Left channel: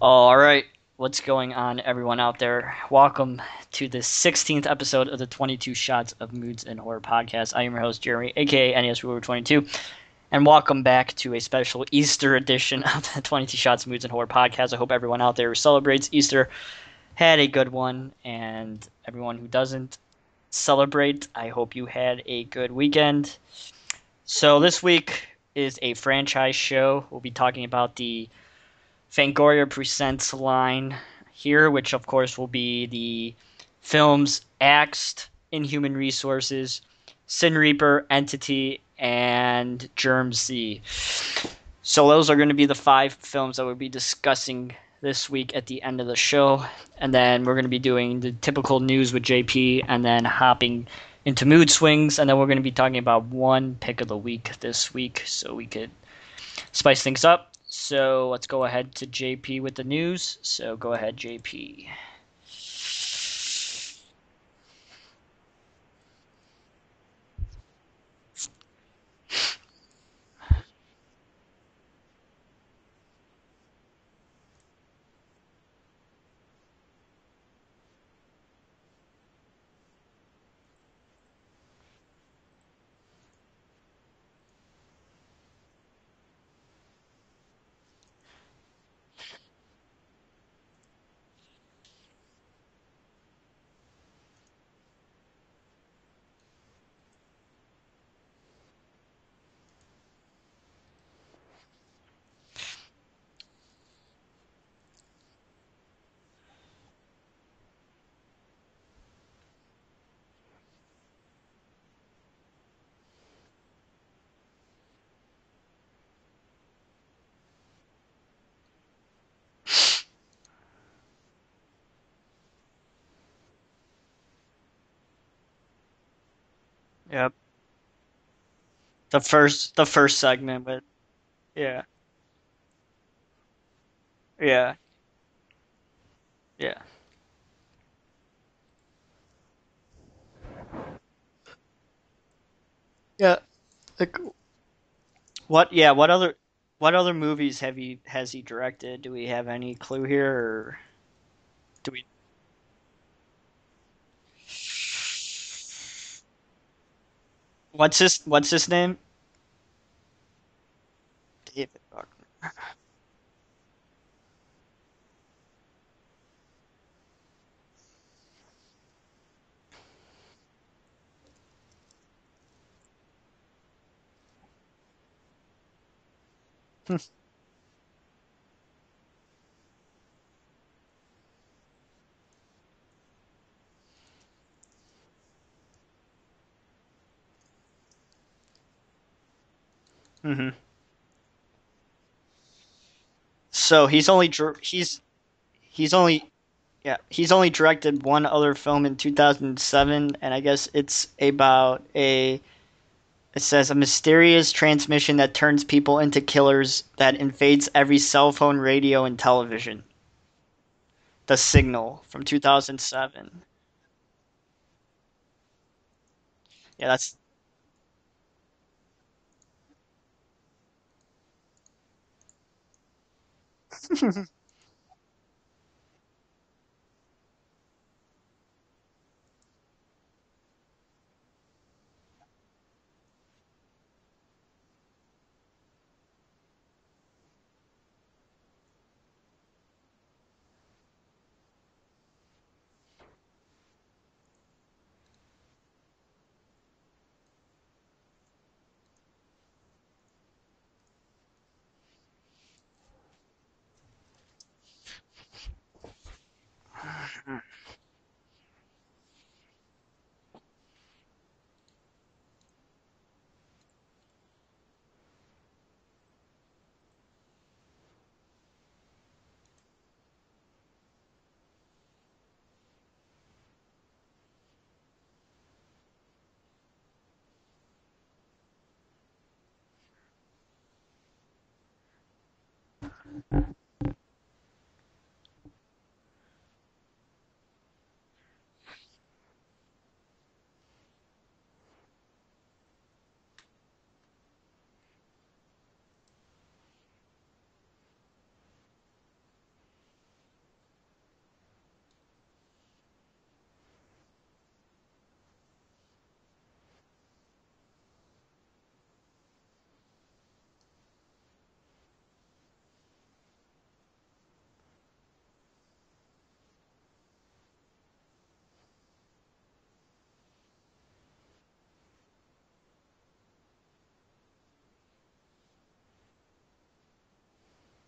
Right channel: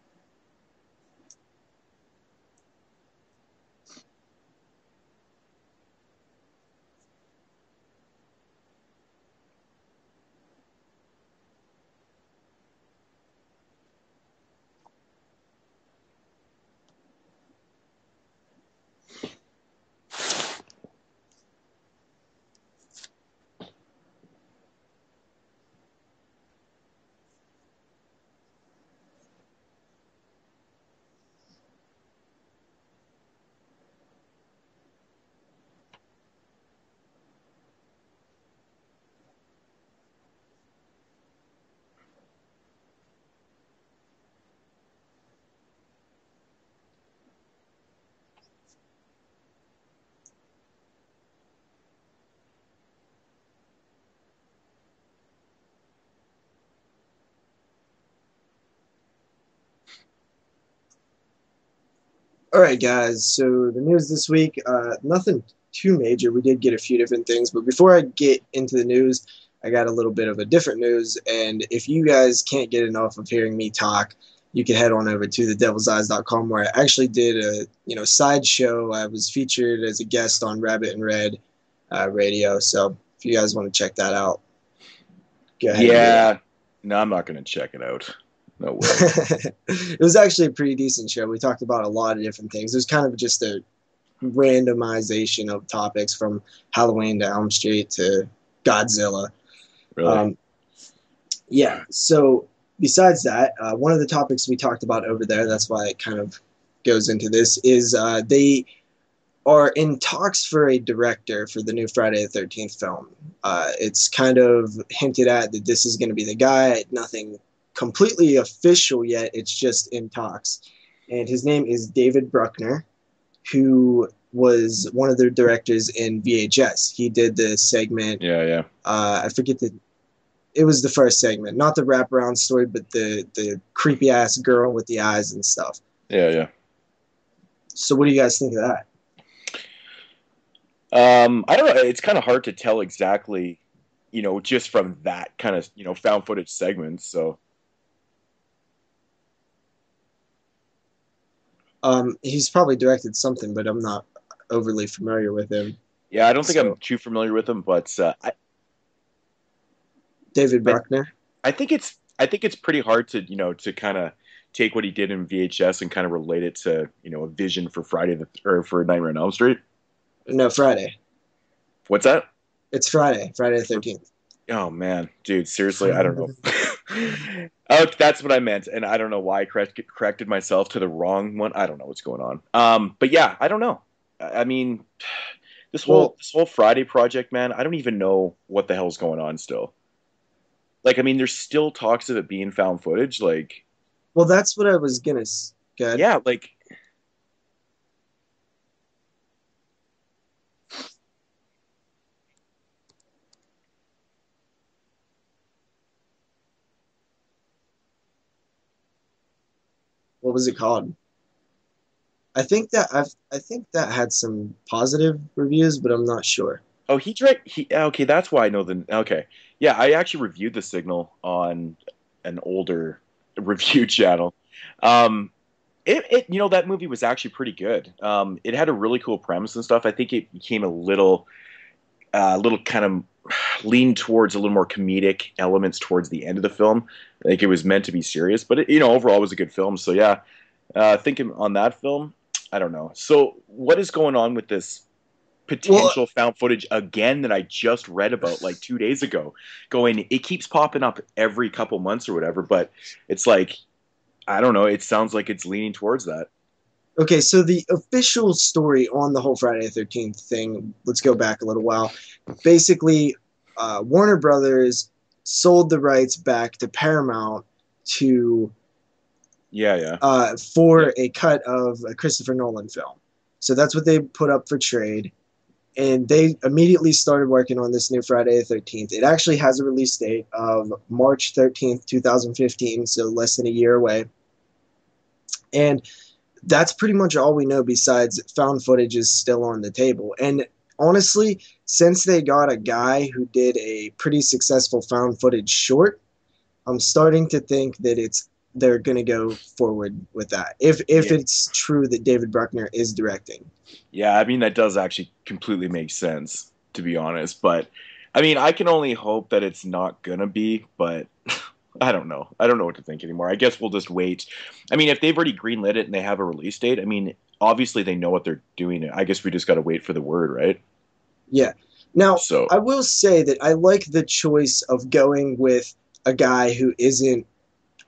All right, what's going on, everyone out there? Welcome to the 16th episode of the 22 Shots of Moods and Horror podcast. I am your host, Jeremy, aka NES Ruler 22, and welcome back to a special Easter edition of the 22 Shots of Moods and Horror podcast. I hope everyone out there who celebrates Easter had a good one, and everyone who doesn't celebrate, I hope you had a good weekend. So this week is a franchise show. We'll be talking about the Fangoria Presents line here, which of course will be the films Axed, Inhuman Resources, Sin Reaper, Entity, and Germ. So those are going to be the 5 films that we'll be discussing this week at the end of the show. And then we're going to be doing the typical news with JP and then hopping into mood swings. And then we're going to be talking about one pick of the week this week so we could spice things up. So let's go ahead to JP with the news. So go ahead, JP. All right, guys. So the news this week, nothing too major. We did get a few different things, but before I get into the news, I got a little bit of a different news. And if you guys can't get enough of hearing me talk, you can head on over to thedevilseyes.com, where I actually did a side show. I was featured as a guest on Rabbit and Red radio. So if you guys want to check that out, go ahead. Yeah. No, I'm not going to check it out. No way. It was actually a pretty decent show. We talked about a lot of different things. It was kind of just a randomization of topics from Halloween to Elm Street to Godzilla. Really? Yeah. So besides that, one of the topics we talked about over there, that's why it kind of goes into this, is they are in talks for a director for the new Friday the 13th film. It's kind of hinted at that this is going to be the guy. Nothing completely official yet. It's just in talks. And his name is David Bruckner, who was one of the directors in VHS. He did the segment. Yeah. The first segment. It was the first segment, not the wraparound story, but the creepy ass girl with the eyes and stuff. Yeah. So what do you guys think of that? I don't know. It's kind of hard to tell exactly, just from that kind of found footage segment. What other movies has he directed? Do we have any clue here? He's probably directed something, but I'm not overly familiar with him. Yeah, I don't think I'm too familiar with him. But what's his name? David Bruckner. I think it's pretty hard to to kind of take what he did in VHS and kind of relate it to a vision for for Nightmare on Elm Street. No, Friday. What's that? It's Friday the 13th. Oh, man. Dude, seriously, I don't know. Oh, that's what I meant, and I don't know why I corrected myself to the wrong one. I don't know what's going on. But yeah, I don't know. I mean, this whole Friday project, man, I don't even know what the hell's going on still. Mm-hmm. Like, I mean, there's still talks of it being found footage. Like, so he's only. Well, that's what I was gonna. He's only directed one other film in 2007, and I guess it's about it says a mysterious transmission that turns people into killers that invades every cell phone, radio, and television. What was it called? The Signal from 2007. I think that had some positive reviews, but I'm not sure. Yeah, okay, that's why I know okay. Yeah, I actually reviewed The Signal on an older review channel. That movie was actually pretty good. It had a really cool premise and stuff. I think it became a little kind of leaned towards a little more comedic elements towards the end of the film. I think it was meant to be serious, but overall it was a good film. So yeah, thinking on that film, I don't know. So what is going on with this potential found footage again that I just read about like 2 days ago? It keeps popping up every couple months or whatever, but it's like, I don't know. It sounds like it's leaning towards that. Okay, so the official story on the whole Friday the 13th thing, let's go back a little while. Basically, Warner Brothers sold the rights back to Paramount to for a cut of a Christopher Nolan film. So that's what they put up for trade. And they immediately started working on this new Friday the 13th. It actually has a release date of March 13th, 2015, so less than a year away. And that's pretty much all we know, besides found footage is still on the table. And honestly, since they got a guy who did a pretty successful found footage short, I'm starting to think that it's they're going to go forward with that. If it's true that David Bruckner is directing. Yeah, I mean, that does actually completely make sense, to be honest. But, I mean, I can only hope that it's not going to be, but I don't know. I don't know what to think anymore. I guess we'll just wait. I mean, if they've already greenlit it and they have a release date, I mean, obviously they know what they're doing. I guess we just got to wait for the word, right? Yeah. Now, So, I will say that I like the choice of going with a guy who isn't,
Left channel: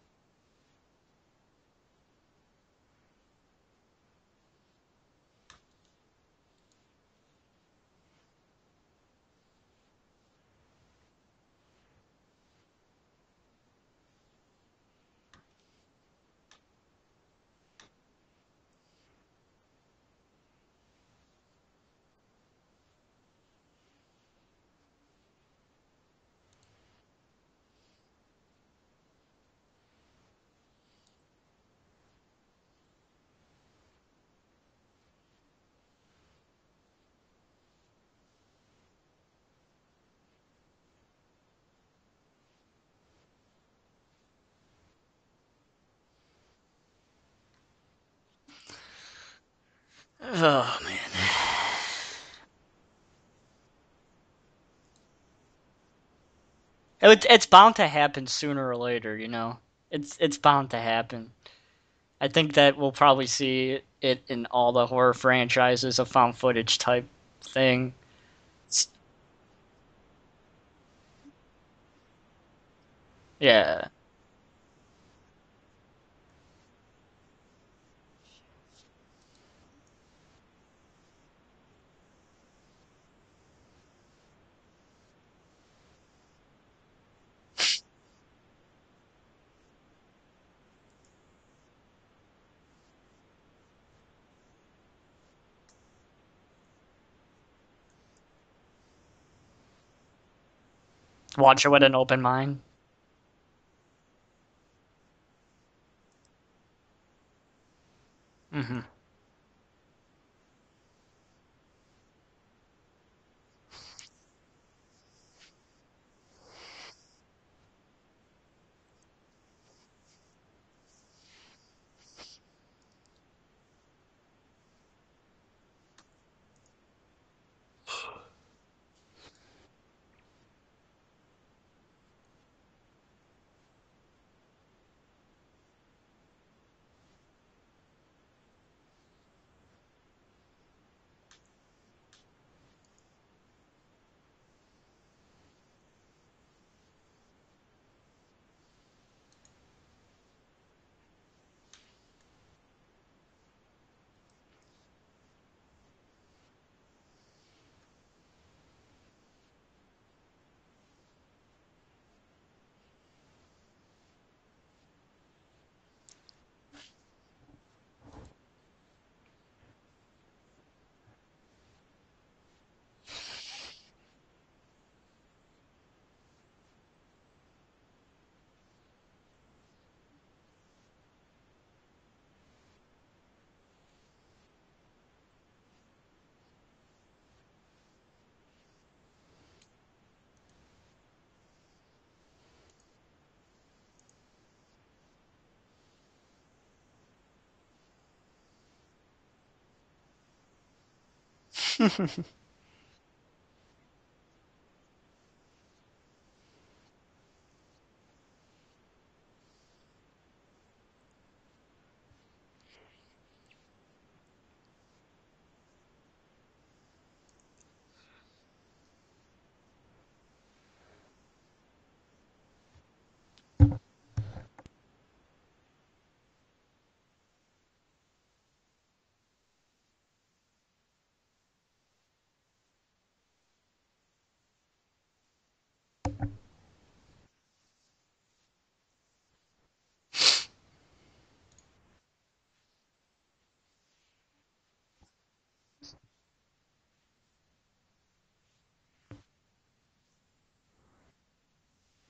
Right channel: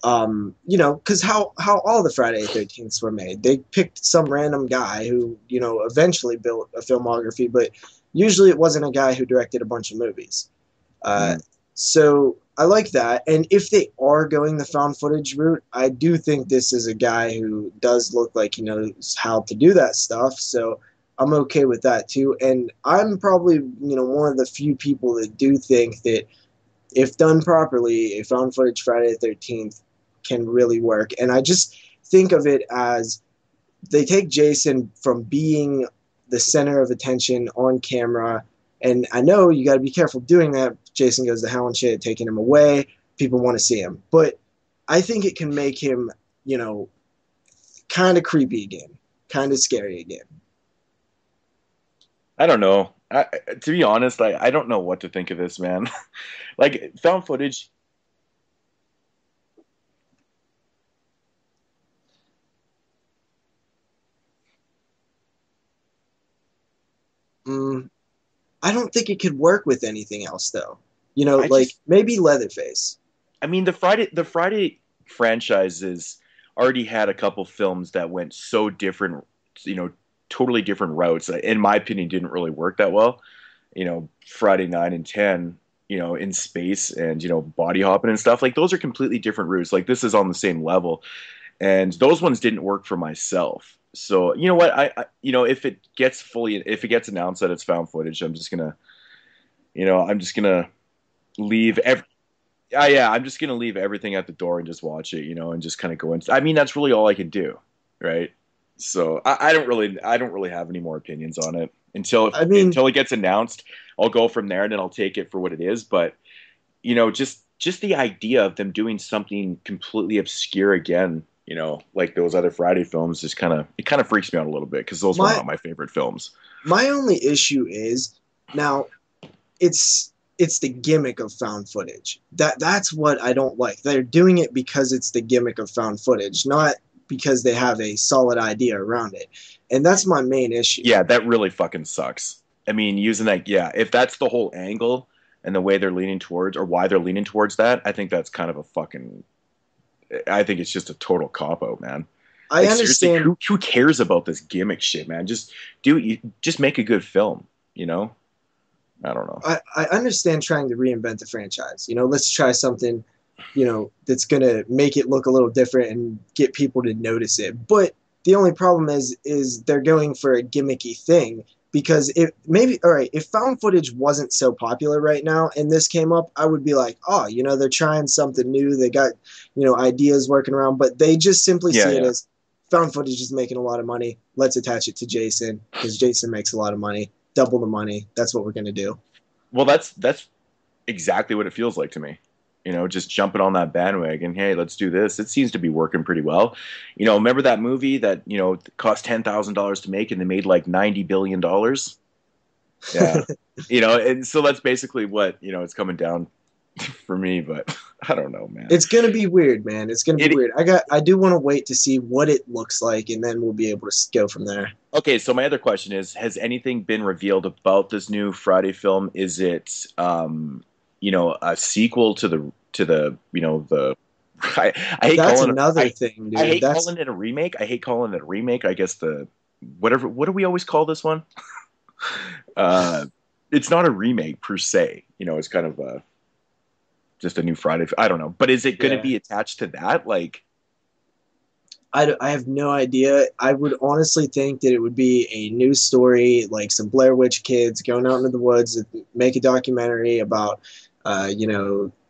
because how all the Friday the 13th were made. They picked some random guy who, eventually built a filmography, but usually it wasn't a guy who directed a bunch of movies. So I like that. And if they are going the found footage route, I do think this is a guy who does look like he knows how to do that stuff. So I'm okay with that too. And I'm probably, one of the few people that do think that if done properly, a found footage Friday the 13th can really work. And I just think of it as they take Jason from being the center of attention on camera. And I know you got to be careful doing that. Jason goes to hell and shit, taking him away. People want to see him. But I think it can make him, kind of creepy again, kind of scary again. Oh, man. I don't know. To be honest, I don't know what to think of this, man. Like, It's bound to happen sooner or later, It's bound to happen. I think that we'll probably see it in all the horror franchises, a found footage type thing. I don't think it could work with anything else, though. Maybe Leatherface. I mean, the Friday franchises already had a couple films that went so different, totally different routes. In my opinion, didn't really work that well. Friday 9 and 10, in space and, body hopping and stuff. Like, those are completely different routes. Like, this is on the same level. And those ones didn't work for myself. So, you know what? If it gets announced that it's found footage, I'm just gonna watch it with an open mind. Yeah, I'm just gonna leave everything at the door and just watch it, and just kind of go into. I mean, that's really all I can do, right? Mm-hmm. So I don't really have any more opinions on it until it gets announced. I'll go from there and then I'll take it for what it is. But just the idea of them doing something completely obscure again. Like those other Friday films, it kind of freaks me out a little bit because those were not my favorite films. My only issue is now it's the gimmick of found footage. That's what I don't like. They're doing it because it's the gimmick of found footage, not because they have a solid idea around it. And that's my main issue. Yeah, that really fucking sucks. I mean, using that, if that's the whole angle and the way they're leaning towards or why they're leaning towards that, I think that's kind of I think it's just a total cop-out, man. I understand. Who cares about this gimmick shit, man? Just make a good film, I don't know. I understand trying to reinvent the franchise. Let's try something, that's going to make it look a little different and get people to notice it. But the only problem is they're going for a gimmicky thing. Because if found footage wasn't so popular right now and this came up, I would be like, oh, they're trying something new. They got, ideas working around, but they just simply see it as found footage is making a lot of money. Let's attach it to Jason because Jason makes a lot of money, double the money. That's what we're going to do. Well, that's exactly what it feels like to me. Just jumping on that bandwagon. Hey, let's do this. It seems to be working pretty well. Remember that movie that, cost $10,000 to make and they made like $90 billion? Yeah. And so that's basically what, it's coming down for me, but I don't know, man. It's going to be weird, man. It's going to be weird. I do want to wait to see what it looks like and then we'll be able to go from there. Okay. So my other question is, has anything been revealed about this new Friday film? Is it, a sequel to the I hate that's calling another it, thing, dude. I hate calling it a remake. I guess what do we always call this one? It's not a remake per se. It's kind of just a new Friday. I don't know, but is it going to be attached to that? Like, I have no idea. I would honestly think that it would be a new story, like some Blair Witch kids going out into the woods, make a documentary about,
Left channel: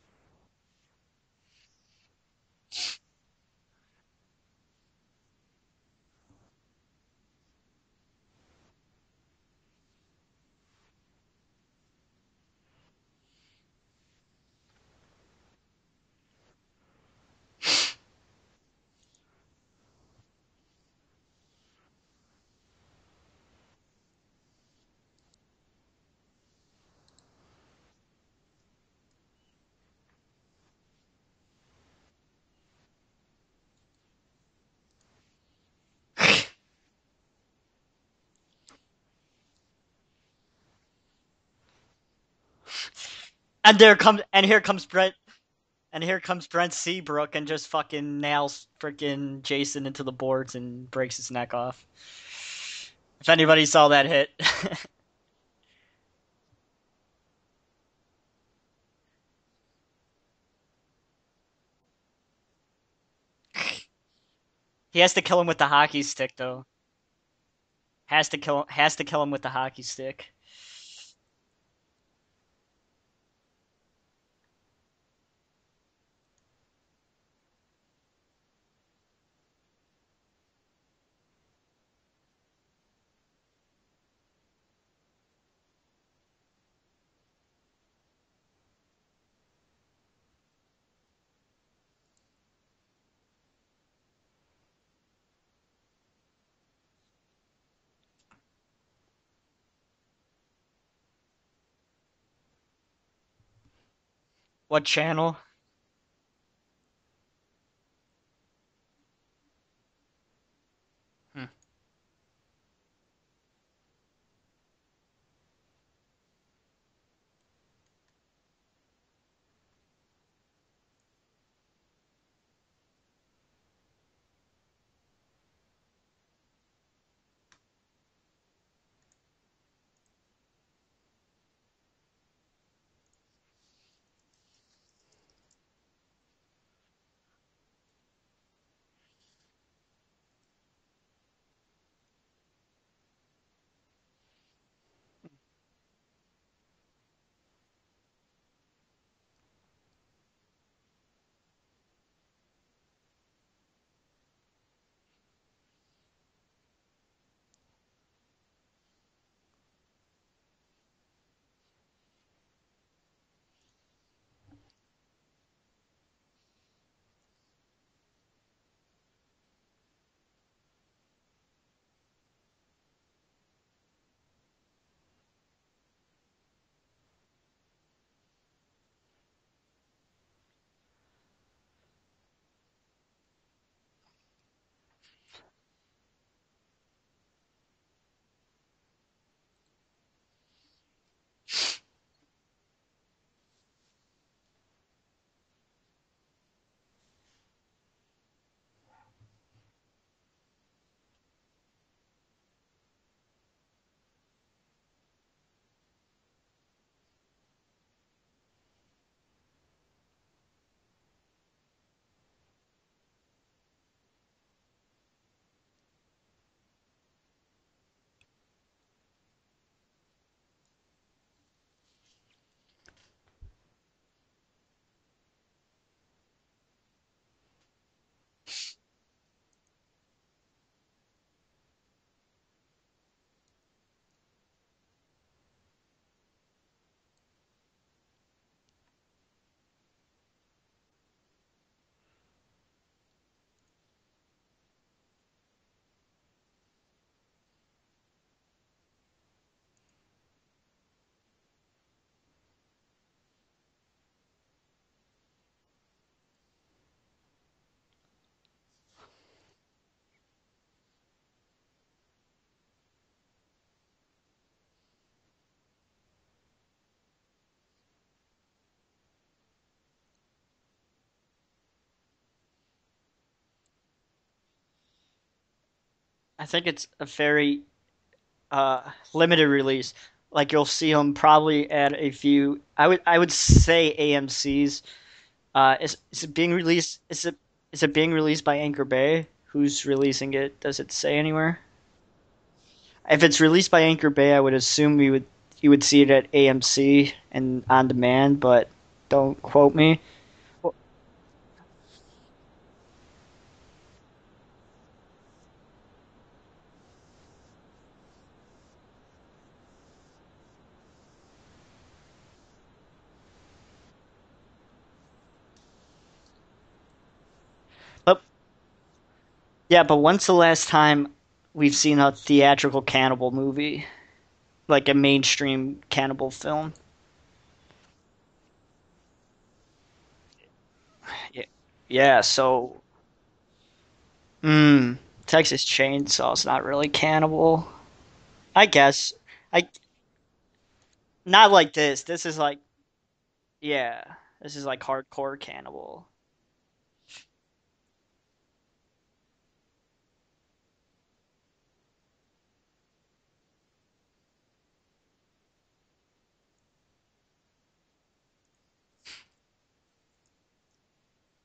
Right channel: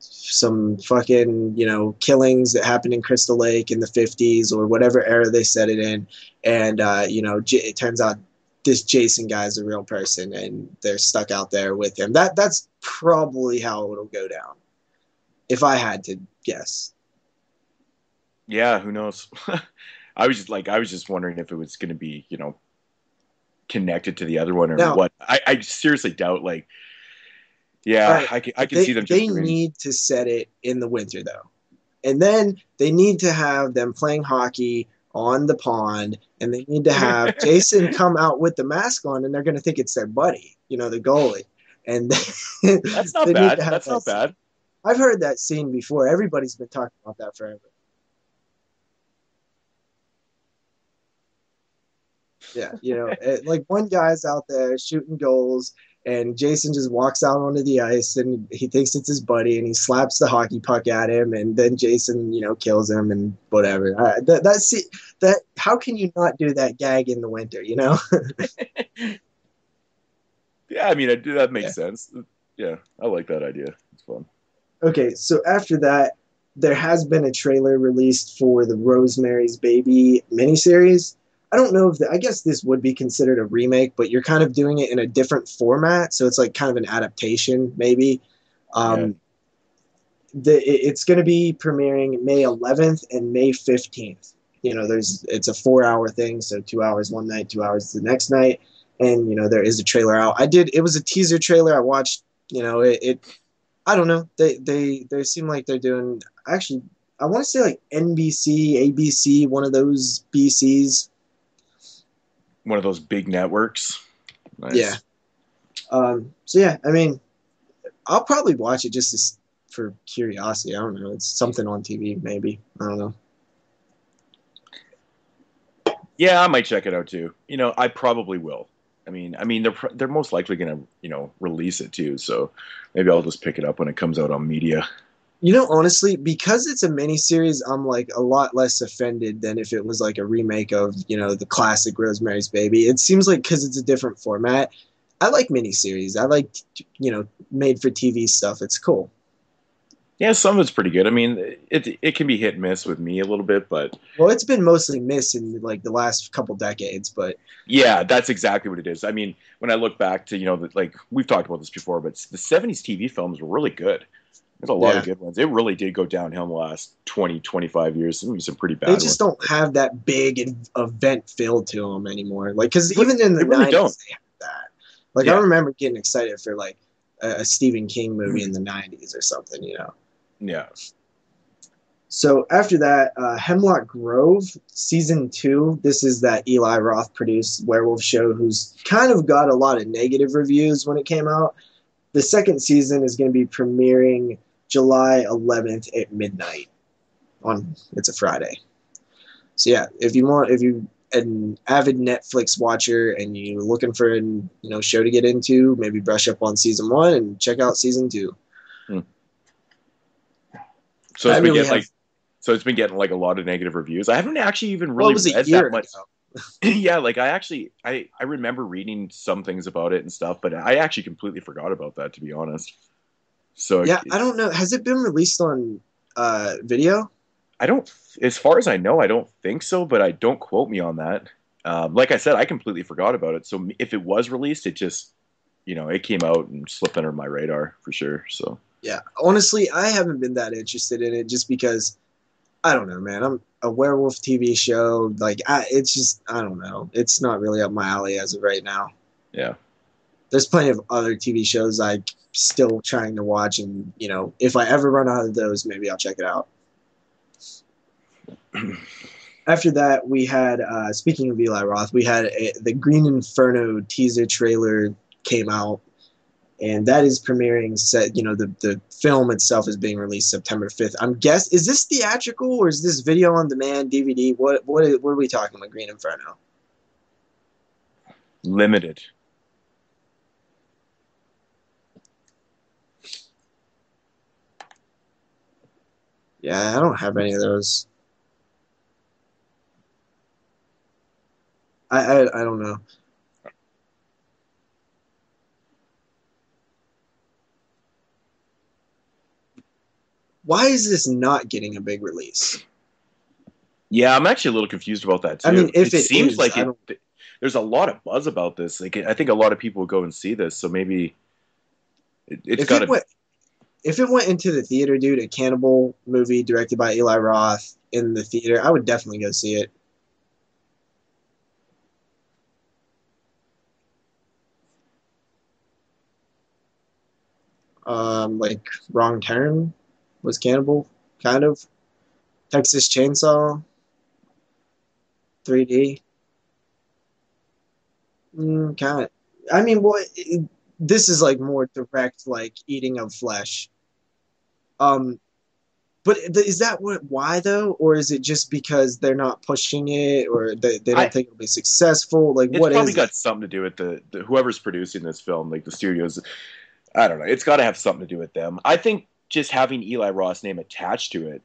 some fucking, killings that happened in Crystal Lake in the 50s or whatever era they set it in. And, it turns out this Jason guy is a real person and they're stuck out there with him. That's probably how it'll go down, if I had to guess. Yeah, who knows? I was just wondering if it was going to be, connected to the other one or Now, what. I seriously doubt. Like, all yeah, right, I can see them just they doing. need to set it in the winter though, and then they need to have them playing hockey on the pond, and they need to have Jason come out with the mask on, and they're going to think it's their buddy, the goalie, and That's not they need bad. to And have. That's there not comes bad. and here comes I've Brent heard that scene and before. here comes Everybody's been Brent talking about Seabrook that and forever. just fucking nails freaking Jason into the boards and breaks his neck off. Yeah, If anybody like saw one that guy's hit. out there shooting goals, and Jason just walks out onto the ice, and he thinks it's his buddy, and he slaps the hockey puck at him, and then Jason, kills him and whatever. He has to kill him with the How can hockey you stick not do though. that gag in the winter? Has to kill him with the hockey stick. Yeah, I mean, that makes Yeah. sense. Yeah, I like that idea. It's fun. Okay, so after that, there has been a trailer released for the Rosemary's Baby miniseries. I don't know I guess this would be considered a remake, but you're kind of doing it in a different format, so it's like kind of an adaptation, maybe. Yeah. Um, it's going to be premiering May 11th and May 15th. It's a 4-hour thing, so 2 hours one night, 2 hours the next night, and there is a trailer out. It was a teaser trailer. I watched. I don't know. What They channel? seem like they're doing actually. I want to say like NBC, ABC, one of those BCs. One of those big networks. Nice. Yeah. So yeah, I mean, I'll probably watch it just for curiosity. I don't know. It's something on TV, maybe. I don't know. Yeah, I might check it out too. I probably will. I mean, they're most likely gonna, release it too. So maybe I'll just pick it up when it comes out on media. Honestly, because it's a miniseries, I'm like a lot less offended than if it was like a remake of, the classic Rosemary's Baby. It seems like because it's a different format. I like miniseries. I like, made for TV stuff. It's cool. Yeah, some of it's pretty good. I mean, it can be hit and miss with me a little bit, but Well, it's been mostly missed in like the last couple decades, but yeah, that's exactly what it is. I mean, when I look back to, like we've talked about this before, but the 70s TV films were really good. There's a lot of good ones. It really did go downhill in the last 20, 25 years. Some pretty bad they ones. just don't have that big event feel to them anymore. Like, because even in the really 90s, don't. they had that. Like, I remember getting excited for like a Stephen King movie in the 90s or something, Yeah. So after that, Hemlock Grove season 2. This is that Eli Roth produced werewolf show, who's kind of got a lot of negative reviews when it came out. The second season is going to be premiering July 11th at midnight. It's a Friday. So yeah, if you an avid Netflix watcher and you're looking for a show to get into, maybe brush up on season 1 and check out season 2. So it's been getting like a lot of negative reviews. I haven't actually even really read that much. Yeah, like I remember reading some things about it and stuff, but I actually completely forgot about that, to be honest. So yeah, I don't know. Has it been released on video? I don't, as far as I know, I don't think so, but I don't quote me on that. Like I said, I completely forgot about it. So if it was released, it just, it came out and slipped under my radar for sure. So yeah, honestly, I haven't been that interested in it just because I don't know, man. I'm a werewolf TV show. Like, it's just, I don't know. It's not really up my alley as of right now. Yeah. There's plenty of other TV shows I'm still trying to watch. And, if I ever run out of those, maybe I'll check it out. After that, we had, speaking of Eli Roth, we had the Green Inferno teaser trailer came out. And that is premiering the film itself is being released September 5th. Is this theatrical or is this video on demand, DVD? What are we talking about, Green Inferno? I think it's a very limited release. Like, you'll see them probably at a few. I would say AMC's. Is it being released? I don't have any of those. Is it being released by Anchor Bay? Who's releasing it? Does it say anywhere? I don't know. If it's released by Anchor Bay, I would assume you would see it at AMC and on demand, but don't quote me. Why is this not getting a big release? Yeah, I'm actually a little confused about that too. I mean, if it seems is, like there's a lot of buzz about this. Like, I think a lot of people will go and see this, so maybe it's got to. if it went into the theater, dude, a cannibal movie directed by Eli Roth in But the theater, I would definitely go see it. yeah, but when's the last time we've seen a theatrical cannibal movie, like a mainstream cannibal film? Like Wrong Turn was cannibal, kind of. Yeah, so Texas Chainsaw Texas 3D. Chainsaw's not really cannibal. I Kind of. guess. I I mean, this is like Not more like this. direct, This is like like eating of flesh. yeah, this is like Um, hardcore cannibal. but is that why though, or is it just because they're not pushing it, or they I don't think it'll be successful? Like, It's what probably is it? got something to do with the whoever's producing this film, like the studios. I don't know. It's got to have something to do with them. I think just having Eli Roth's name attached to it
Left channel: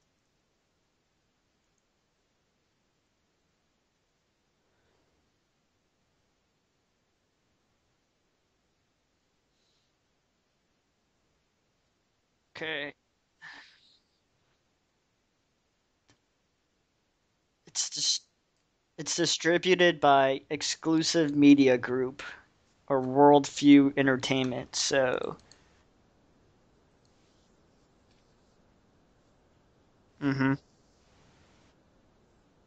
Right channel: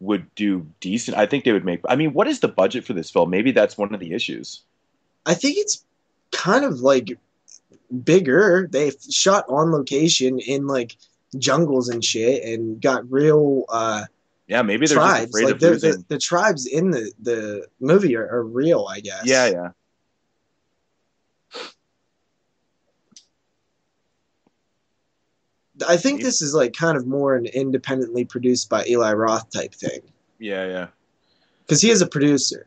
would do decent. I think they would make. I mean, what is the budget for this film? Maybe that's one of the issues. I think it's kind of like bigger. They shot on location in like jungles and shit, and Okay. got real Yeah, maybe they're just tribes. afraid Like of losing. the tribes in the movie It's are real, I it's guess. Yeah, yeah. distributed by Exclusive Media Group or Worldview Entertainment. So, I think Maybe. this is like kind of more an independently produced by Eli Roth type thing mhm. Yeah, yeah. because he is a producer.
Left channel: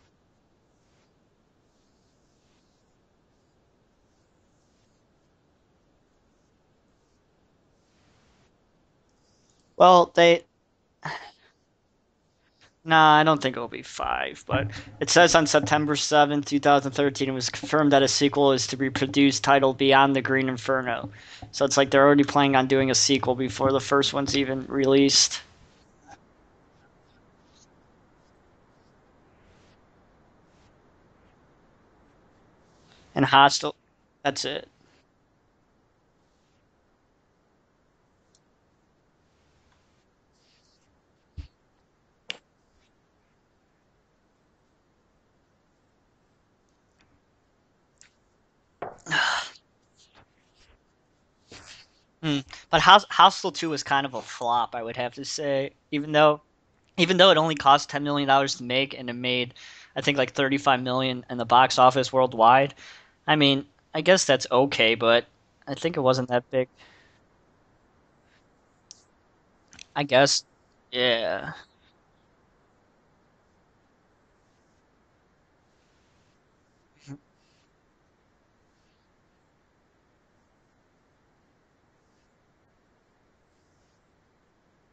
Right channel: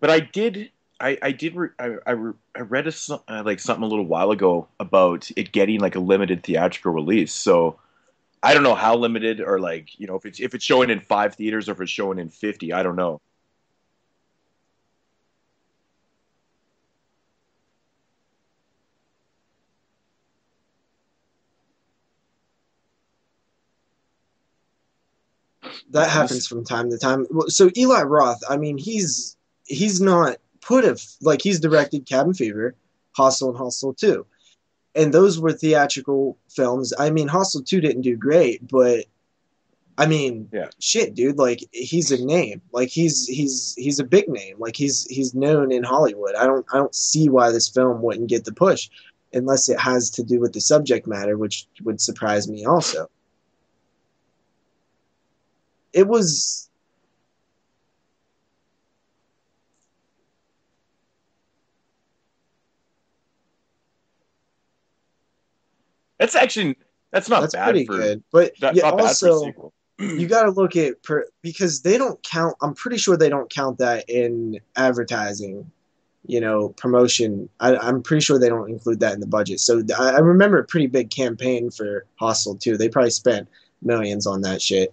But I read like something a little while ago about it getting like a limited theatrical release. So I don't know how limited, or like, Well, if it's showing in 5 theaters or if it's showing in 50. I don't no, know. I don't think it'll be 5, but it says on September 7th, 2013, it was confirmed that a sequel is to be produced titled Beyond the Green Inferno. So it's like they're already planning on doing a sequel before the first one's even released. That Nice. happens from time to time. So Eli Roth, I mean, he's not put a like he's directed Cabin Fever, And Hostel, and Hostel, Hostel 2. that's it. And those were theatrical films. I mean, Hostel 2 didn't do great, but I mean, Yeah. shit, dude, like he's a name. Like he's a big name. Like he's known in Hollywood. I don't see why this film wouldn't get the push unless it has to do with the subject matter, which would surprise me But also. Hostel 2 was kind of a flop, I would have to say. It was Even though it only cost $10 million to make and it made, I think, like 35 million in the box office worldwide. I mean, I guess that's okay, but I think it wasn't That's that good. actually that's not that's bad pretty for good. But that yeah, not bad for a also sequel. I you guess. got to look at Yeah. because they don't count. I'm pretty sure they don't count that in advertising, promotion. I'm pretty sure they don't include that in the budget. So I remember a pretty big campaign for Hostel too. They probably spent millions on that shit.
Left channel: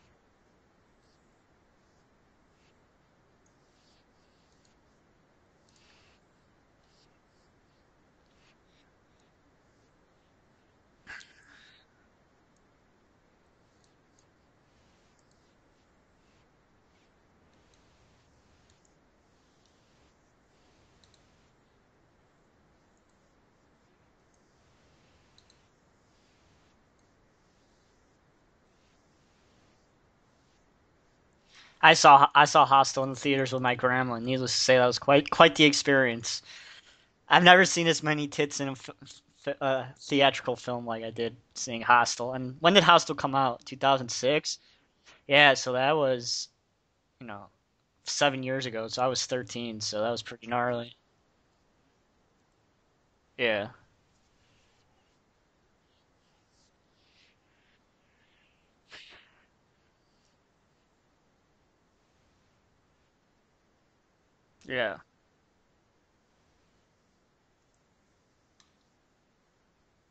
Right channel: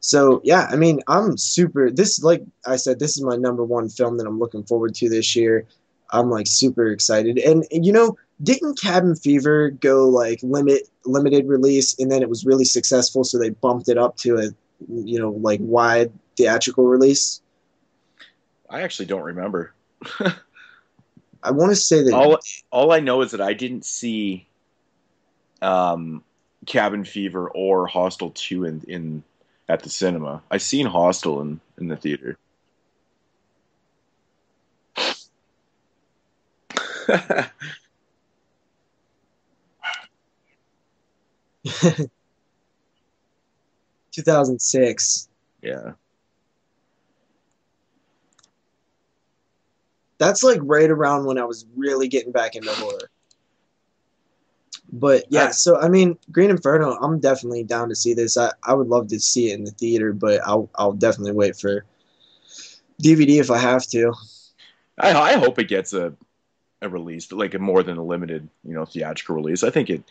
So yeah, I mean, I'm super. This, like I said, this is my number one film that I'm looking forward to this year. I'm like super excited, and didn't Cabin Fever go like limited release, and then it was really successful, so they bumped it up to a like wide theatrical release. I actually don't remember. I want to say that All I know is that I didn't see Cabin Fever or Hostel 2 in at the cinema. I seen Hostel in I the saw theater. I saw Hostel in the theaters with my grandma, and needless to say, that was quite the experience. I've never seen as many tits in a theatrical film like I did seeing Hostel. And when did Hostel come out? 2006. 2006. Yeah, so Yeah. that was, 7 years ago. So I was 13. So that was That's like gnarly. right around when I was really getting back into horror. Yeah. But yeah, That's- so I mean, Green Inferno, I'm definitely down to see this. I would love to see it in the theater, but I'll definitely wait for DVD if I have to. Yeah. I hope it gets a release, like a more than a limited, theatrical release. I think it,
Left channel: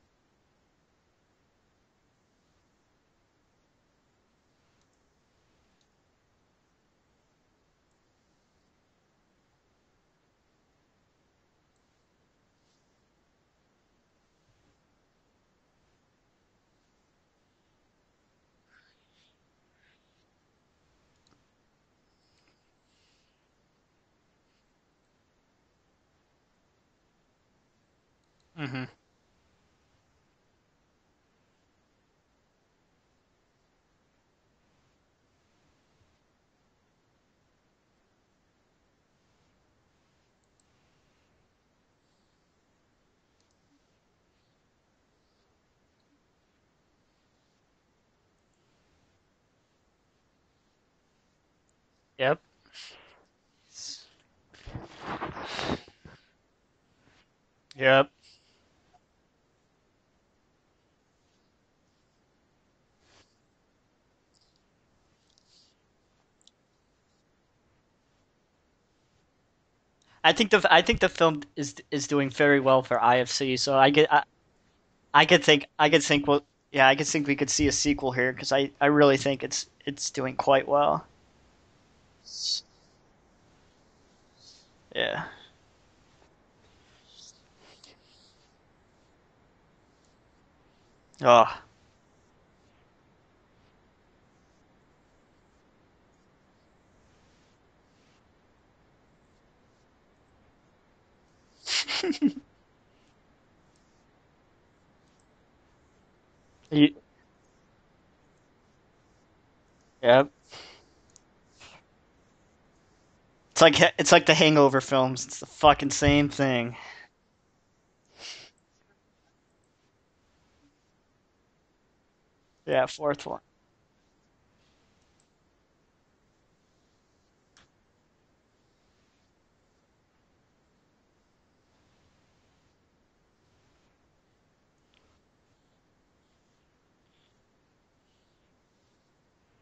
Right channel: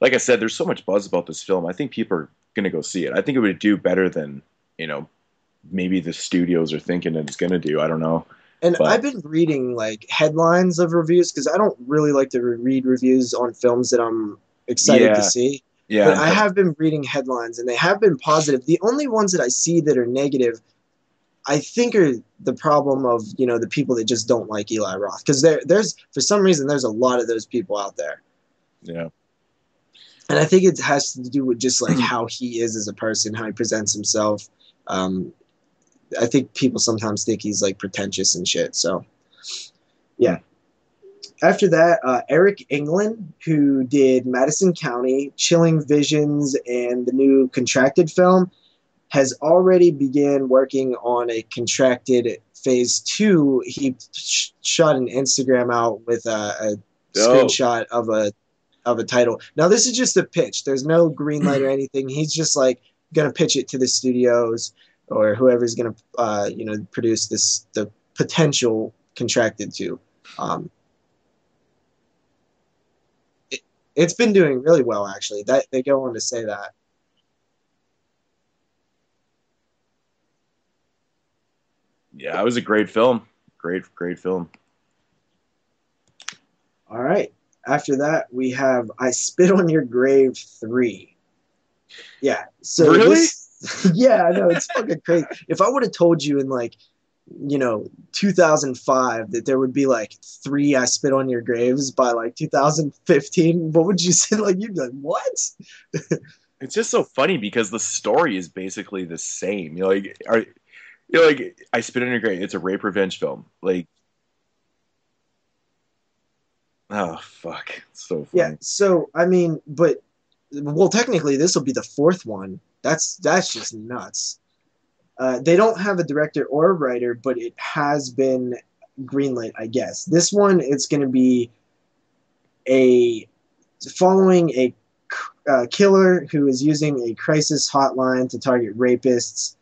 like I said, there's so much buzz about this film. I think people are gonna go see it. I think it would do better than, maybe the studios are thinking it's gonna do. I don't know. And But- I've been reading like headlines of reviews because I don't really like to read reviews on films that I'm excited Yeah. to see. Yeah, But I have been reading headlines and they have been positive. The only ones that I see that are negative, I think, are the problem of the people that just don't like Eli Roth, because there's for some reason there's a lot of those people out there, Hmm. yeah. and I think it has to do with just like how he is as a person, how he presents himself. I think people sometimes think he's like pretentious and shit. So yeah. After that, Eric England, who did Madison County, Chilling Visions, and the new Contracted film, has already began working on a Contracted Yep. phase 2. He shot an Instagram out with a Oh, screenshot yep. of a of a title. Now this is just a pitch. There's no green light or anything. He's just like gonna pitch it to the studios or whoever's gonna produce the potential contracted to. I think the film is doing very well for IFC. So It's been doing really well actually. I could think yeah, I could think we could see a sequel here because I really think it's doing quite well. Yeah, it was a great film. Great film. Yeah. All right. After that, we have I Spit on Your Grave 3. Oh. Yeah. So really? Yeah, I know, it's fucking crazy. If I would have told you in 2005 that there would be like 3 I Spit on Your Graves by like 2015, what would you say? Like, you'd be like, what? It's just so funny because the story is basically the same. You're like, yep. You're like, I Spit on Your Grave. It's a rape revenge film. It's like the Hangover films. It's the fucking same thing. Oh fuck, it's so funny. Yeah. So I mean, well, technically this will be the 4th one. Yeah, that's just nuts. They don't have a director or a writer, but it has been greenlit, I guess. This one, it's going to be following a killer who is using a crisis hotline to target rapists.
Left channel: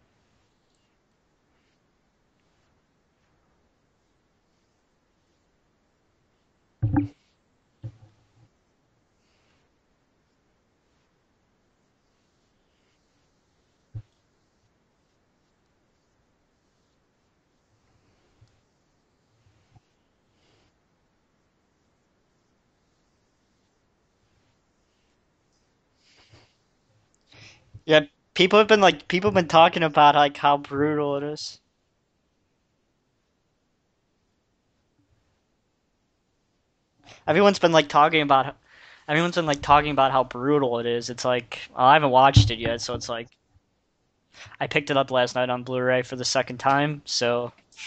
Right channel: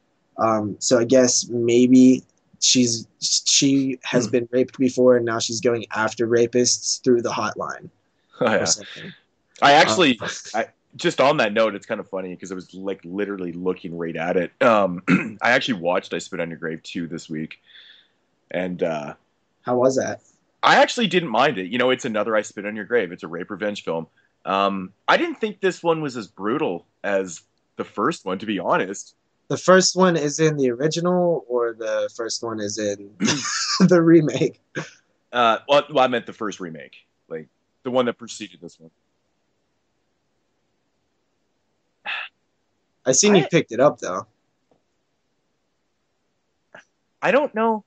So I guess maybe she has been raped before, and now she's going after rapists through the hotline. Oh, yeah. Or something. I just on that note, it's kind of funny because I was like literally looking right at it. I actually watched I Spit on Your Grave 2 this week, and how was that? I actually didn't mind it. It's another I Spit on Your Grave. It's a rape revenge film. I didn't think this one was as brutal as the first one. People have been talking about like how the original, or the first one is in the remake. Well, I meant the first remake. Everyone's been talking about how brutal it is. It's like, I haven't watched it yet, so it's I seen you picked it up though. I picked it up last night on Blu-ray for the second time. So I don't know.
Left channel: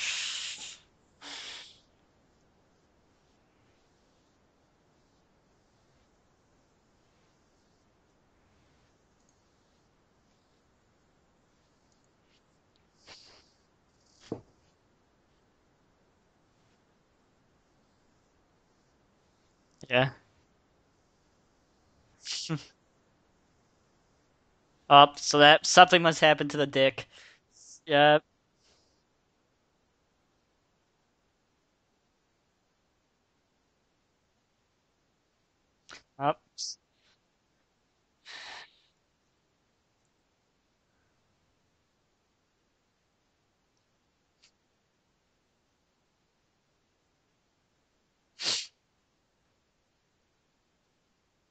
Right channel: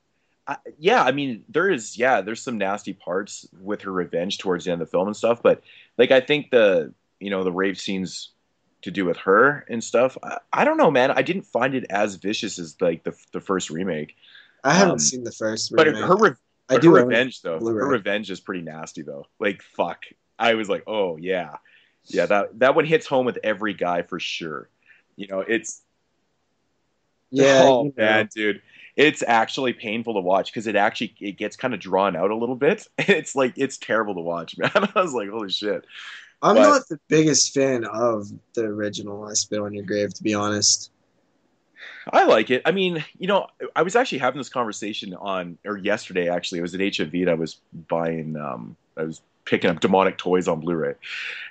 I mean, there's some nasty parts with her revenge towards the end of the film and stuff, but I think the rape scenes to do with her and stuff, I don't know, man. I didn't find it as vicious as the first remake. I haven't seen the first remake. But her revenge though. Blu-ray. Her revenge is pretty nasty though. Fuck. Yeah. I was like, oh yeah, that one hits home with every guy for sure. Something must happen to the dick. Yeah. Oh man, dude, it's actually painful to watch because it gets kind of drawn out a little bit. It's terrible to watch, man. I was like, holy shit. I'm not the biggest fan of the original I Spit on Your Grave, to be honest. I like it. I mean, I was actually having this conversation yesterday, actually. It was at HMV, and I was buying, I was picking up demonic toys on Blu-ray.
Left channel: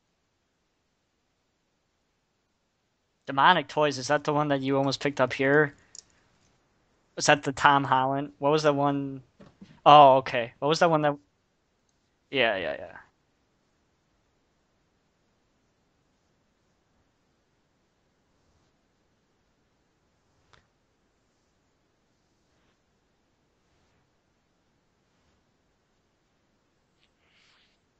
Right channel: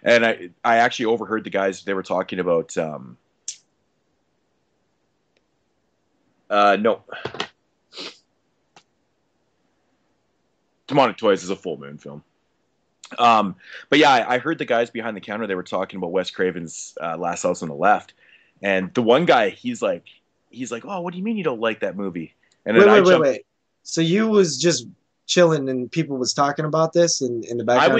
And I actually overheard the guys, they were talking about... Demonic toys, is that the one that you almost picked up here? No. Is that the Tom Holland? What was that one? Oh, okay. What was that one? Demonic Toys is a full moon film. Yeah. But yeah, I heard the guys behind the counter, they were talking about Wes Craven's Last House on the Left. And the one guy, he's like, oh, what do you mean you don't like that movie? And then wait. So you was just chilling and people was talking about this in the background?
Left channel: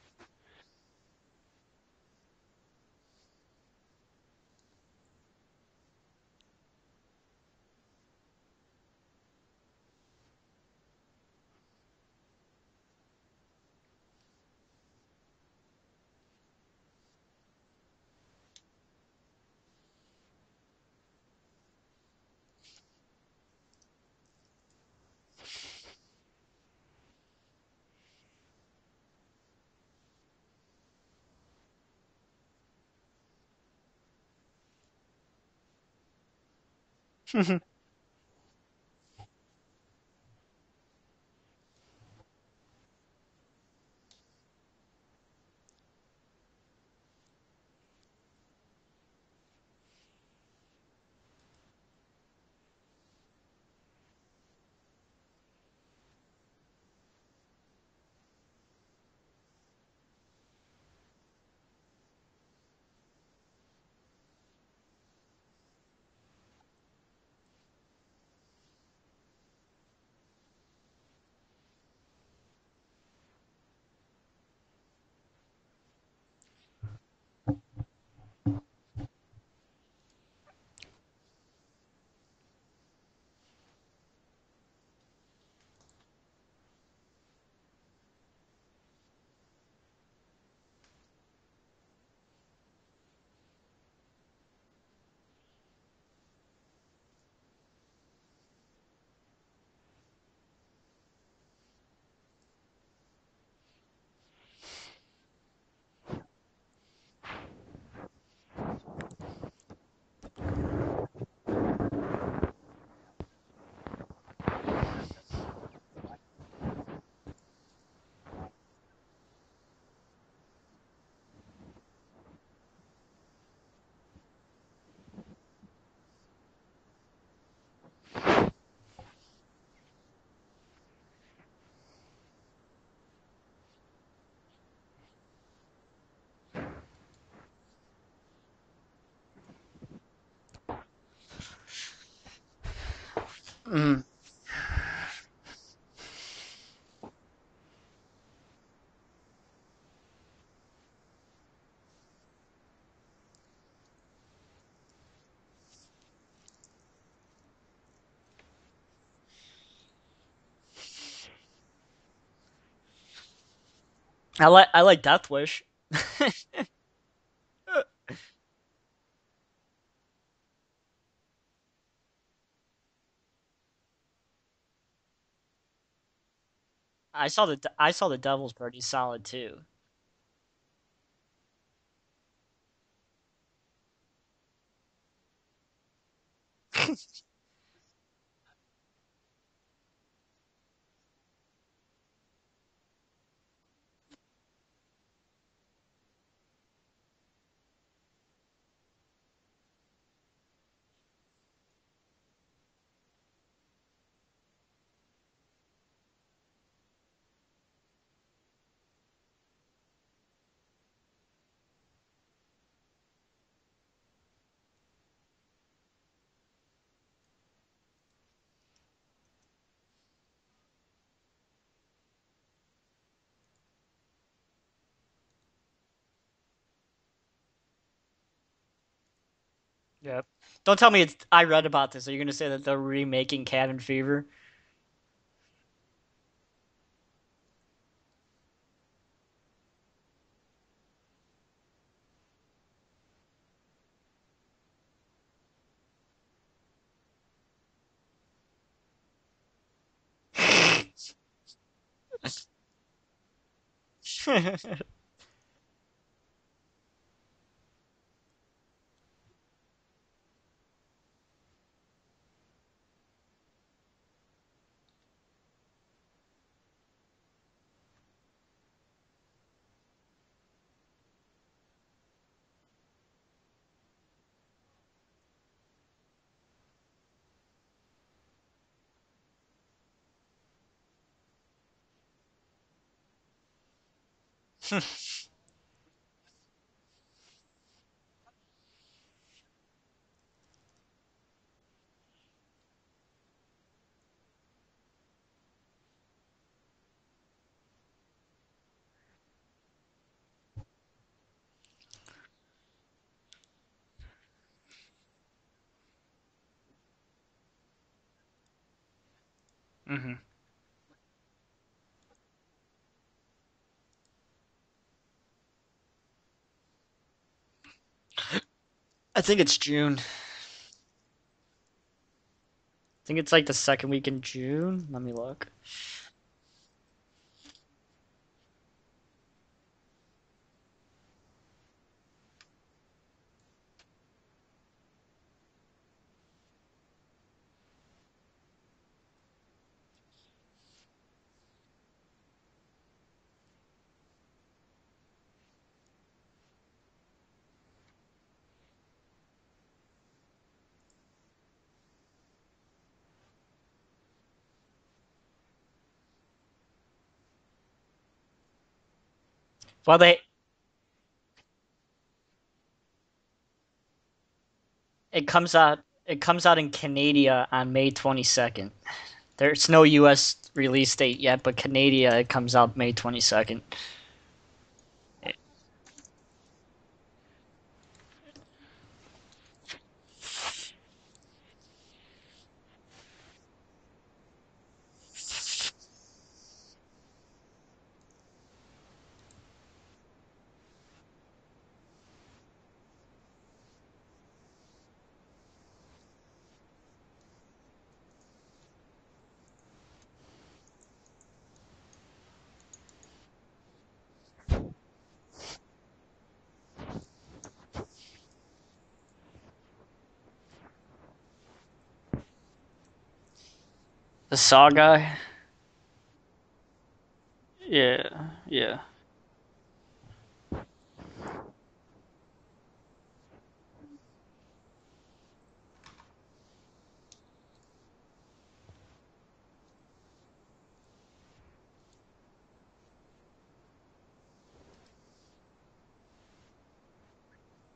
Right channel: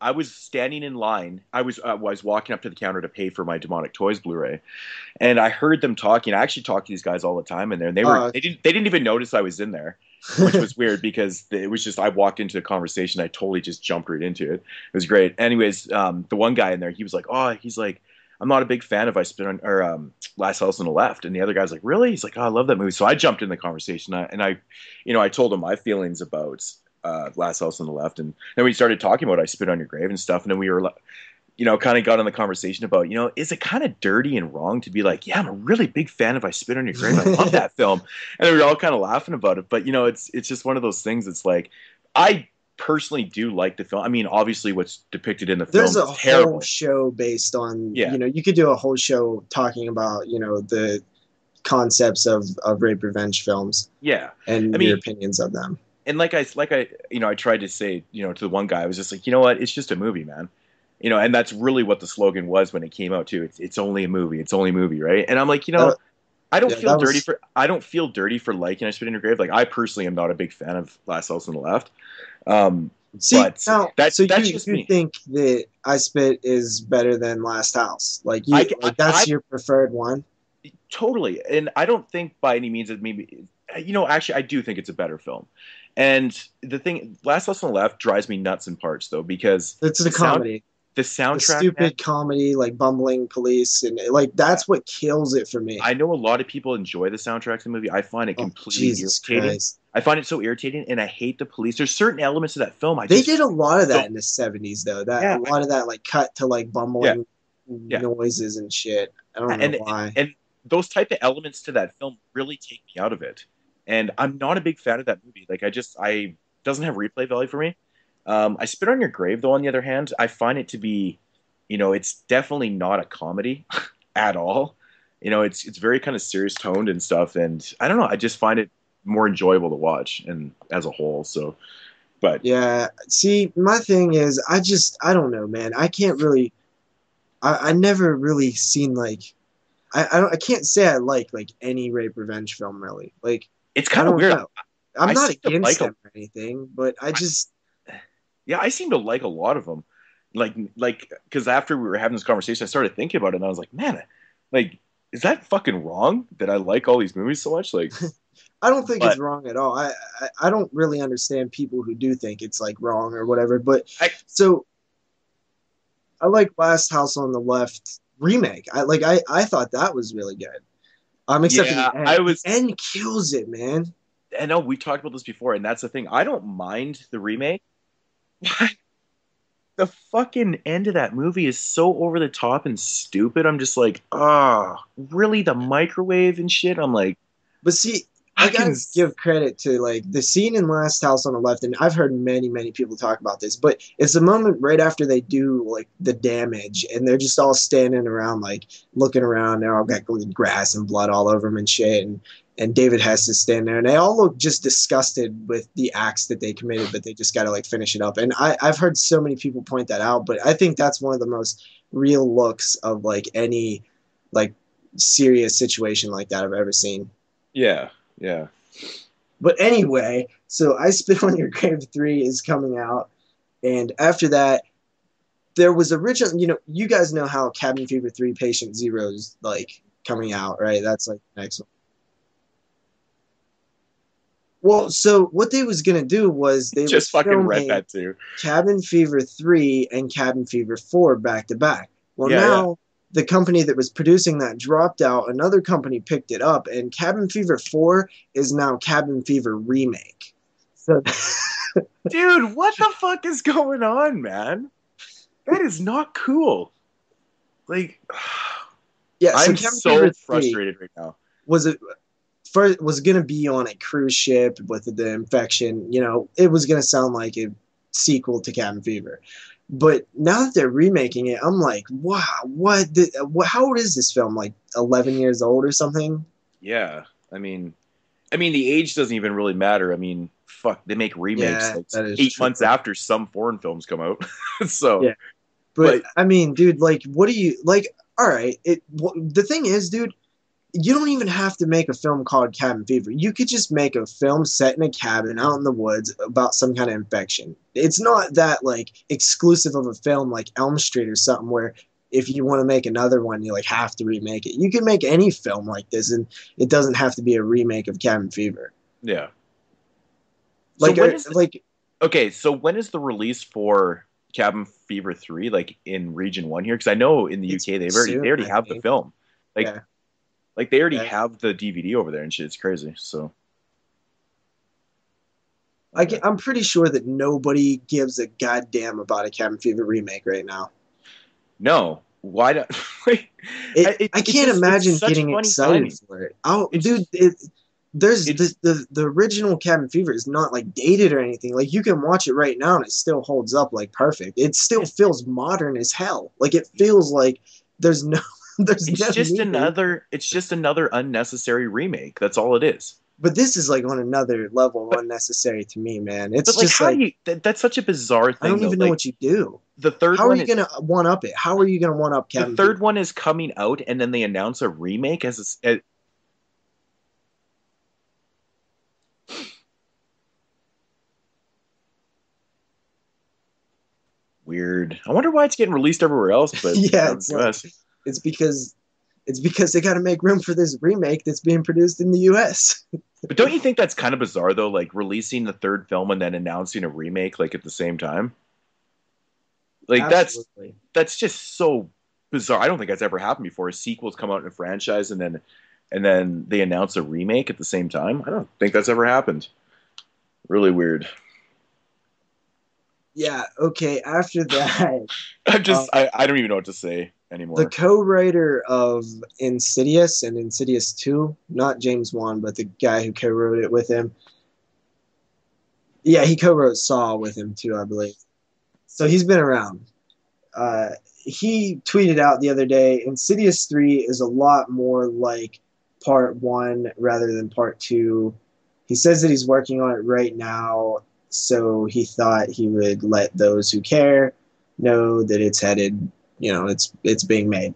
I was standing in line. I was walking up to the counter to pay for my Demonic Toys Blu-ray, and I heard them talking. I actually talk to these guys all the time in there, and they didn't even notice I was in there, which was weird because it was just I walked into a conversation. I totally just jumped right into it. It was great. Anyways, the one guy in there, he was like, I'm not a big fan of I Spit on or Last House on the Left, and the other guy's like, really? He's like, oh, I love that movie. So I jumped in the conversation, and I told him my feelings about Last House on the Left, and then we started talking about I Spit on Your Grave and stuff, and then we were, kind of got in the conversation about, is it kind of dirty and wrong to be like, yeah, I'm a really big fan of I Spit on Your Grave. I love that film, and we were all kind of laughing about it, but it's just one of those things. It's like I personally do like the film. I mean, obviously what's depicted in the film is terrible. Whole show based on, you could do a whole show talking about, the concepts of rape revenge films. Yeah. And your opinions of them. And like I tried to say, to the one guy, I was just like, you know what? It's just a movie, man. And that's really what the slogan was when it came out too. It's only a movie. It's only a movie. Right. And I'm like, I don't feel dirty for liking I Spit on Your Grave. Like, I personally am not a big fan of Last House on the Left. That's just me. You think that I Spit is better than Last House? That's your preferred one? Totally. And I don't think by any means that maybe, actually I do think it's a better film. And the thing, Last House on the Left drives me nuts in parts though, because It's the comedy. the The soundtrack, stupid man, comedy, like bumbling police, and like that's what kills it for me. I know a lot of people enjoy the soundtrack to the movie. I find it Oh, completely Jesus irritating. Christ. I find it so irritating, and I hate the police. There's certain elements of that film I They just did a lot of that don't. in the 70s, though. That a Yeah, lot of that like cut to like yeah, bumbling yeah. noises and shit. I don't know and why. and those type of elements to that film really take me out of it. And I'm not a big fan of that movie. Like I doesn't have replay value for me. I Spit on Your Grave, though, on the other hand, I find it to be, it's definitely not a comedy at all. It's very kind of serious toned and stuff, and I don't know. I just find it more enjoyable to watch and as a whole. So, but Yeah. See, my thing is, I don't know, man. I can't really. I never really seen like. I can't say I like any rape revenge film really. Like it's I kind of don't weird. know. I'm I not seem to against like them or anything, but I just yeah, I seem to like a lot of them. Like because after we were having this conversation, I started thinking about it, and I was like, man, like, is that fucking wrong that I like all these movies so much? Like, I don't think it's but wrong at all. I don't really understand people who do think it's like wrong or whatever. But I so I like Death Wish. I like Last House on the Left remake. I thought that was really good. Except for yeah, the end. I was. The end kills it, man. I know we talked about this before, and that's the thing. I don't mind the remake. I saw the Devil pretty solid too. The fucking end of that movie is so over the top and stupid. I'm just like, ah, really? The microwave and shit. I'm like, But see, I fucking. gotta give credit to like the scene in Last House on the Left, and I've heard many people talk about this, but it's the moment right after they do like the damage, and they're just all standing around like looking around. They're all got grass and blood all over them and shit, and David Hess is standing there, and they all look just disgusted with the acts that they committed, but they just gotta like finish it up. And I've heard so many people point that out, but I think that's one of the most real looks of like any like serious situation like that I've ever seen. Yeah, yeah. But anyway, so I Spit on Your Grave 3 is coming out. And after that, there was original, you guys know how Cabin Fever 3 Patient Zero's like coming out, right? Don't tell That's me like, I read about this. Are you going to say that they're remaking Cabin Fever? well, so what they was going to do was they Just was fucking read filming that too. Cabin Fever 3 and Cabin Fever 4 back to back. Well, Yeah, now the company that was producing that dropped out. Another company picked it up, and Cabin Fever 4 is now Cabin Fever Remake. So, dude, what the fuck is going on, man? That is not cool. Like, yeah, so I'm Cabin so Fever 3 frustrated right now. was it first was going to be on a cruise ship with the infection. It was going to sound like a sequel to Cabin Fever. But now that they're remaking it, I'm like, wow, how old is this film? Like 11 years old or something? Yeah, I mean, the age doesn't even really matter. I mean, fuck, they make remakes Yeah, like that is 8 true. months after some foreign films come out. So, Yeah. But I mean, dude, like, what do you like? All right, the thing is, dude, you don't even have to make a film called Cabin Fever. You could just make a film set in a cabin out in the woods about some kind of infection. It's not that like exclusive of a film like Elm Street or something where if you want to make another one, you like have to remake it. You can make any film like this, and it doesn't have to be a remake of Cabin Fever. yeah. Mm-hmm. Like, okay, so when is the release for Cabin Fever 3, like in Region 1 here? Because I know in the UK they already have the film. I think it's Like, June. Like they already have the DVD over there and shit. It's crazy. I think it's like the second week in June. Let me look. I'm pretty sure that nobody gives a goddamn about a Cabin Fever remake right now. No, why not? I can't imagine getting excited for it. There's the original Cabin Fever is not like dated or anything. Like you can watch it right now and it still holds up like perfect. It still feels modern as hell. Like it feels like there's no. It's just another unnecessary remake. That's all it is. But this is like on another level unnecessary to me, man. It's but like, just how do you? That's such a bizarre thing. I don't even know what you do. How are you gonna one up it? How are you gonna one up Cabin The third Fever? one is coming out, and then they announce a remake. It comes out in Canada on May 22nd. There's no U.S. release date yet, but Canada it comes out May 22nd. Weird. I wonder why it's getting released everywhere else, but yeah, it's because they got to make room for this remake that's being produced in the U.S. But don't you think that's kind of bizarre though? Like releasing the third film and then announcing a remake like at the same time. Like Absolutely. that's just so bizarre. I don't think that's ever happened before. A sequel's come out in a franchise and then they announce a remake at the same time. I don't think that's ever happened. Really weird. Yeah. Okay. After that, I don't even know what to say anymore. the co-writer of Insidious and Insidious 2, not James Wan, but the guy who co-wrote it with him. The Saw guy. Yeah, he co-wrote Saw with him too, I Yeah, believe. yeah. So he's been around. He tweeted out the other day, Insidious 3 is a lot more like part 1 rather than part 2. He says that he's working on it right now, so he thought he would let those who care know that it's headed, it's being made.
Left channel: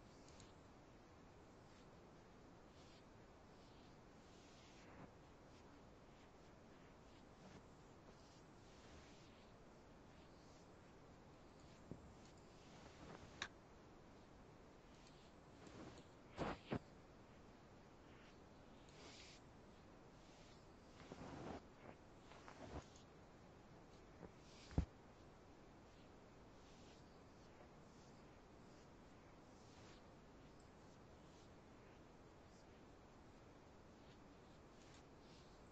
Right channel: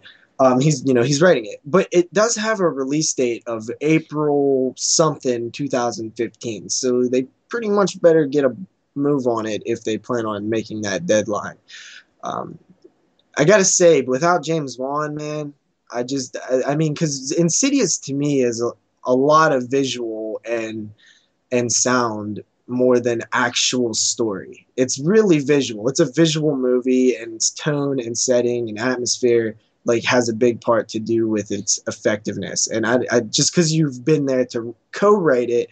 He's writing it, but it does have a release date of April something 2015. So they pretty much better get a move on it if they plan on making that deadline. I gotta say, without James Wan, man, I mean, because Insidious to me is a lot of visual and sound more than actual story. It's really visual. It's a visual movie, and its tone and setting and atmosphere like has a big part to do with its effectiveness. And I just because you've been there to co-write it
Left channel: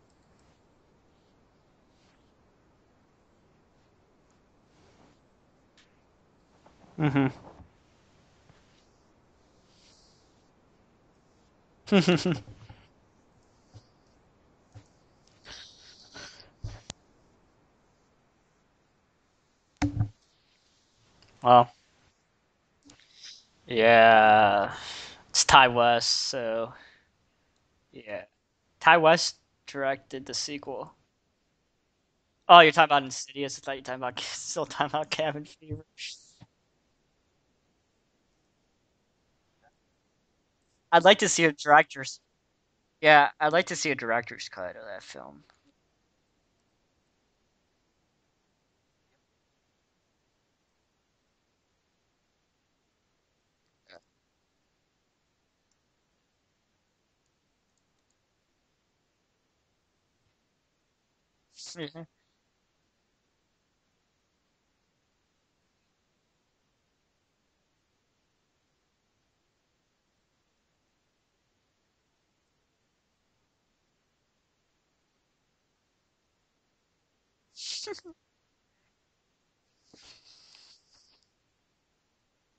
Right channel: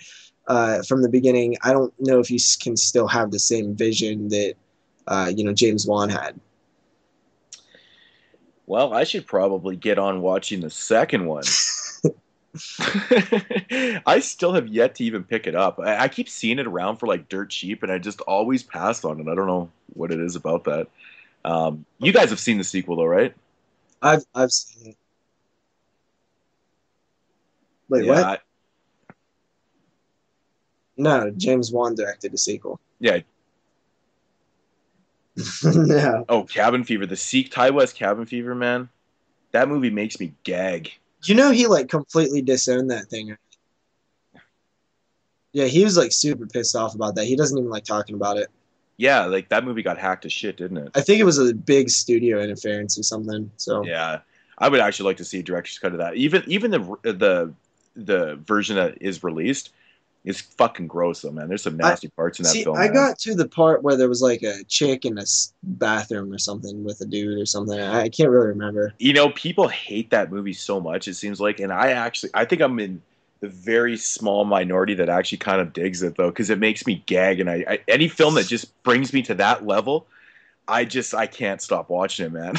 from the beginning, I don't know if you can still have the same vision that James Wan had. Mm-hmm. Well, I should probably get on watching the second one. I still have yet to even pick it up. I keep seeing it around for like dirt cheap, and I just always pass on it. I don't know what it is about that. Wow. You guys have seen the sequel, though, right? Yeah. I've It's Ty West, so Wait, yeah, what? Ty West directed the sequel. No, James Wan directed the sequel. Oh, you're talking about Yeah. Insidious. I thought you were still talking about Cabin. No. Oh, Cabin Fever. Ty West Cabin Fever, man. That movie makes me gag. I'd like to You see know a he like director's- completely disowned that Yeah, thing. I'd like to see a director's cut of that film. Yeah, he was like super pissed off about that. He doesn't even like talking about it. Yeah, like that movie got hacked to shit, didn't it? I think it was a big studio interference or something. So Yeah, I would actually like to see a director's cut of that. Even the version that is released is fucking gross, though, man. There's some nasty parts in that film. I man. got to the part where there was like a chick in a bathroom or something with a dude or something. I can't really remember. People hate that movie so much, it seems like, and I think I'm in the very small minority that actually kind of digs it, though, because it makes me gag, and I any film that just brings me to that level, I can't stop watching it, man.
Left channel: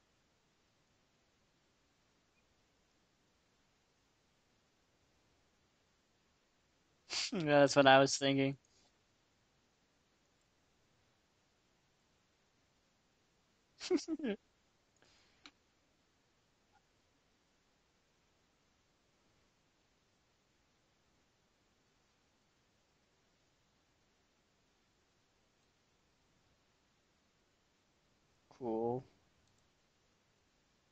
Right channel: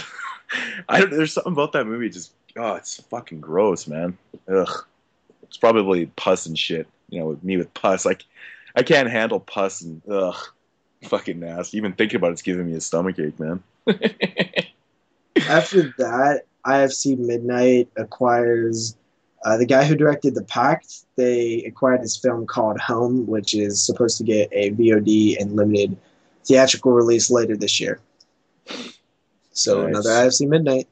There's something about that movie, it's fucking gross, man. Ugh. It's probably pus and shit. With me with That's what I pus. was thinking. I can't handle pus and fucking nasty. Even thinking about it's giving me a stomachache, man. After that, IFC Midnight acquires the guy who directed The Pact. They acquired this film called Home, which is supposed to get a VOD and limited theatrical release later this year. Cool. So Nice. another IFC Midnight.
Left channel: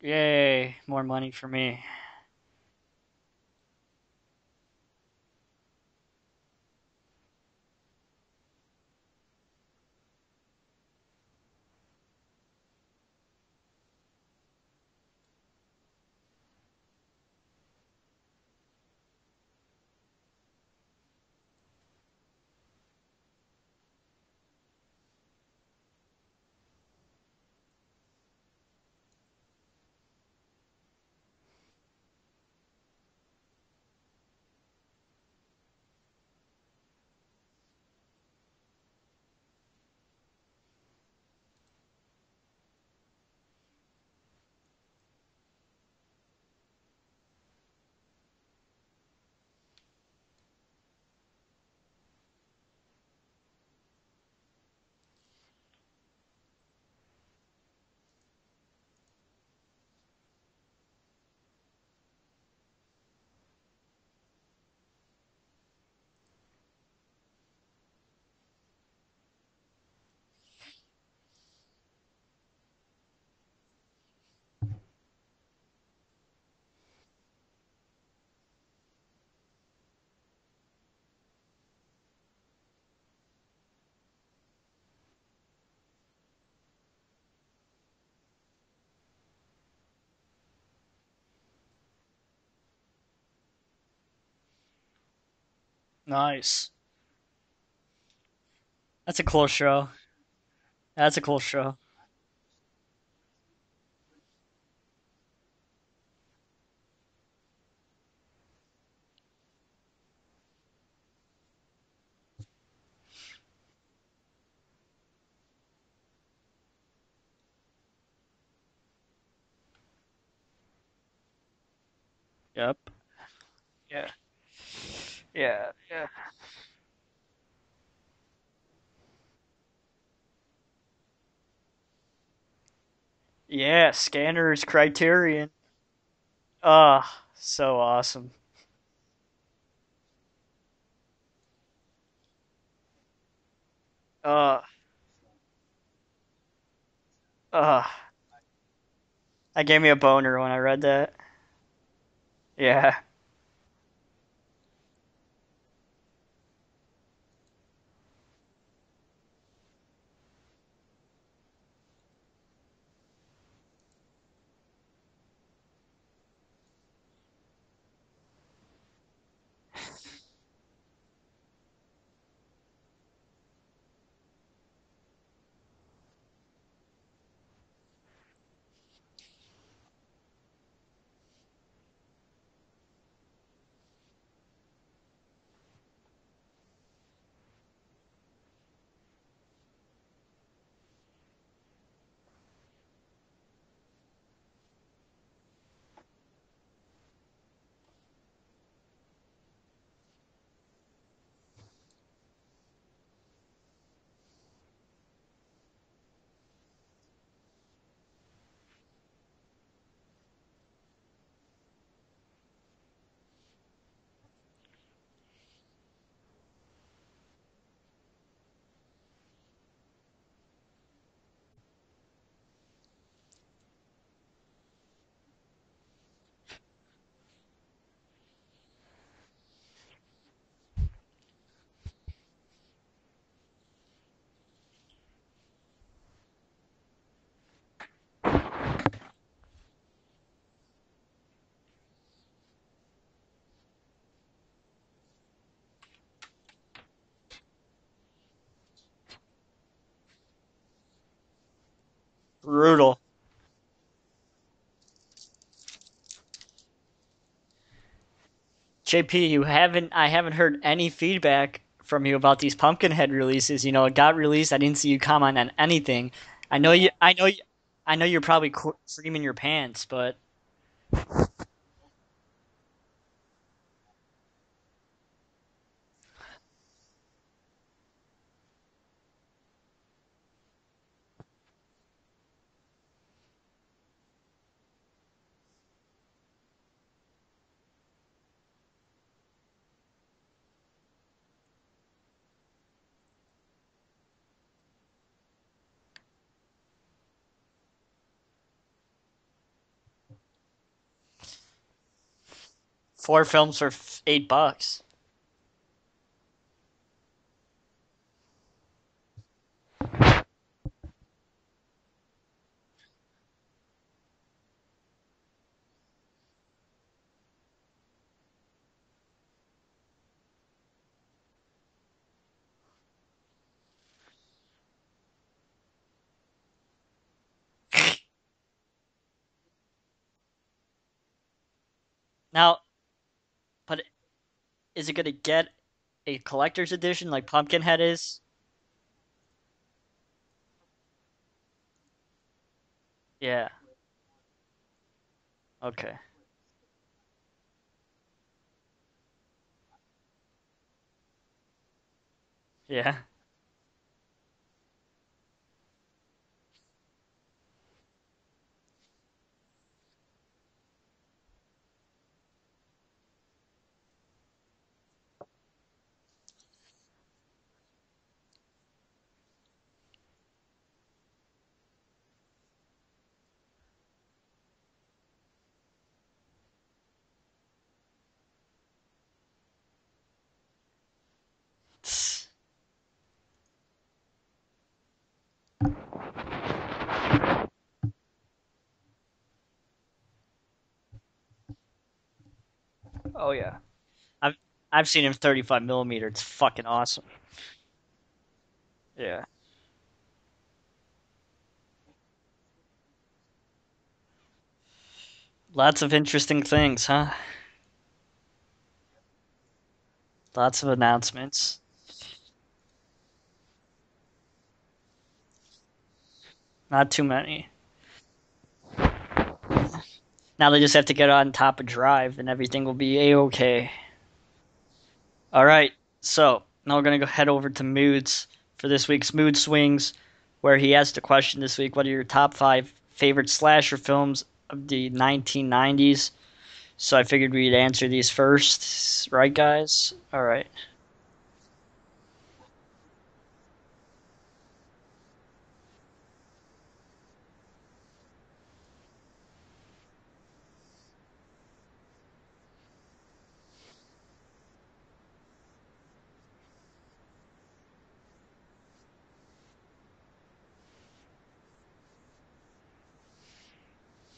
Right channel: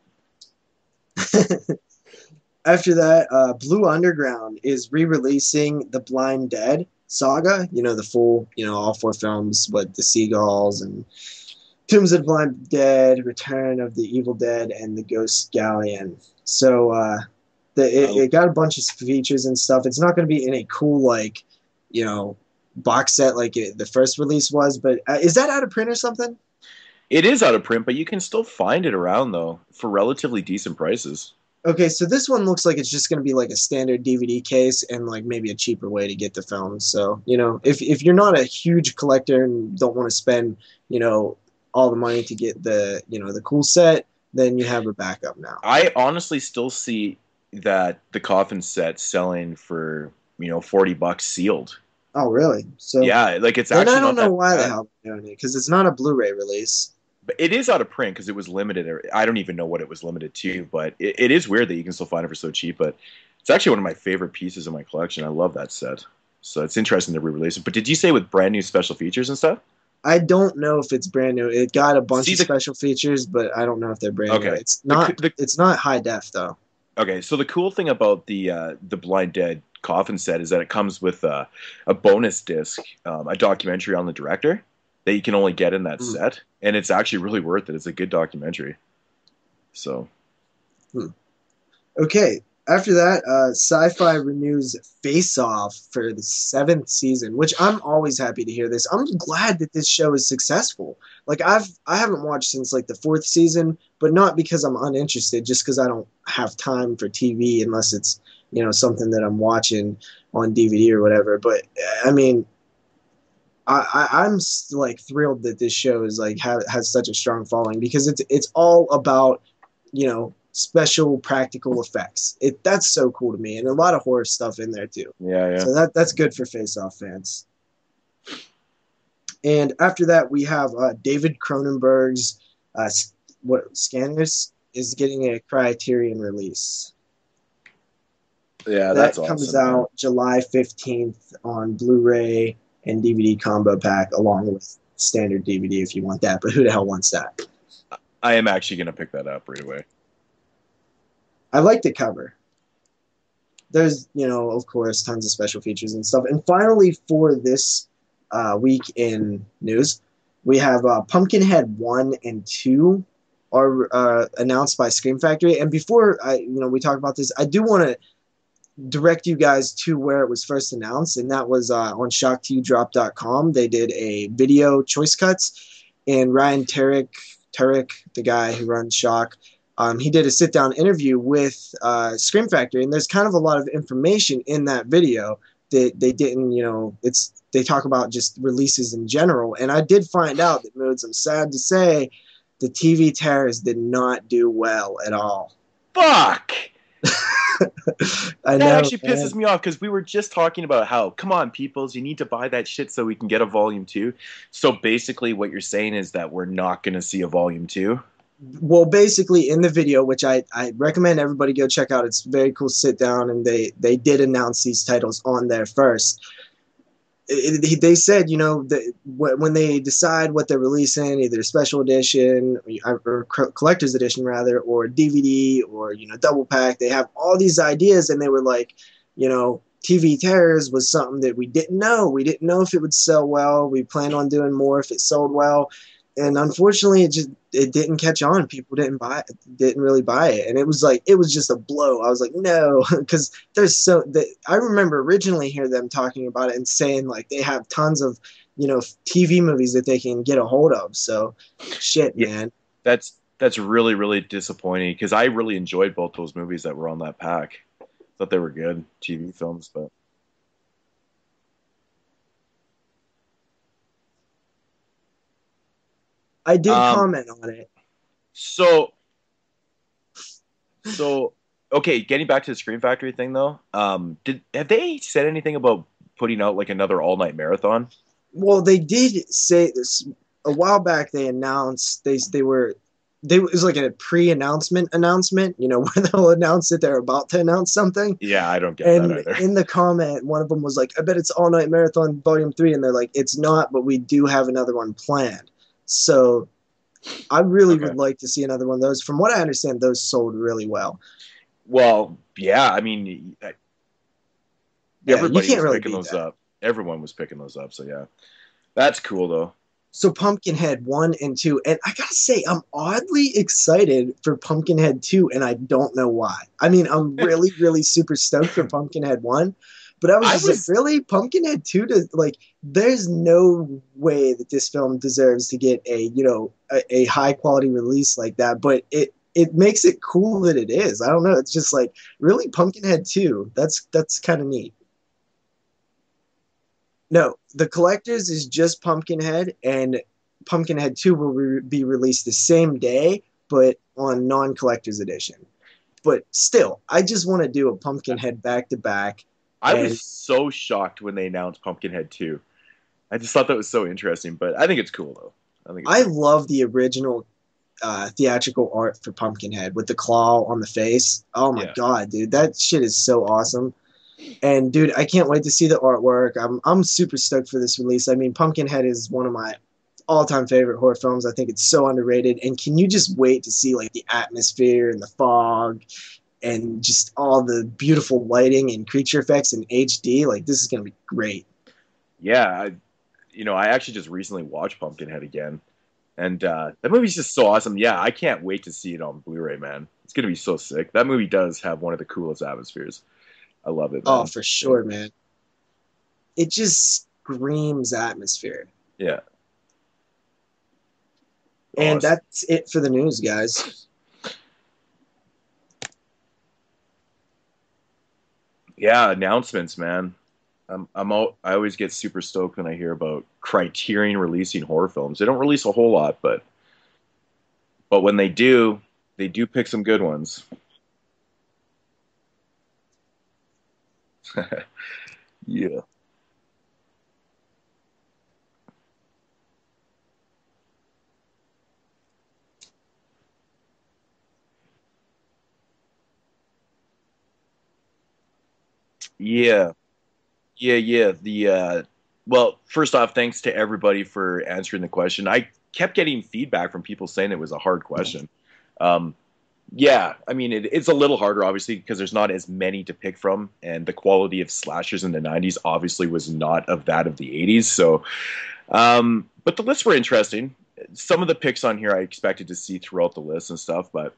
Yay, more money for me. After that, Blue Underground is re-releasing the Blind Dead saga. The full, all 4 films, but the Seagulls and Tombs of the Blind Dead, Return of the Evil Dead, and the Ghost Galleon. So it got a bunch of features and stuff. It's not going to be in a cool box set like the first release was. But is that out of print or something? It is out of print, but you can still find it around though for relatively decent prices. Okay, so this one looks like it's just going to be like a standard DVD case and like maybe a cheaper way to get the film. So, if you're not a huge collector and don't want to spend, all the money to get the, the cool set, then you have a backup now. I honestly still see that the coffin set selling for, $40 sealed. Oh, really? So yeah, like it's then actually I don't not know that why bad. the hell they're doing it because it's not a Blu-ray release. But it is out of print because it was limited. I don't even know what it was limited to, but it is weird that you can still find it for so cheap. But it's actually one of my favorite pieces in my collection. I love that set. So it's interesting to re-release it. But did you say with brand new special features and stuff? I don't know if it's brand new. It got a bunch of the- special features, but I don't know if they're brand new. Okay. It's not. It's not high def though. Okay, so the cool thing about the Blind Dead coffin set is that it comes with a bonus disc, a documentary on the director that you can only get in that set, and it's actually really worth it. It's a good documentary. So, Okay, After that, Sci-Fi renews Face Off for the Nice. 7th season, which I'm always happy to hear this. I'm That's a cool glad show. that this show is successful. That's a cool Like show. I haven't watched since like the 4th season, but not because I'm uninterested, just because I don't have time for TV unless it's, you know, something that I'm watching on DVD or whatever. But I mean, I'm like thrilled that this show is like has such a strong following because it's all about, you know, special practical effects. Yeah. That's so cool to me, and a lot of horror stuff in there too. Yeah. So that's good for Face Off fans. And after that, we have David Cronenberg's Scanners Criterion. Criterion release. So awesome. Yeah, that that's comes awesome, out July 15th on Blu-ray and DVD combo pack, along with standard DVD if you want that. But who the hell wants that? I am actually gonna pick that up. That gave me a boner when I read that. I like the cover. Yeah. There's, you know, of course, tons of special features and stuff. And finally, for this week in news, we have Pumpkinhead 1 and 2 are announced by Scream Factory. And before we talk about this, I do want to direct you guys to where it was first announced, and that was on shocktodrop.com. They did a video choice cuts, and Ryan Turek, the guy who runs Shock, he did a sit-down interview with Scream Factory, and there's kind of a lot of information in that video that they didn't, you know, they talk about just releases in general. And I did find out that, Moodz, I'm sad to say, the TV Terrors did not do well at all. Fuck! That actually pisses me off, because we were just talking about how, come on, peoples, you need to buy that shit so we can get a volume 2. So basically what you're saying is that we're not going to see a volume 2? Well, basically in the video, which I recommend everybody go check out, it's very cool sit down, and they did announce these titles on there first. They said, you know, that when they decide what they're releasing, either special edition or collector's edition rather, or DVD, or, you know, double pack, they have all these ideas, and they were like, you know, TV Terrors was something that we didn't know. We didn't know if it would sell well. We planned on doing more if it sold well. And unfortunately, it didn't catch on. People didn't really buy it, and it was just a blow. I was like, no, because I remember originally hearing them talking about it and saying like they have tons of, you know, TV movies that they can get a hold of. So, shit, man, brutal. That's really, really disappointing, because I really enjoyed both those movies that were on that pack. Thought they were good. JP, I haven't heard any feedback from you about these Pumpkinhead releases. You know, it got released. I didn't see you comment on anything. I know you're probably screaming your pants, but so okay. Getting back to the Scream Factory thing though, have they said anything about putting out like another all night marathon? Well, they did say this a while back. They announced it was like a pre-announcement, you know, where they'll announce that they're about to announce something. Yeah, I don't get that either. In the comment, one of them was like, I bet it's All Night Marathon Volume 3. And they're like, it's not, but we do have another one planned. So I really would like to see another one of those. From what I understand, those sold really well. Well, yeah, I mean, 4 films for $8. Yeah, everybody you can't was really picking those that. up. Everyone was picking those up, so yeah. That's cool, though. So Pumpkinhead 1 and 2, and I gotta say, I'm oddly excited for Pumpkinhead 2, and I don't know why. I mean, I'm really, really super stoked for Pumpkinhead 1, but I was like, really? Pumpkinhead 2? There's no way that this film deserves to get a high-quality release like that, but it makes it cool that it is. I don't know. It's just like, really, now, Pumpkinhead 2? That's kind of neat. Is it going to get a collector's edition? Like no, Pumpkinhead the collector's is just Pumpkinhead, and Pumpkinhead 2 will be released the same day, but on non-collector's edition. Okay. But still, I just want to do a Pumpkinhead back-to-back. I was so shocked when they announced Pumpkinhead 2. Yeah. I just thought that was so interesting, but I think it's cool, though. I love the original theatrical art for Pumpkinhead with the claw on the face. Oh, my God, dude. That shit is so awesome. And dude, I can't wait to see the artwork. I'm super stoked for this release. I mean, Pumpkinhead is one of my all-time favorite horror films. I think it's so underrated. And can you just wait to see like the atmosphere and the fog and just all the beautiful lighting and creature effects in HD? Like, this is gonna be great. Yeah, I actually just recently watched Pumpkinhead again, and that movie's just so awesome. Yeah, I can't wait to see it on Blu-ray, man. It's gonna be so sick. That movie does have one of the coolest atmospheres. Oh yeah. I love it. Oh, Man. for sure. I've man. seen him 35 millimeter. It's It fucking just awesome. screams atmosphere. Yeah. And Awesome. that's it for the news, guys. Lots of interesting things, huh? Yeah, announcements, man. Lots of announcements. I always get super stoked when I hear about Criterion releasing horror films. They don't release a whole lot, but Not too many. But when they do pick some good ones. Now they just have to get on top of Drive, and everything will be a-okay. All right, Yeah. so now we're gonna go head over to Moodz for this week's Mood Swings, where he asked a question this week: what are your top 5 favorite slasher films of the 1990s? So I figured we'd answer these first, right, guys? All right. Yeah. Well, first off, thanks to everybody for answering the question. I kept getting feedback from people saying it was a hard question. Yeah, I mean, it's a little harder, obviously, because there's not as many to pick from, and the quality of slashers in the 90s obviously was not of that of the 80s. So, but the lists were interesting. Some of the picks on here I expected to see throughout the list and stuff, but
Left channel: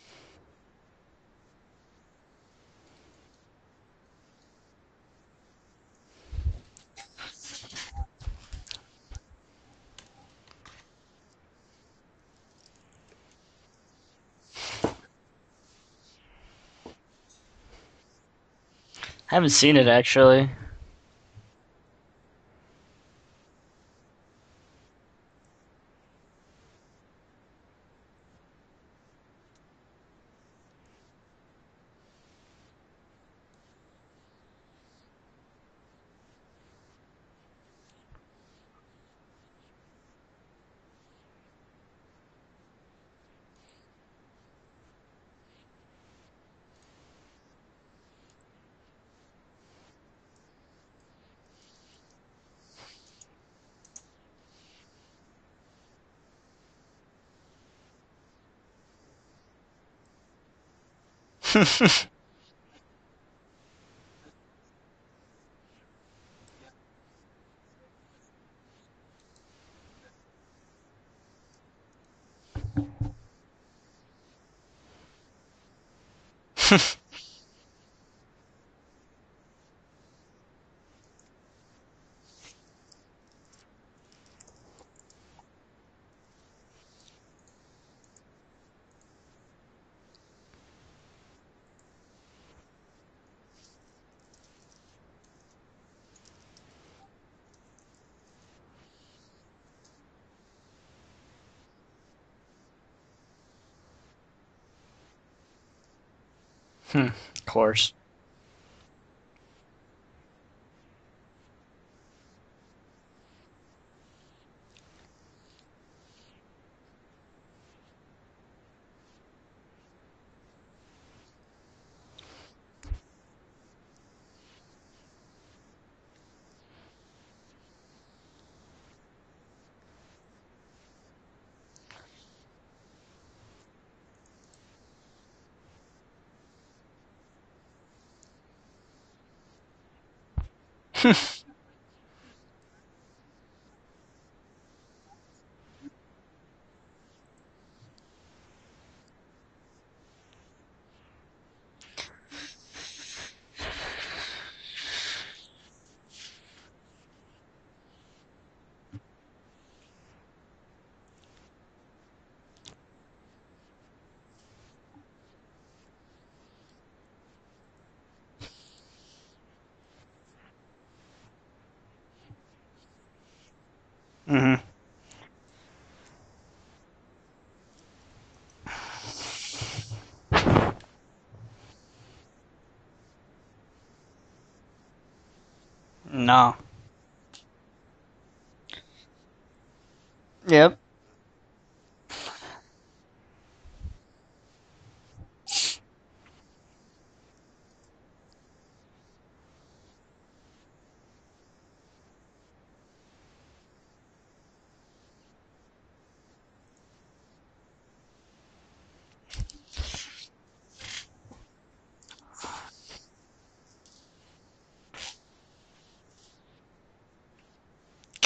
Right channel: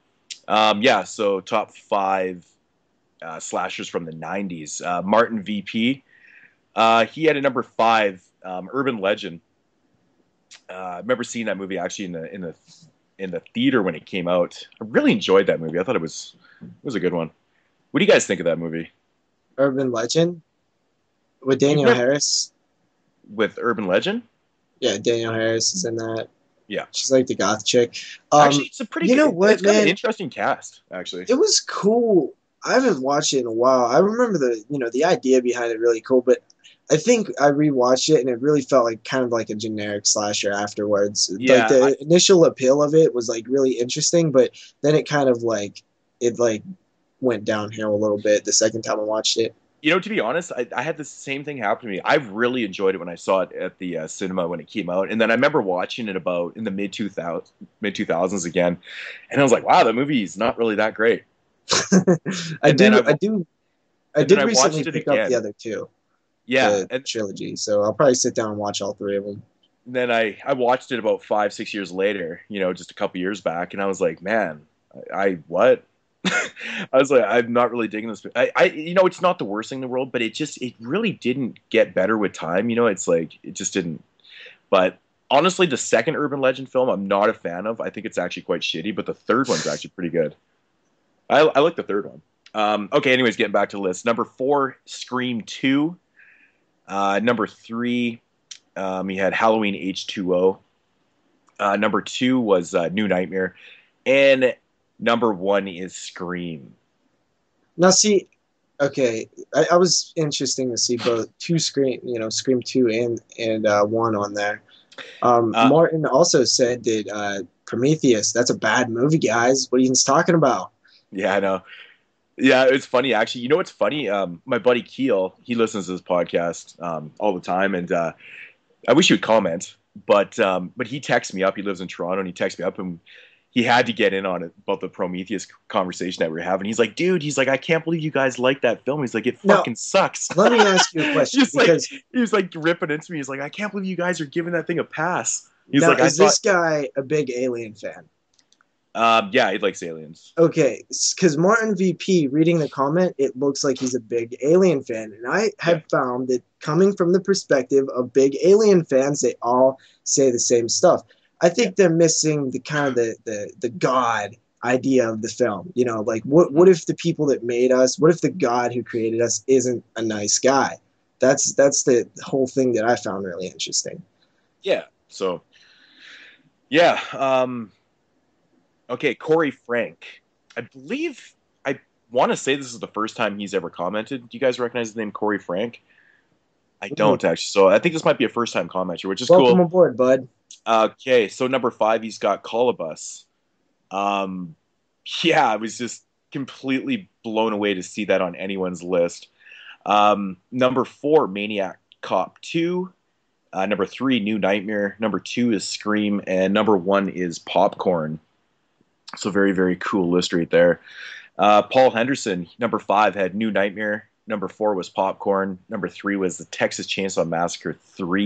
yeah, so top 5 slashers from the 90s. Martin VP, he had a number 5, Urban Legend. I remember seeing that movie actually in the theater when it came out. I really enjoyed that movie. I thought it was a good one. What do you guys think of that movie? I haven't seen Urban it, actually. With Daniel Harris. With Urban Legend? Yeah, Daniel Harris is in that. Yeah. She's like the goth chick. Actually, it's a pretty you know what, it's got man? an interesting cast, actually. It was cool. I haven't watched it in a while. I remember the idea behind it really cool, but I think I rewatched it and it really felt like kind of like a generic slasher afterwards. Yeah, like the initial appeal of it was like really interesting, but then it kind of like went downhill a little bit the second time I watched it. You know, to be honest, I had the same thing happen to me. I really enjoyed it when I saw it at the cinema when it came out, and then I remember watching it about in the mid 2000s again, and I was like, "Wow, that movie is not really that great." I did recently pick up the other two. Yeah, the trilogy. So I'll probably sit down and watch all 3 of them. Then I watched it about 5-6 years later, just a couple years back, and I was like, man, I what? I was like, I'm not really digging this. It's not the worst thing in the world, but it really didn't get better with time. It's like it just didn't. But honestly, the second Urban Legend film, I'm not a fan of. I think it's actually quite shitty, but the third one's actually pretty good. I like the third one. Okay, anyways, getting back to the list. Number 4, Scream 2. Number 3, he had Halloween H2O. Number 2 was New Nightmare. And number 1 is Scream. Of course. Now, see, okay, I was interesting to see both Scream 2 and 1 on there. Martin also said that Prometheus, that's a bad movie, guys. What are you talking about? Yeah, I know. Yeah, it's funny, actually. You know what's funny? My buddy Keel, he listens to this podcast all the time, and I wish he would comment, but he texts me up. He lives in Toronto, and he texts me up, and he had to get in on it about the Prometheus conversation that we were having. He's like, dude, I can't believe you guys like that film. He's like, it fucking sucks. Let me ask you a question. He was like ripping into me. He's like, I can't believe you guys are giving that thing a pass. He's now, like, this guy a big Alien fan? Yeah, he likes aliens. Okay, because Martin VP, reading the comment, it looks like he's a big Alien fan. And I have found that coming from the perspective of big Alien fans, they all say the same stuff. I think they're missing the kind of the God idea of the film. Like what if the people that made us, what if the God who created us isn't a nice guy? That's the whole thing that I found really interesting. Mm-hmm. Yeah. So, yeah. Okay, Corey Frank. I believe I want to say this is the first time he's ever commented. Do you guys recognize the name Corey Frank? No. I don't, actually. So I think this might be a first-time commenter, which is Welcome cool. Welcome aboard, bud. Yeah. Okay, so number 5, he's got Colobus. Yeah, I was just completely blown away to see that on anyone's list. Number 4, Maniac Cop 2. Number 3, New Nightmare. Number 2 is Scream. And number 1 is Popcorn. So very, very cool list right there. Paul Henderson, number 5, had New Nightmare. Number 4 was Popcorn. Number 3 was the Texas Chainsaw Massacre 3.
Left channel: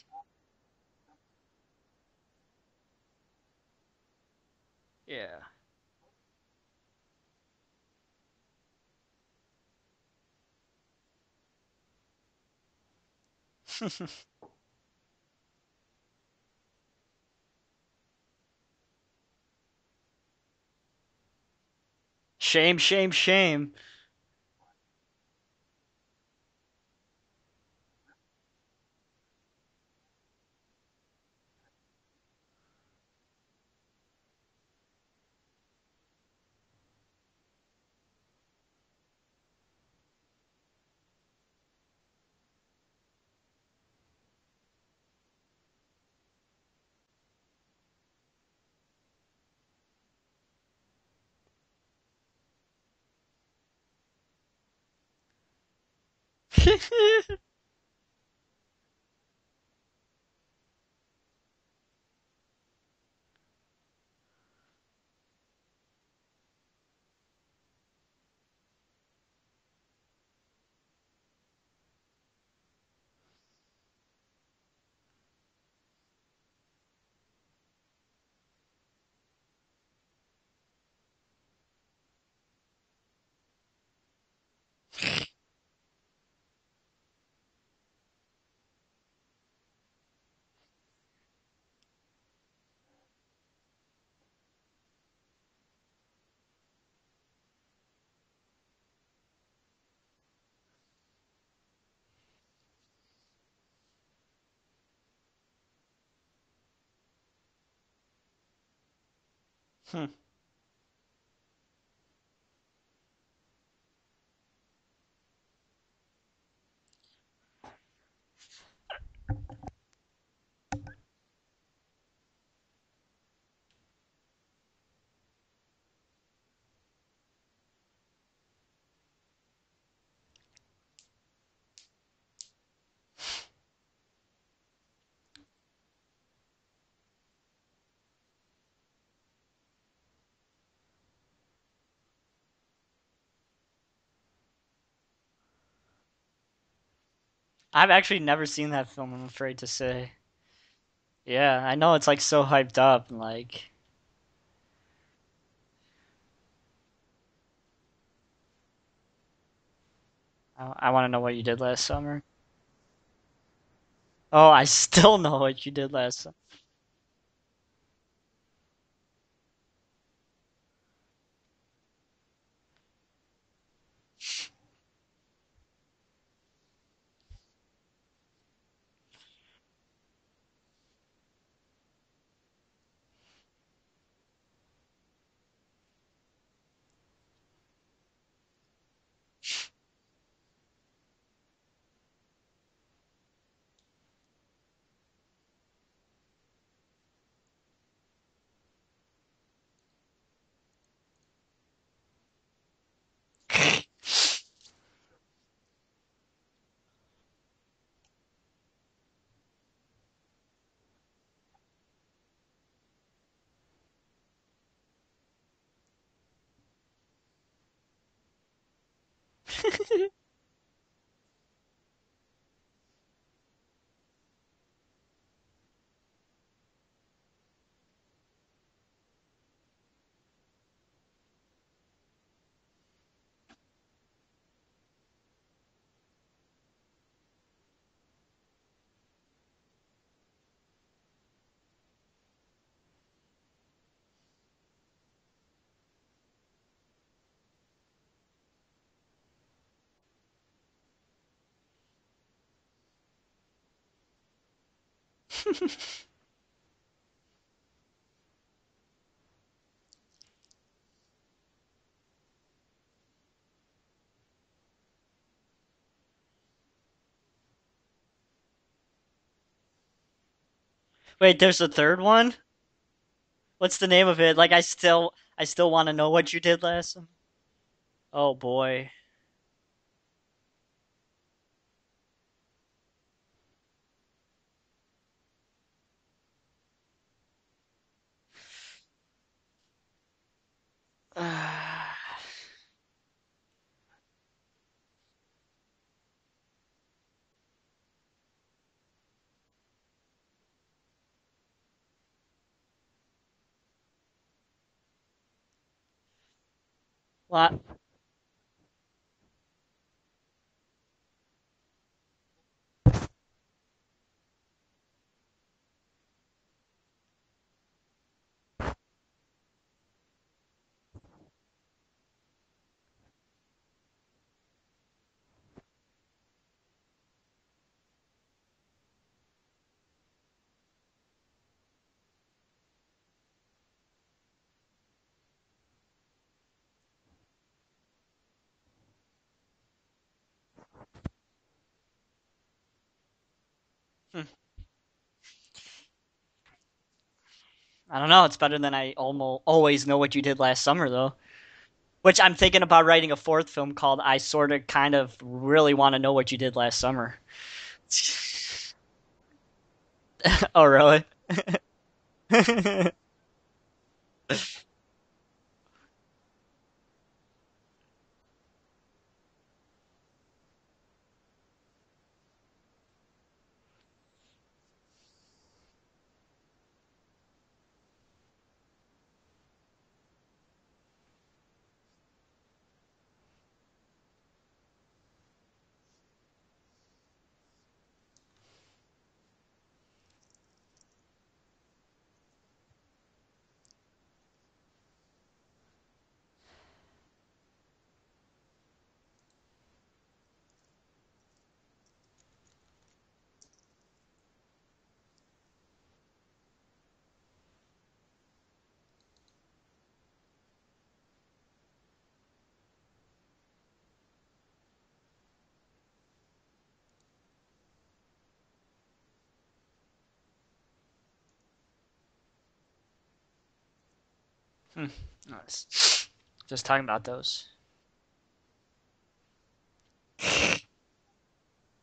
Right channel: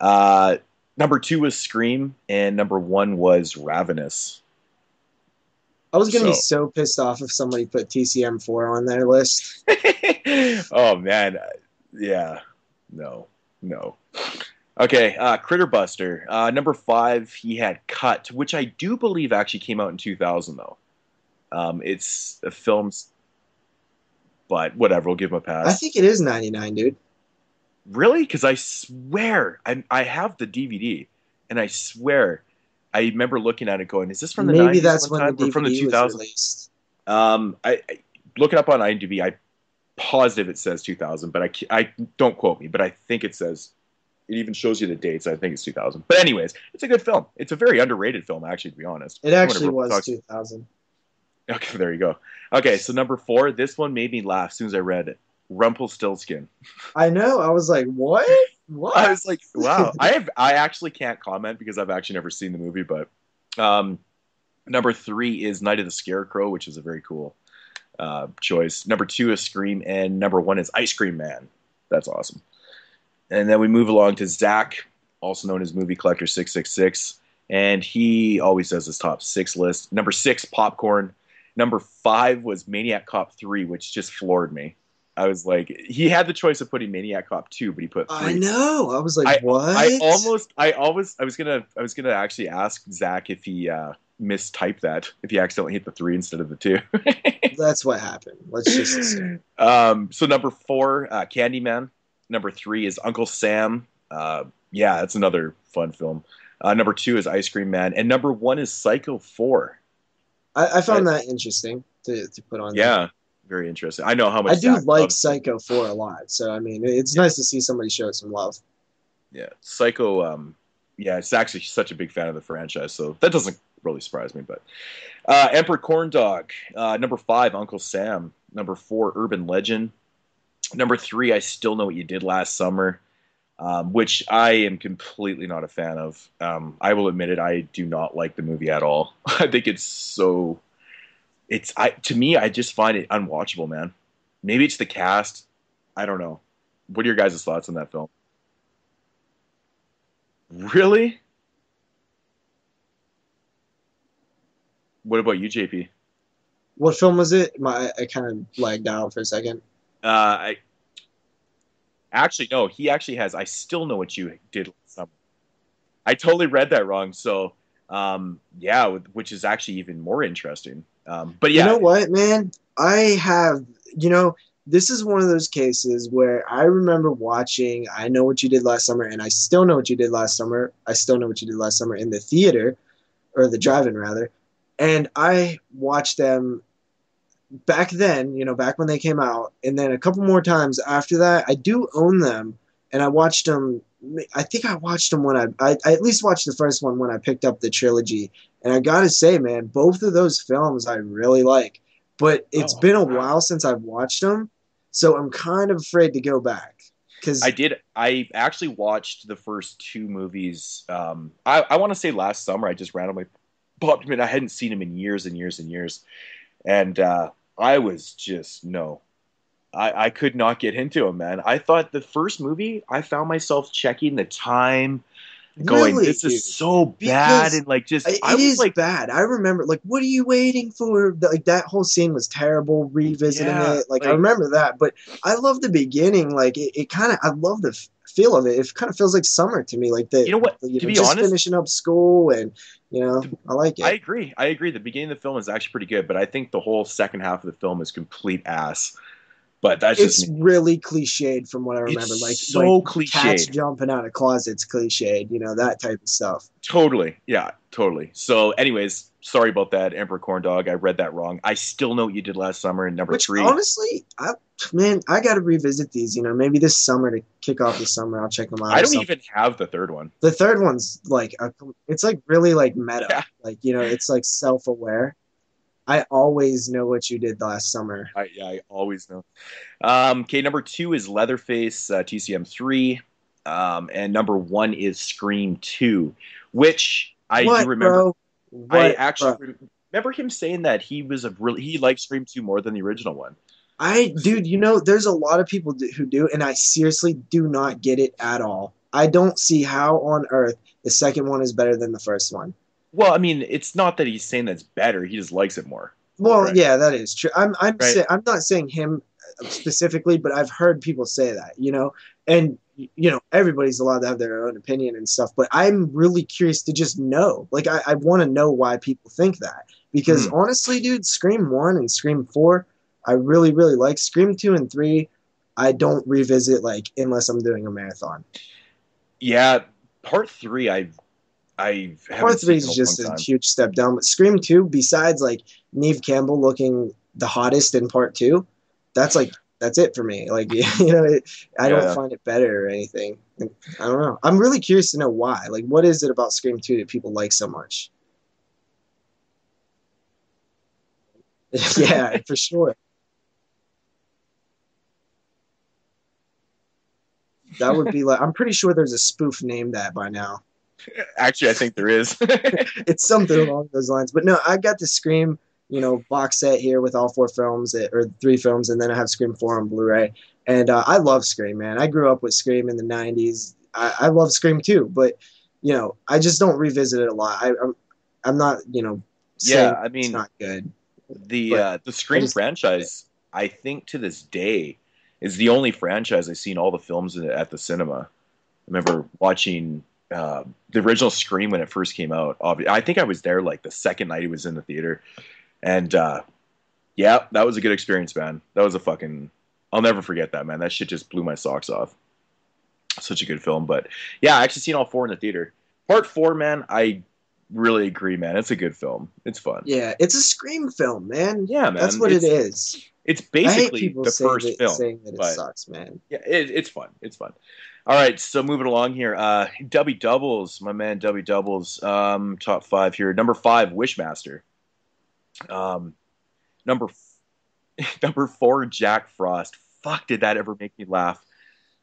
Number 2 was Scream. And number 1 was Ravenous. Yeah. I was gonna be so pissed off if somebody put TCM4 on their list. Oh man, yeah, no. Okay, Critter Buster, number 5. He had Cut, which I do believe actually came out in 2000 though. It's a shame. But whatever, we'll give him a pass. I think it is 99, dude. Really? Because I swear I have the DVD, and I swear I remember looking at it going, "Is this from the 90s?" Maybe that's when the DVD or from the 2000s? was released. I look it up on IMDb. I positive it says 2000, but I don't quote me, but I think it says. It even shows you the dates. I think it's 2000. But anyways, it's a good film. It's a very underrated film, actually, to be honest. It actually was 2000. Okay, there you go. Okay, so number 4, this one made me laugh as soon as I read it. Rumpelstiltskin. I know. I was like, what? What? I was like, wow. I actually can't comment because I've actually never seen the movie, but number 3 is Night of the Scarecrow, which is a very cool choice. Number 2 is Scream, and number 1 is Ice Cream Man. That's awesome. And then we move along to Zach, also known as Movie Collector 666, and he always does his top 6 list. Number 6, Popcorn. Number 5 was Maniac Cop 3, which just floored me. I was like, he had the choice of putting Maniac Cop 2, but he put 3. I know. I was like, what? I was gonna actually ask Zach if he mistyped that, if he accidentally hit the 3 instead of the 2. That's what happened. Let's just assume. So number 4, Candyman. Number 3 is Uncle Sam. Yeah, that's another fun film. Number 2 is Ice Cream Man, and number 1 is Psycho 4. I found that interesting to put on. Yeah, very interesting. I know how much I do like Psycho 4 a lot, so I mean, it's nice to see somebody show some love. Yeah, Psycho. Yeah, it's actually such a big fan of the franchise, so that doesn't really surprise me. But Emperor Corn Dog. Number 5, Uncle Sam. Number 4, Urban Legend. Number 3, I Still Know What You Did Last Summer, which I am completely not a fan of. I will admit it, I do not like the movie at all. I think to me, I just find it unwatchable, man. Maybe it's the cast. I don't know. What are your guys' thoughts on that? I've actually never seen that film, I'm afraid to say. Really? Yeah, I know it's like so hyped up. Like, what about you, JP? What film was it? I kind of lagged out for a second. I want to know what you did last summer. Actually, no. He actually has I Still Know What You Did. I Still Know What You Did Last Summer. I totally read that wrong. So, yeah, which is actually even more interesting. But yeah. You know what, man? This is one of those cases where I remember watching I Know What You Did Last Summer, and I Still Know What You Did Last Summer. I Still Know What You Did Last Summer in the theater, or the drive-in rather. And I watched them back then, back when they came out, and then a couple more times after that. I do own them, and I watched them. I think I watched them when I at least watched the first one when I picked up the trilogy. And I gotta say, man, both of those films I really like. But it's been a while since I've watched them, so I'm kind of afraid to go back. I actually watched the first 2 movies. I want to say last summer. I just randomly popped them in. I hadn't seen them in years and years and years, and I was just I could not get into them, man. I thought the first movie, I found myself checking the time, going, really, "This dude? is so bad," and like just it is like bad. I remember, like, what are you waiting for? Like that whole scene was terrible. Revisiting it, like I remember that, but I love the beginning. Like it kind of, I love the feel of it. It kind of feels like summer to me. Like you know what? To be just honest, finishing up school and. I like it. I agree. The beginning of the film is actually pretty good, but I think the whole second half of the film is complete ass. But that's it's really cliched from what I remember. It's like so cliched. Cats jumping out of closets, cliched. That type of stuff. Totally. Yeah, totally. So, anyways, sorry about that, Emperor Corn Dog. I read that wrong. I Still Know What You Did Last Summer in number 3. Honestly, I got to revisit these. Maybe this summer to kick off the summer, I'll check them out. I don't even have the third one. The third one's like. Wait, there's a third it's one? Like really like meta. Yeah. Like, what's the name of it? Like I still want to know what you did last. I always know what you did last summer. Oh boy, I always know. Okay, number 2 is Leatherface, TCM3, and number 1 is Scream 2, which I do remember. I actually remember him saying that he liked Scream 2 more than the original one. There's a lot of people who do, and I seriously do not get it at all. I don't see how on earth the second one is better than the first one. Well, I mean, it's not that he's saying that's better. He just likes it more. Well, Right. yeah, that is true. Right. I'm not saying him specifically, but I've heard people say that, and everybody's allowed to have their own opinion and stuff. But I'm really curious to just know, like, I want to know why people think that, because honestly, dude, Scream 1 and Scream 4, I really, really like. Scream 2 and 3, I don't revisit like unless I'm doing a marathon. Yeah, part 3, I haven't Part 3 seen in is a long just a time. huge step down, but Scream 2, besides like Neve Campbell looking the hottest in part 2, that's it for me. Like, I don't find it better or anything. I don't know. I'm really curious to know why. Like, what is it about Scream 2 that people like so much? I don't know. It's better than I always know what you did last summer, though. Yeah, Which I'm thinking sure. about writing a fourth film called I Sorta Kind of Really Want to Know What You Did Last Summer. That would be like, I'm pretty sure there's a spoof named that by now. Oh, really? Actually, I think there is. It's something along those lines. But no, I got the Scream, box set here with all 4 films, or 3 films, and then I have Scream 4 on Blu-ray. And I love Scream, man. I grew up with Scream in the 90s. I love Scream too, but, I just don't revisit it a lot. I'm not, saying I mean, it's not good. The Scream franchise, I think to this day, is the only franchise I've seen all the films at the cinema. I remember watching the original Scream when it first came out. I think I was there like the second night it was in the theater. And yeah, that was a good experience, man. That was I'll never forget that, man. That shit just blew my socks off. Such a good film. But yeah, I actually seen all 4 in the theater. Part 4, man, I really agree, man. It's a good film. It's fun. Yeah, it's a Scream film, man. Yeah, man. That's what it is. It's basically the saying first film. Saying that it sucks, man. Yeah, it's fun. It's fun. All right, so moving along here. W Doubles, my man W Doubles. Top 5 here. Number 5, Wishmaster. Nice. Just talking about those. Number 4, Jack Frost. Fuck, did that ever make me laugh?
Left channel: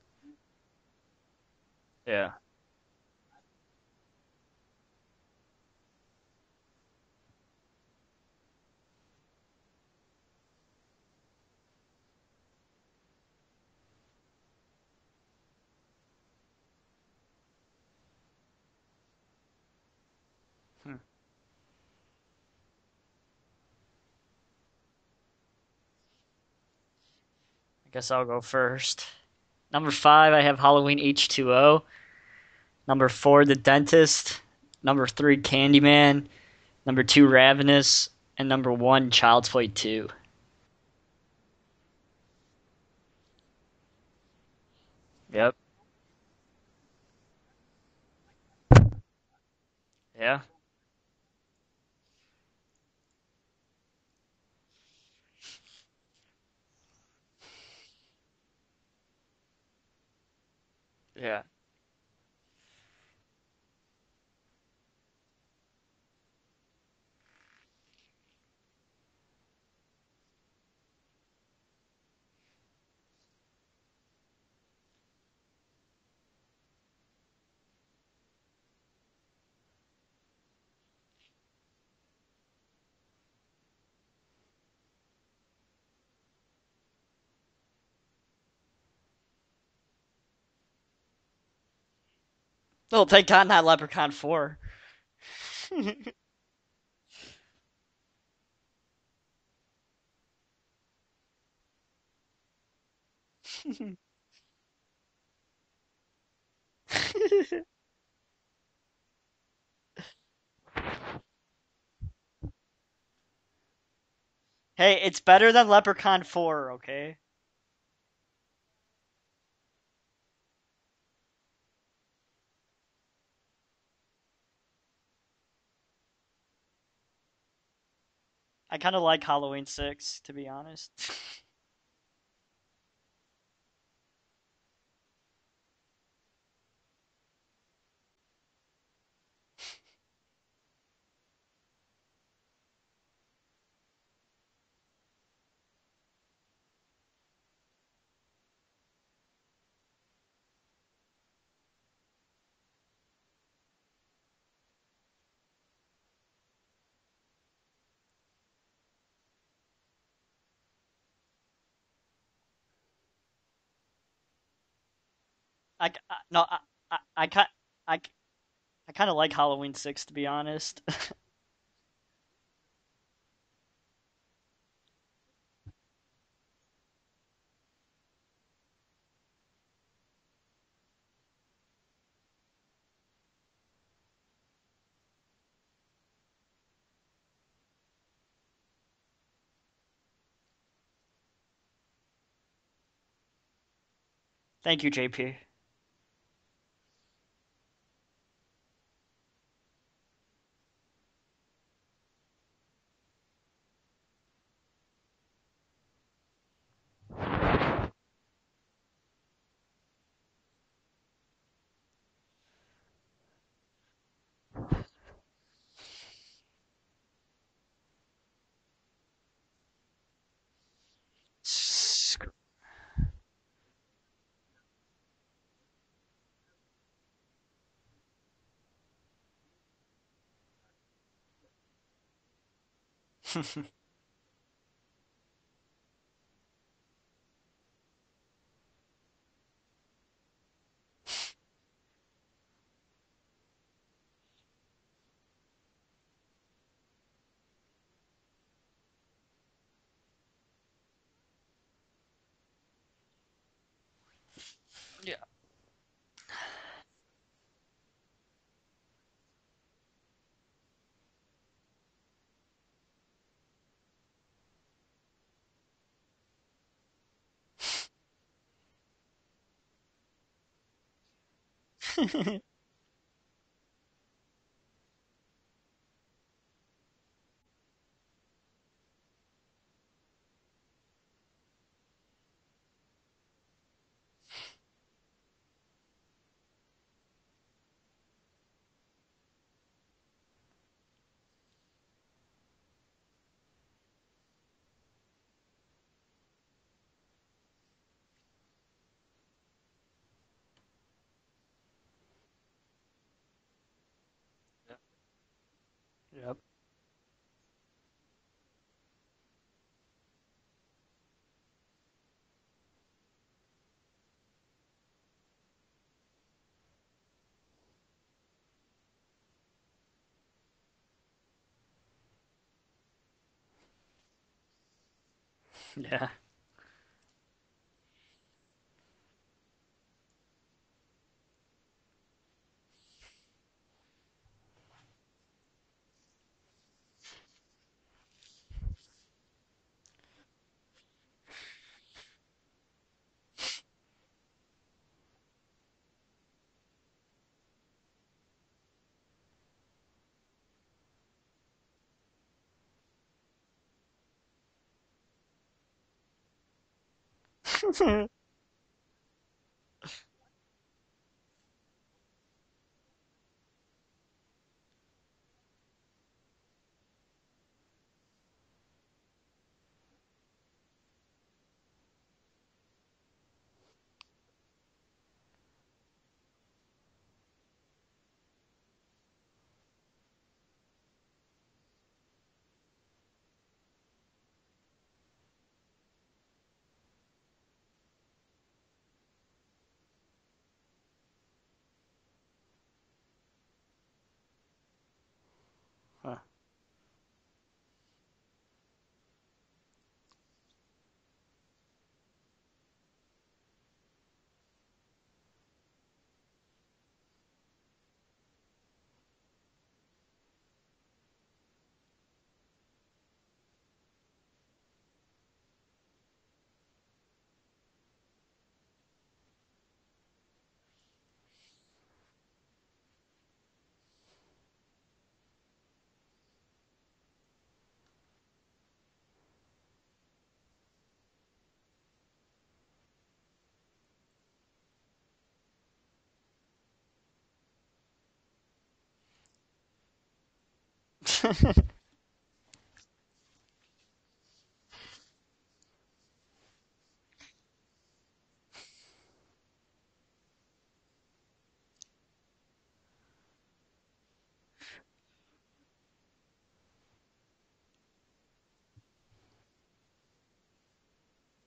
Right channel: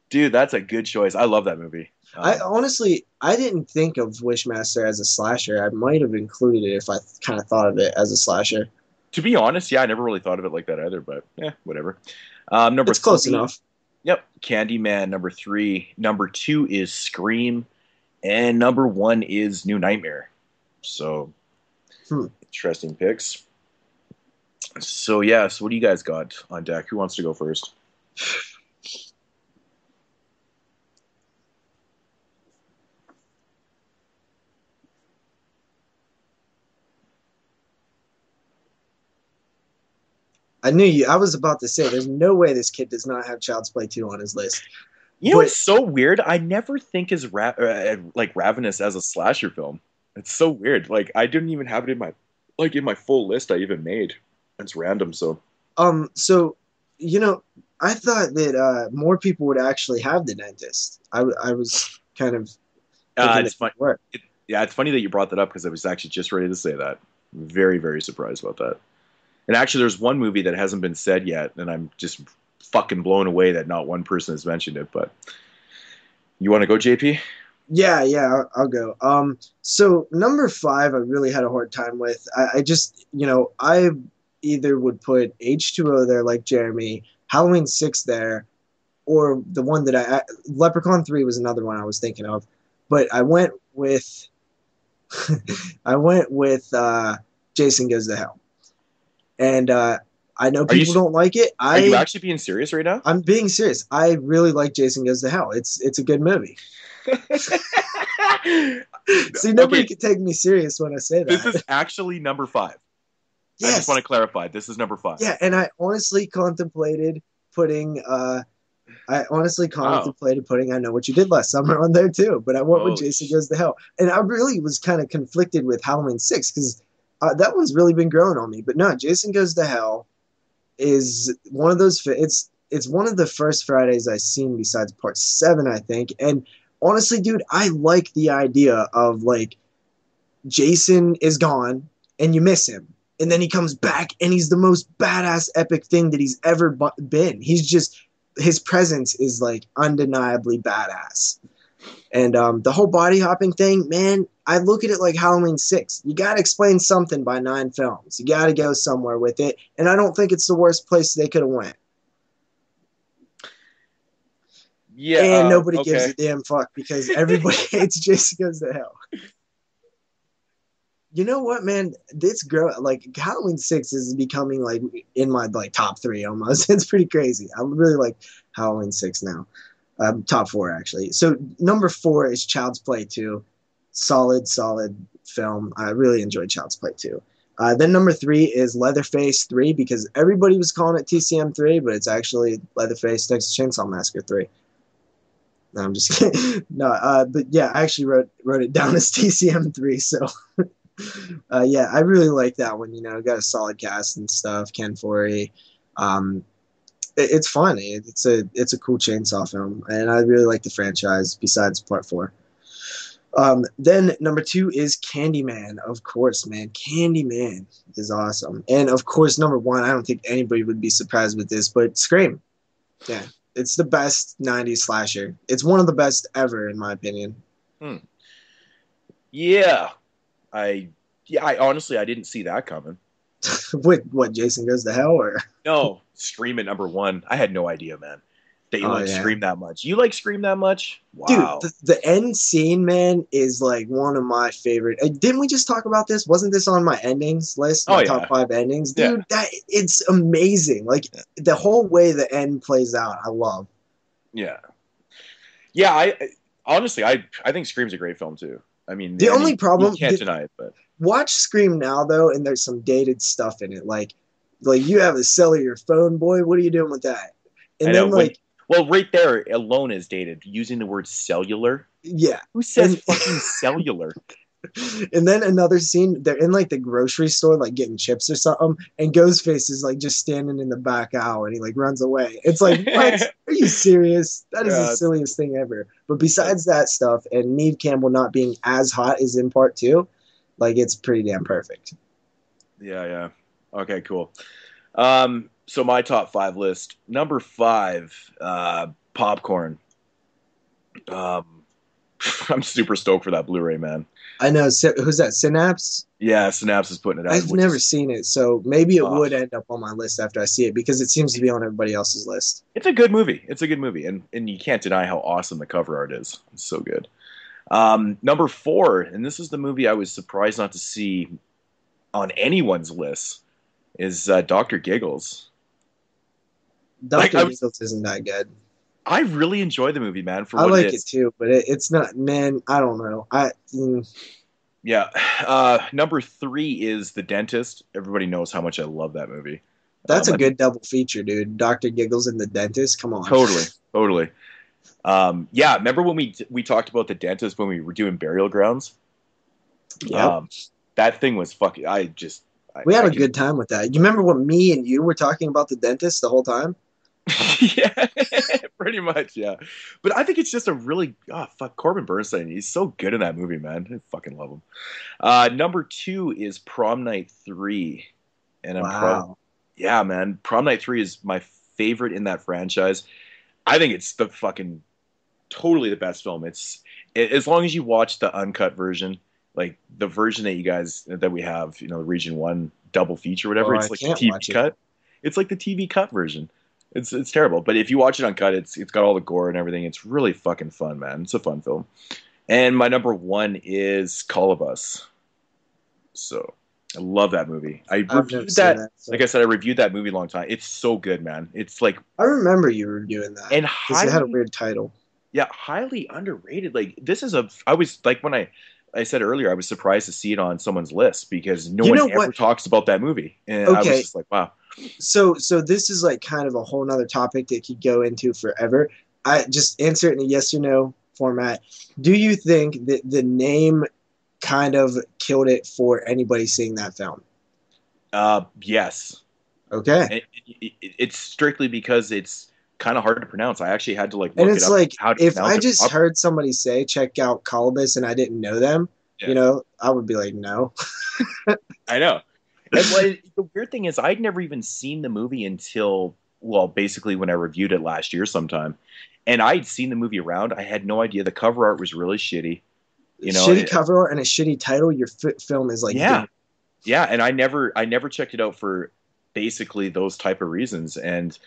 Dude, that's a good choice. I love that movie. Yeah. I didn't think of Wishmaster as a slasher. I might have included it if I kind of thought of it as a slasher. To be honest, yeah, I never really thought of it like that either, but yeah, whatever. Number it's close enough. Yep, Candyman, number 3. Number 2 is Scream, and number 1 is New Nightmare. So, interesting picks. So yeah, so what do you guys got on deck? Who wants to go first? I guess I'll go first. Number 5, I have Halloween H2O. Number 4, The Dentist. Number 3, Candyman. Number 2, Ravenous. And number 1, Child's Play 2. I knew you. I was about to say, there's no way this kid does not have Child's Play 2 on his list. You know, it's so weird. I never think as like Ravenous as a slasher film. It's so weird. Like, I didn't even have it in my full list I even made. It's random. So, I thought that more people would actually have The Dentist. I was kind of. It's funny. It's funny that you brought that up because I was actually just ready to say that. I'm very, very surprised about that. And actually, there's one movie that hasn't been said yet, and I'm just fucking blown away that not one person has mentioned it. But you want to go, JP? Yeah, I'll go. So number 5, I really had a hard time with. I just, I either would put H2O there, like Jeremy, Halloween 6 there, or the one that Leprechaun 3 was another one I was thinking of. But thank God not Leprechaun 4. I went with Jason Goes to Hell. And I know people don't like it. Are you actually being serious right now? I'm being serious. I really like Jason Goes to Hell. It's a good movie. See, nobody can take me serious when I say that. This is actually number 5. Yes. I just want to clarify. This is number 5. It's better than Leprechaun 4. Contemplated putting I honestly contemplated putting I Know What You Did Last Summer on there too, but I went with Jason Goes to Hell. And I really was kind of conflicted with Halloween 6 because that one's really been growing on me. But no, Jason Goes to Hell 6, to be honest, is one of those. It's one of the first Fridays I've seen besides part 7, I think. And honestly, dude, I like the idea of like Jason is gone and you miss him. And then he comes back and he's the most badass epic thing that he's ever been. His presence is like undeniably badass. And the whole body hopping thing, man, I look at it like Halloween 6. You got to explain something by 9 films. You got to go somewhere with it. And I don't think it's the worst place they could have went. Yeah, and nobody okay. gives a damn No, fuck because everybody hates Jason Goes to I Hell. kind of like Halloween 6, to be honest. You know what, man? This girl, like Halloween 6 is becoming like in my like top 3 almost. It's pretty crazy. I really like Halloween 6 now. Top 4 actually. So number 4 is Child's Play 2. Solid film. I really enjoyed Child's Play 2. Then number 3 is Leatherface 3 because everybody was calling it TCM 3, but it's actually Leatherface Texas Chainsaw Massacre 3. Thank you, JP. No, I'm just kidding. No, but yeah, I actually wrote it down as TCM 3. So yeah, I really like that one. You know, got a solid cast and stuff. Ken Foree. It's fun. It's a cool chainsaw film, and I really like the franchise. Besides Part 4. Then number 2 is Candyman. Of course, man. Candyman is awesome. And of course, number 1, I don't think anybody would be surprised with this, but Scream. Yeah. It's the best 90s slasher. It's one of the best ever, in my opinion. Yeah. I honestly, I didn't see that coming. What, Jason Goes to Hell? Or No, Scream at number 1. I had no idea, man, that you like Scream that much. You like Scream that much? Wow. Dude, the end scene, man, is like one of my favorite. Didn't we just talk about this? Wasn't this on my endings list? My top 5 endings? Dude, it's amazing. Like, the whole way the end plays out, I love. Yeah, I honestly, I think Scream's a great film, too. I mean, the only problem... You can't deny it, but... Watch Scream now, though, and there's some dated stuff in it. Like you have a cellular phone, boy. What are you doing with that? And then, like... Well, right there alone is dated. Using the word cellular. Yeah. Who says fucking cellular? And then another scene, they're in like the grocery store, like getting chips or something, and Ghostface is like just standing in the back aisle and he like runs away. It's like, what? Are you serious? That is the silliest thing ever. But besides that stuff, and Neve Campbell not being as hot as in part 2, like it's pretty damn perfect. Yeah. Okay, cool. So my top 5 list. Number 5, Popcorn. I'm super stoked for that Blu-ray, man. I know. Who's that? Synapse? Yeah, Synapse is putting it out. I've never seen it, so maybe it would end up on my list after I see it because it seems to be on everybody else's list. It's a good movie. And you can't deny how awesome the cover art is. It's so good. Number 4, and this is the movie I was surprised not to see on anyone's list, is Dr. Giggles. Yeah. Dr. Giggles isn't that good. I really enjoy the movie, man. I like it too, but it's not, man. I don't know. Yeah. Number 3 is The Dentist. Everybody knows how much I love that movie. That's a good double feature, dude. Dr. Giggles and The Dentist. Come on. Totally. Yeah. Remember when we talked about The Dentist when we were doing Burial Grounds? Yeah. That thing was fucking. We had a good time with that. You remember when me and you were talking about The Dentist the whole time? Yeah, pretty much, yeah. But I think it's just a really Corbin Bernstein. He's so good in that movie, man. I fucking love him. Number 2 is Prom Night 3, and yeah, man. Prom Night 3 is my favorite in that franchise. I think it's the fucking totally the best film. It's as long as you watch the uncut version, like the version that we have, you know, Region 1 double feature, whatever. It's like the TV cut. It's like the TV cut version. It's terrible, but if you watch it uncut, it's got all the gore and everything. It's really fucking fun, man. It's a fun film. And my number 1 is Colobus. So I love that movie. I reviewed that. Like I said, I reviewed that movie a long time. It's so good, man. It's like I remember you reviewing that, and because it had a weird title. Yeah, highly underrated. Like I was like when I said earlier, I was surprised to see it on someone's list because no one ever talks about that movie, and I was just like, wow. So this is like kind of a whole nother topic that could go into forever. I just answer it in a yes or no format. Do you think that the name kind of killed it for anybody seeing that film? Yes. Okay. It's strictly because it's kind of hard to pronounce. I actually had to look and it's it up like how to if I just heard somebody say check out Colobus and I didn't know them, you know, I would be like, no. I know. And the weird thing is, I'd never even seen the movie until, well, basically when I reviewed it last year sometime. And I'd seen the movie around. I had no idea. The cover art was really shitty. You know, shitty cover art and a shitty title. Your film is like, yeah. And I never checked it out for basically those type of reasons. And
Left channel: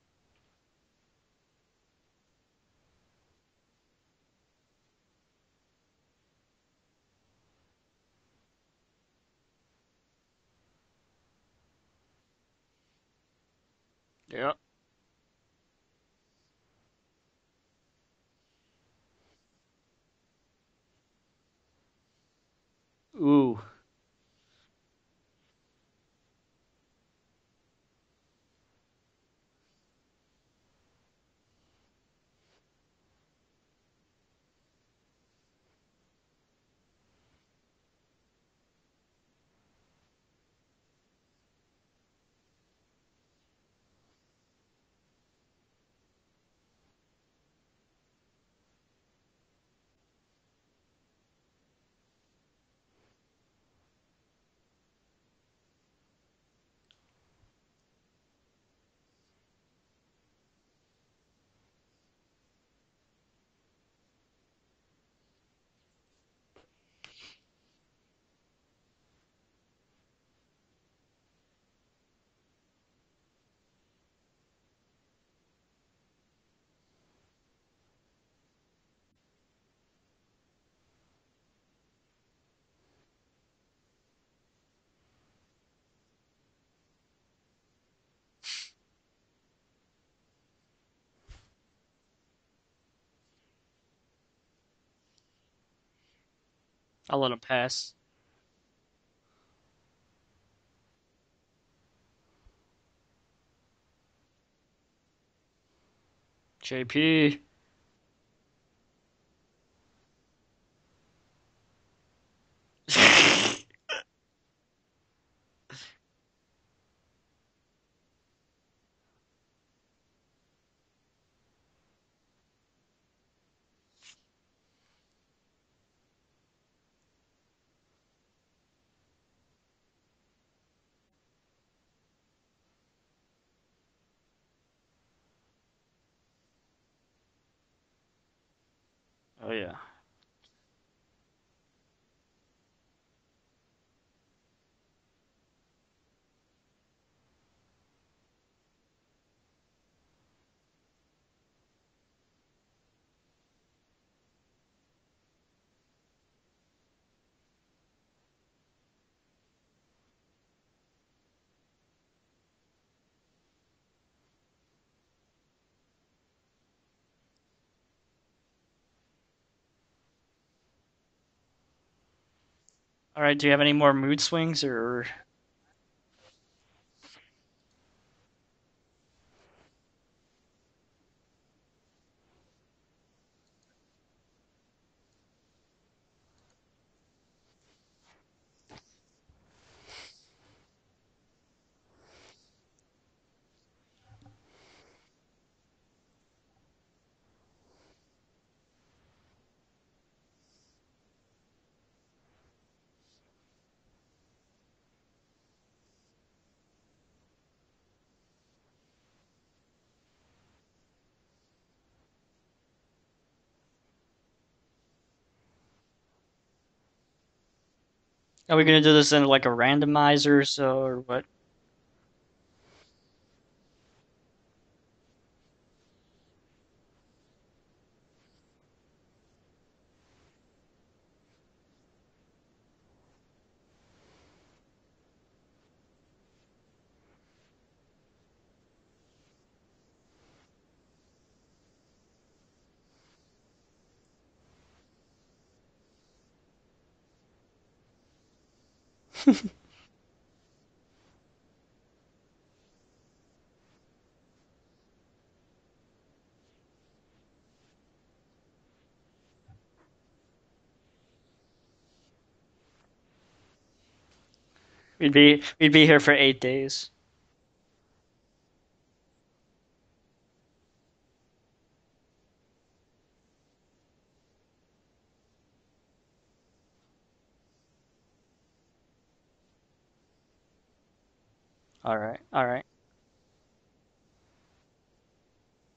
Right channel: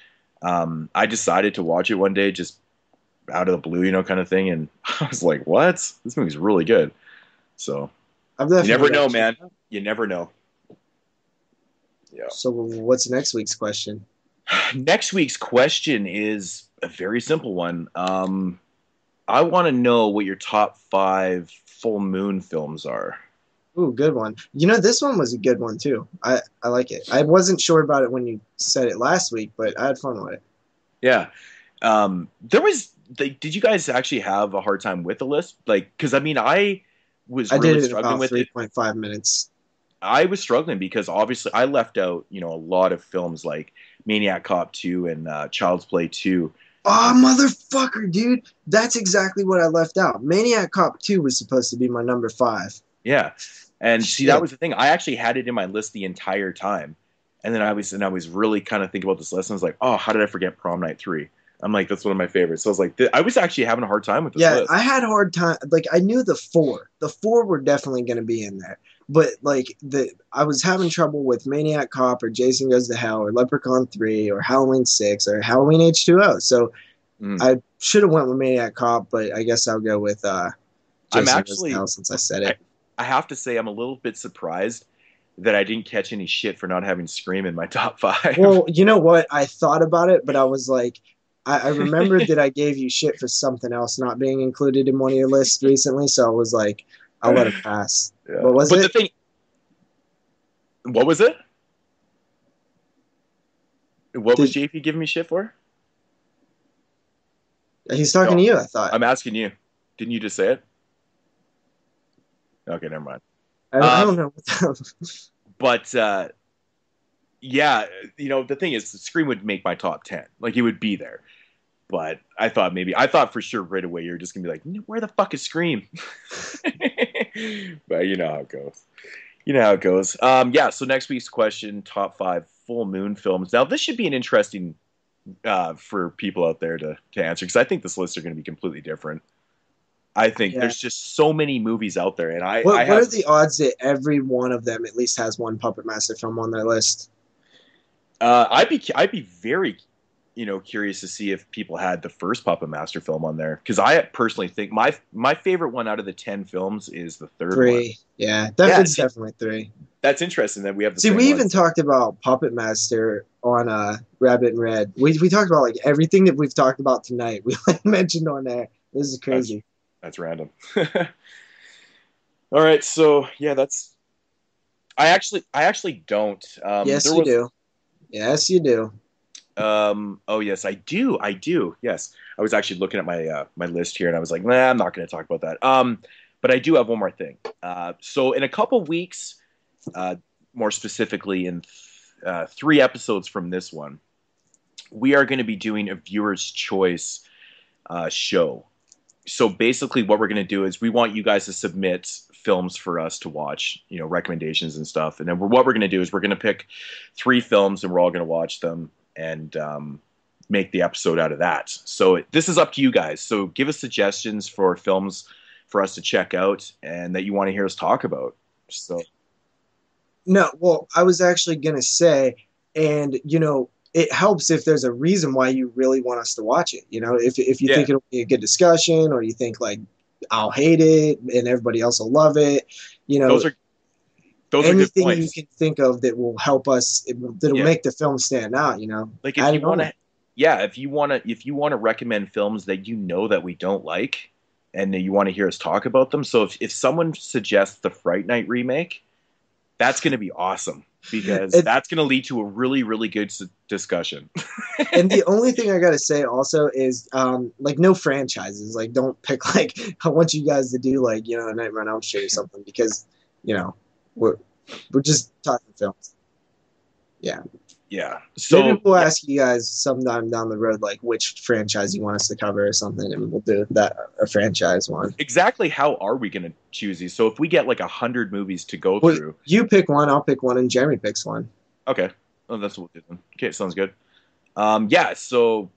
I decided to watch it one day. Just out of the blue, you know, kind of thing. And I was like, what? This movie's really good. So you never know, man. You never know. Yeah. So what's next week's question? Yeah. Next week's question is a very simple one. I want to know what your top 5 full moon films are. Ooh, good one. You know, this one was a good one too. I like it. I wasn't sure about it when you said it last week, but I had fun with it. Yeah. Did you guys actually have a hard time with the list? Like, because I mean, I really struggling with 3.5 minutes. I was struggling because obviously I left out, you know, a lot of films like Maniac Cop 2 and Child's Play 2. Oh, motherfucker, dude. That's exactly what I left out. Maniac Cop 2 was supposed to be my number 5. Yeah. And see, that was the thing. I actually had it in my list the entire time. And then I was really kind of thinking about this list. And I was like, oh, how did I forget Prom Night 3? I'm like, that's one of my favorites. So I was like, I was actually having a hard time with this list. I had a hard time. Like, I knew the 4. The 4 were definitely going to be in there. But, like, I was having trouble with Maniac Cop or Jason Goes to Hell or Leprechaun 3 or Halloween 6 or Halloween H2O. So I should have went with Maniac Cop, but I guess I'll go with Jason Goes to Hell since I said it. I have to say I'm a little bit surprised that I didn't catch any shit for not having Scream in my top 5. Well, you know what? I thought about it, but I was like, I remembered that I gave you shit for something else not being included in one of your lists recently, so I was like, I'll let it pass. Yeah. What was it? What was it? What was JP giving me shit for? JP. He's talking to you, I thought. I'm asking you. Didn't you just say it? Okay, no. I don't know. But yeah, you know, the thing is, Scream would make my top 10. Like, it would be there. But I thought for sure right away you were just gonna be like, where the fuck is Scream? But you know how it goes. Yeah. So next week's question: top 5 full moon films. Now this should be an interesting for people out there to answer, because I think this list are going to be completely different. Oh yeah. I think there's just so many movies out there, and what are the odds that every one of them at least has one Puppet Master film on their list? I'd be very, curious to see if people had the first Puppet Master film on there, because I personally think my favorite one out of the 10 films is the third one. Yeah, it's definitely 3. That's interesting that we have the same. See, we even talked about Puppet Master on Rabbit and Red. We talked about like everything that we've talked about tonight. We mentioned on there. This is crazy. That's random. All right, so do you have any more mood swings or? I actually don't. Yes, you do. Yes, you do. Oh yes, I do. Yes, I was actually looking at my list here, and I was like, nah, I'm not going to talk about that. But I do have one more thing. So in a couple weeks, more specifically in 3 episodes from this one, we are going to be doing a viewer's choice show. So basically what we're going to do is we want you guys to submit films for us to watch, recommendations and stuff. And then what we're going to do is we're going to pick 3 films, and we're all going to watch them and make the episode out of that. So this is up to you guys. So give us suggestions for films for us to check out and that you want to hear us talk about. Are we going to do this in like a randomizer? No, I was actually going to say, and it helps if there's a reason why you really want us to watch it. If you think it'll be a good discussion, or you think like I'll hate it and everybody else will love it, those are anything you can think of that will help us, that'll make the film stand out. Like if you want to, if you want to recommend films that that we don't like, and you want to hear us talk about them. So if someone suggests the Fright Night remake, that's going to be awesome, because that's going to lead to a really, really good discussion. And the only thing I got to say also is, no franchises. Like, don't pick, like, I want you guys to do, like, a Nightmare on Elm Street or something, because, we're just... We'd be here for 8 days. Yeah. Yeah. So maybe we'll ask you guys sometime down the road, like, which franchise you want us to cover or something, and we'll do a franchise one. Exactly how are we going to choose these? So if we get like 100 movies to go through, you pick one, I'll pick one, and Jeremy picks one. Okay. All right. Oh, that's what we'll do then. Okay, sounds good. So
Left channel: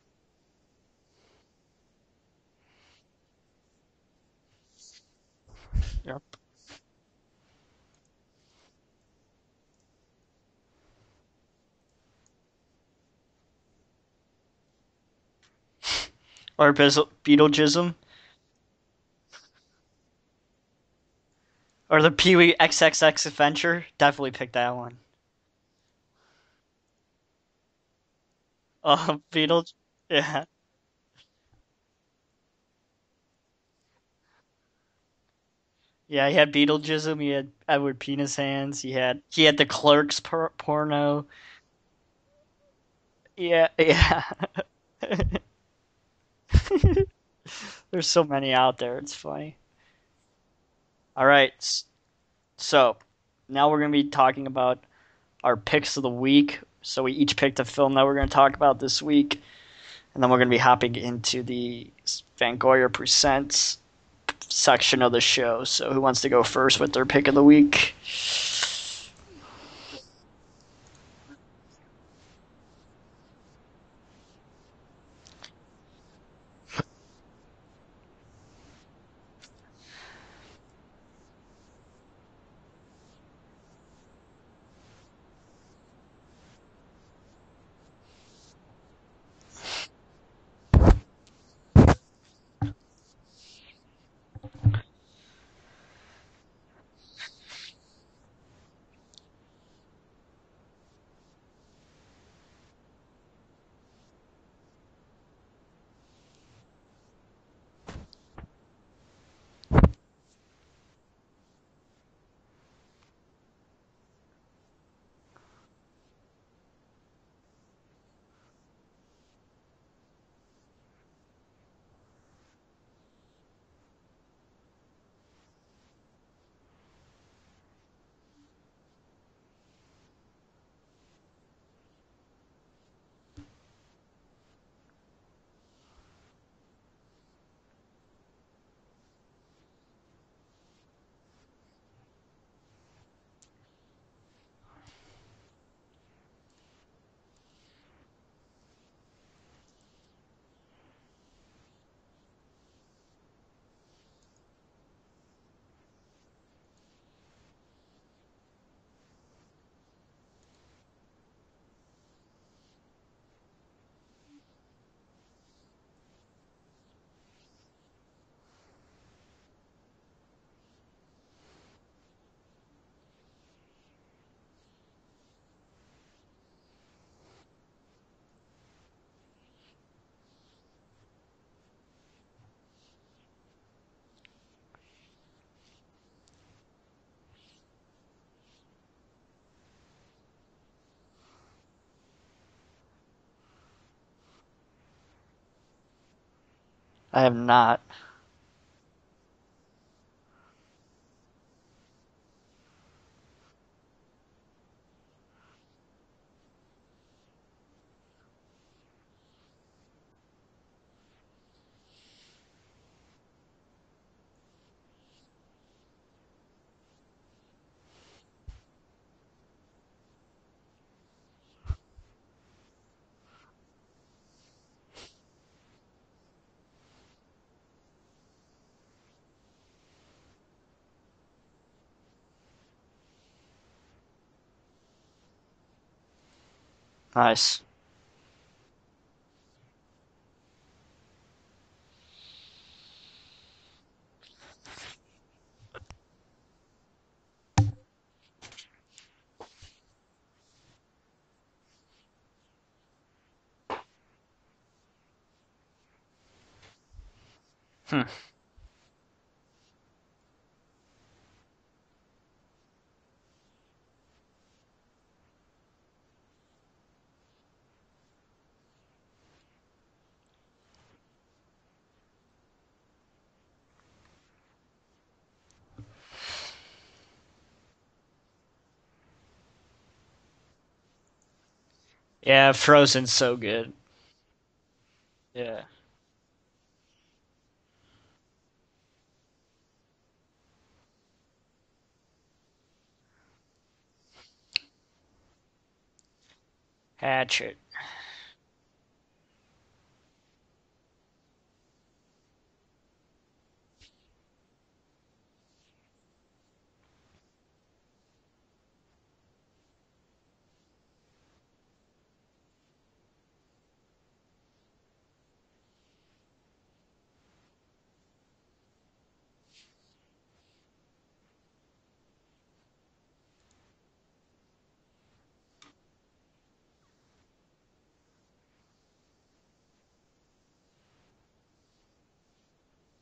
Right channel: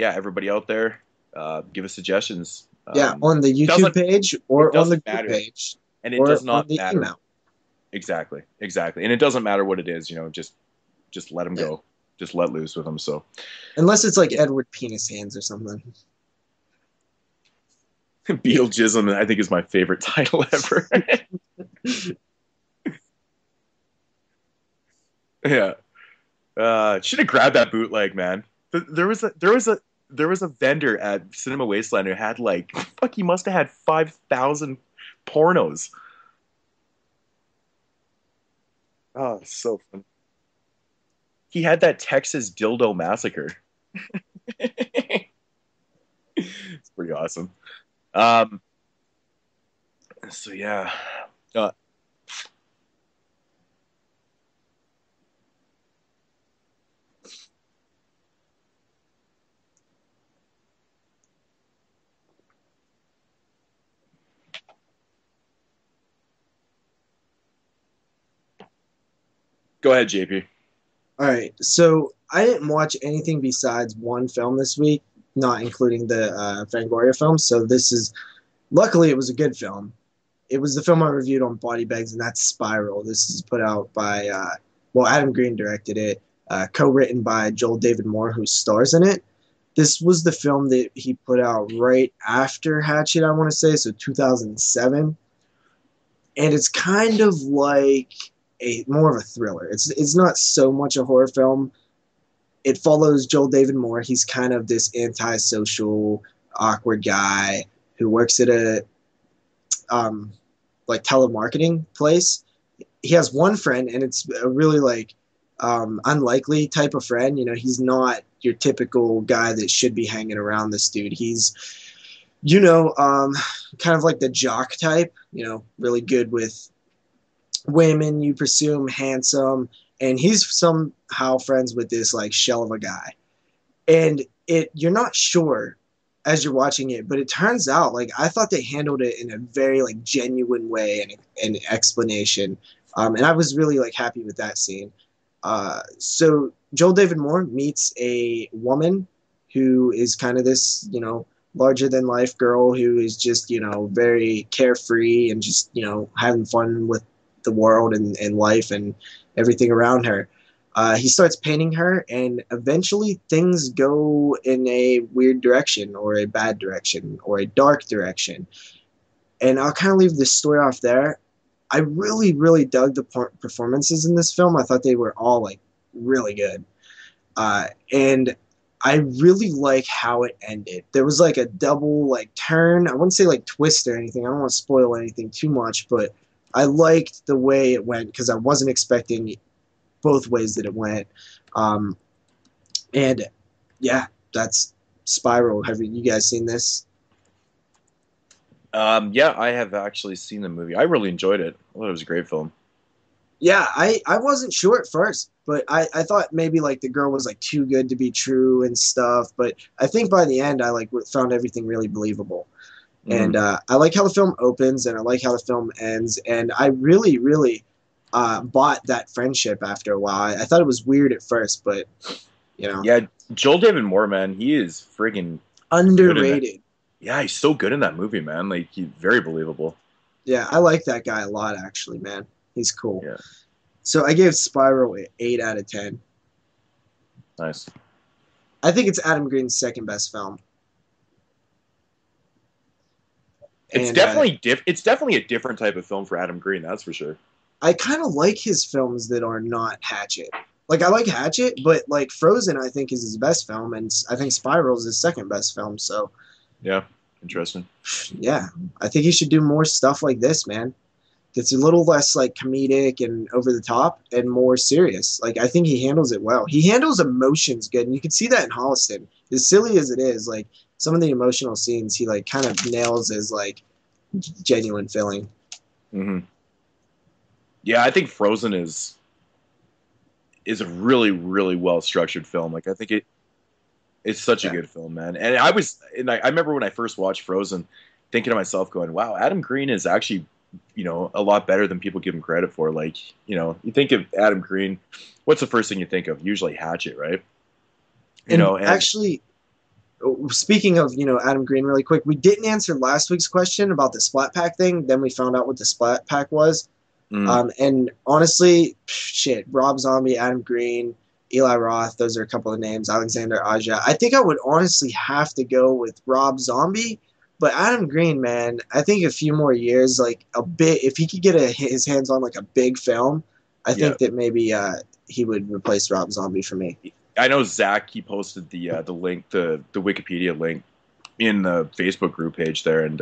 everybody out there, give us suggestions. On the YouTube page or on the group page, and it does not matter. Email. Exactly, and it doesn't matter what it is. Just let them go. Just let loose with them. So, unless it's like Edward Penis Hands or something. Or Beetlejuice. Beetlejuice, I think, is my favorite title ever. Or the Pee-wee XXX Adventure. Definitely pick that one. Yeah. Should have grabbed that bootleg, man. There was a Yeah. vendor at Cinema Wasteland who had like fuck. He must have had 5,000 pornos. Yeah, he had Beetlejuice. He had Edward Penis Hands. Oh, He had the so cool. Clerks porno. He had that Texas dildo massacre. Yeah, yeah. Pretty awesome. There's so many out there. It's funny. So yeah. All right. So now we're gonna be talking about our picks of the week. So we each picked a film that we're gonna talk about this week, and then we're gonna be hopping into the Fangoria Presents section of the show. So who wants to go first with their pick of the week? Go ahead, JP. All right. So I didn't watch anything besides one film this week, not including the Fangoria film. So luckily it was a good film. It was the film I reviewed on Body Bags, and that's Spiral. This is put out by, Adam Green directed it, co-written by Joel David Moore, who stars in it. This was the film that he put out right after Hatchet, I want to say, so 2007. And it's kind of like more of a thriller. It's not so much a horror film. It follows Joel David Moore. He's kind of this antisocial, awkward guy who works at a telemarketing place. He has one friend, and it's a really unlikely type of friend. You know, he's not your typical guy that should be hanging around this dude. He's, kind of like the jock type, really good with women, you presume, handsome, and he's somehow friends with this shell of a guy. And you're not sure as you're watching it, but it turns out I thought they handled it in a very genuine way and an explanation. And I was really happy with that scene. So Joel David Moore meets a woman who is kind of this, larger than life girl who is just, very carefree and just, having fun with the world and life and everything around her. He starts painting her, and eventually things go in a weird direction, or a bad direction, or a dark direction. And I'll kind of leave this story off there. I really, really dug the performances in this film. I thought they were all really good. And I really like how it ended. There was a double turn. I wouldn't say twist or anything. I don't want to spoil anything too much, but I liked the way it went because I wasn't expecting both ways that it went. And yeah, that's Spiral. Have you guys seen this? I have not. Yeah, I have actually seen the movie. I really enjoyed it. I thought it was a great film. Yeah, I wasn't sure at first, but I thought maybe the girl was too good to be true and stuff. But I think by the end, I found everything really believable. And I like how the film opens, and I like how the film ends. And I really, really bought that friendship after a while. I thought it was weird at first, but Yeah, Joel David Moore, man, he is friggin' underrated. Yeah, he's so good in that movie, man. He's very believable. Yeah, I like that guy a lot, actually, man. He's cool. Yeah. So I gave Spiral an 8 out of 10. Nice. I think it's Adam Green's second best film. It's definitely a different type of film for Adam Green, that's for sure. I kind of like his films that are not Hatchet. I like Hatchet, but Frozen I think is his best film, and I think Spiral is his second best film. So yeah, interesting. Yeah, I think he should do more stuff like this, man. It's a little less comedic and over the top and more serious. I think he handles it well. He handles emotions good, and you can see that in Holliston. As silly as it is, some of the emotional scenes he kind of nails as genuine feeling. Mm-hmm. Yeah, I think Frozen is a really, really well structured film. Yeah, Frozen's so good. It's such a good film, man. And I remember when I first watched Frozen, thinking to myself, going, "Wow, Adam Green is actually, a lot better than people give him credit for." You think of Adam Green, what's the first thing you think of? Usually Hatchet, right? Hatchet. And actually, speaking of Adam Green, really quick, we didn't answer last week's question about the Splat Pack thing. Then we found out what the Splat Pack was. And honestly, shit, Rob Zombie, Adam Green, Eli Roth. Those are a couple of names. Alexander Aja. I think I would honestly have to go with Rob Zombie. But Adam Green, man, I think a few more years, like a bit, if he could get his hands on like a big film, I think that maybe he would replace Rob Zombie for me. I know Zach, he posted the link, the Wikipedia link in the Facebook group page there, and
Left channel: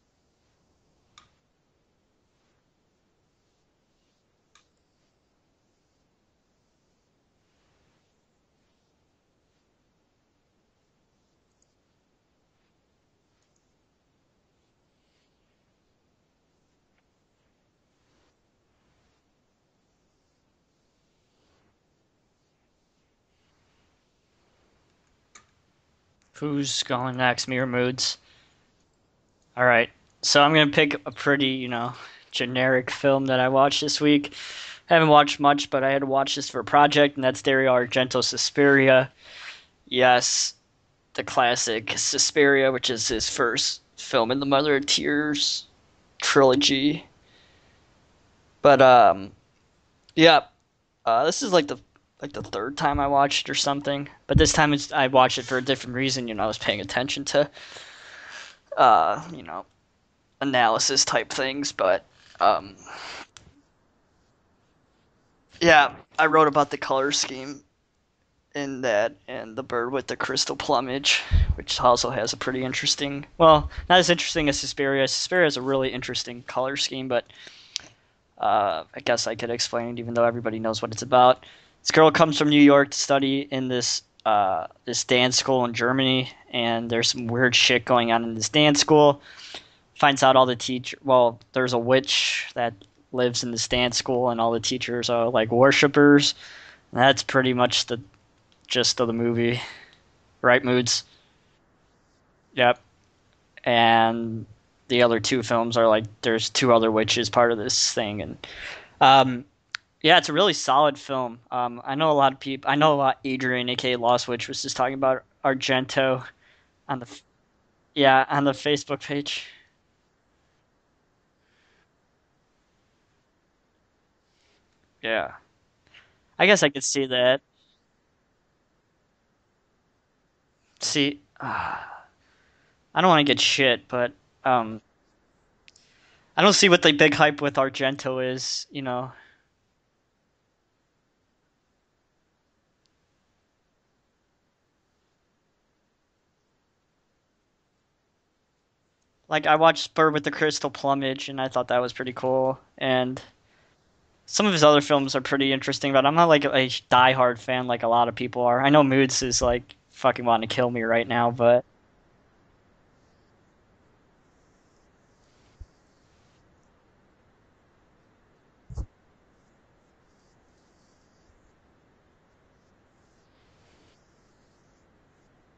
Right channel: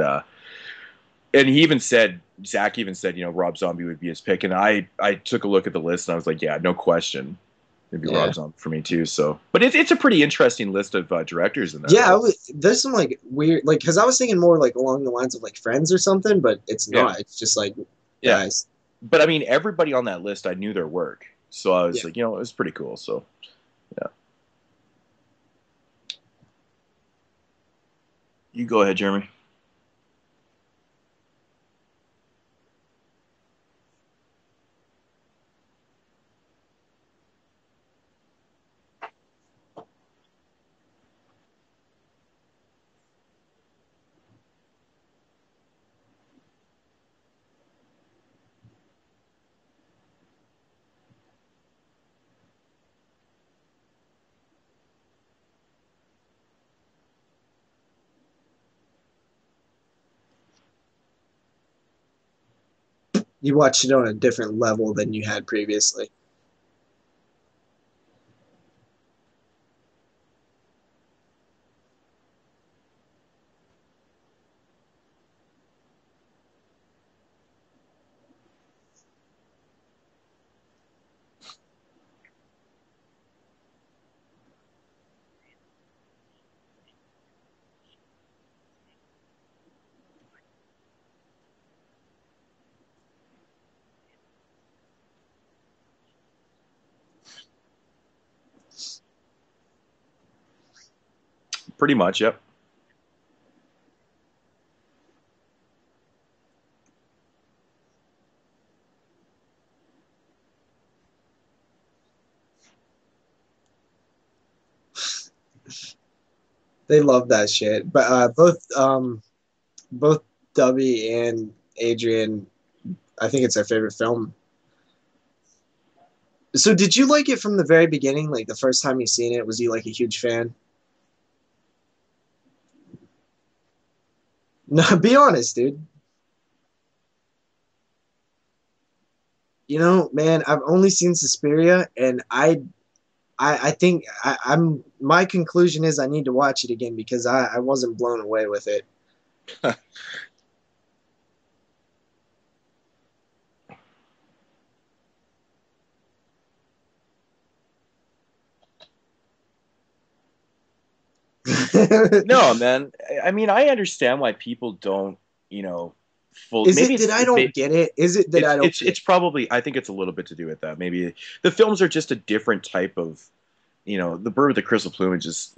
he even said, Zach even said, Rob Zombie would be his pick, and I took a look at the list and I was like, yeah, no question, it'd be Rob Zombie for me too. So, but it's a pretty interesting list of directors in there. Yeah, there's some like weird, like, because I was thinking more like along the lines of like Friends or something, but it's not. It's just like guys. But I mean, everybody on that list, I knew their work, so I was like, it was pretty cool. So, yeah. Who's going next? Me or Moodz? You go ahead, Jeremy. All right. So I'm going to pick a pretty, generic film that I watched this week. I haven't watched much, but I had to watch this for a project, and that's Dario Argento's Suspiria. Yes, the classic Suspiria, which is his first film in the Mother of Tears trilogy. But, this is like the third time I watched it or something. But this time I watched it for a different reason. I was paying attention to, analysis type things, but you watched it on a different level than you had previously. Yeah, I wrote about the color scheme in that and the bird with the crystal plumage, which also has a pretty interesting, well, not as interesting as Suspiria. Suspiria has a really interesting color scheme, but I guess I could explain it even though everybody knows what it's about. This girl comes from New York to study in this dance school in Germany, and there's some weird shit going on in this dance school. Finds out all the there's a witch that lives in this dance school, and all the teachers are like worshippers. And that's pretty much the gist of the movie, right, Moodz? Pretty much, yep. Yep. And the other two films are like there's two other witches part of this thing, and it's a really solid film. I know a lot of people. I know Adrian, aka Lost Witch, was just talking about Argento. They love that shit. But on both the Facebook page. Both Dubby and Adrian, I think it's their favorite film. Yeah. I guess. So did you like it from the very beginning? Like the first time you seen it, was you like a huge fan? See, I don't want to get shit, but no, be honest, dude. I don't see what the big hype with Argento is. Man, I've only seen Suspiria, and I think my conclusion is I need to watch it again because I wasn't blown away with it. Like, I watched Bird with the Crystal Plumage, and I thought that was pretty cool. And some of his other films are pretty interesting, but I'm not like a diehard fan like a lot of people are. I know Moodz is like fucking wanting to kill me right now, but no, man. I mean, I understand why people don't, full. Is it that I don't get it? Is it that I don't? It's probably. I think it's a little bit to do with that. Maybe the films are just a different type of, the Bird with the Crystal Plumage is,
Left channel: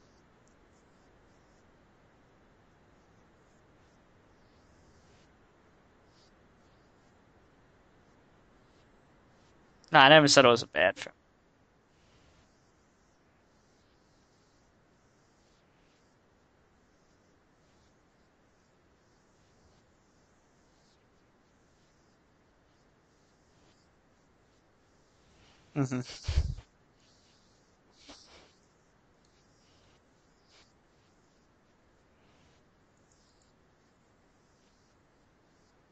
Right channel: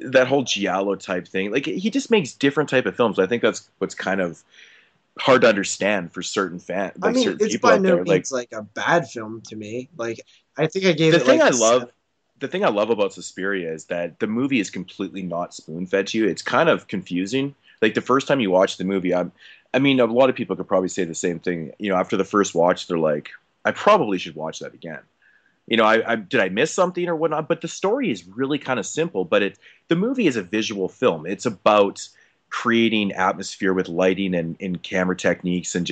that whole giallo type thing. Like he just makes different type of films. I think that's what's kind of hard to understand for certain fans. Like, I mean, certain it's people by out no there. means like a bad film to me. No, I never said it was. I think I gave the it thing like I love. The thing I love about Suspiria is that the movie is completely not spoon-fed to you. It's kind of confusing. Like the first time you watch the movie, I mean, a lot of people could probably say the same thing. After the first watch, they're like, I probably should watch that again. Did I miss something or whatnot? But the story is really kind of simple. But the movie is a visual film. It's about creating atmosphere with lighting and camera techniques and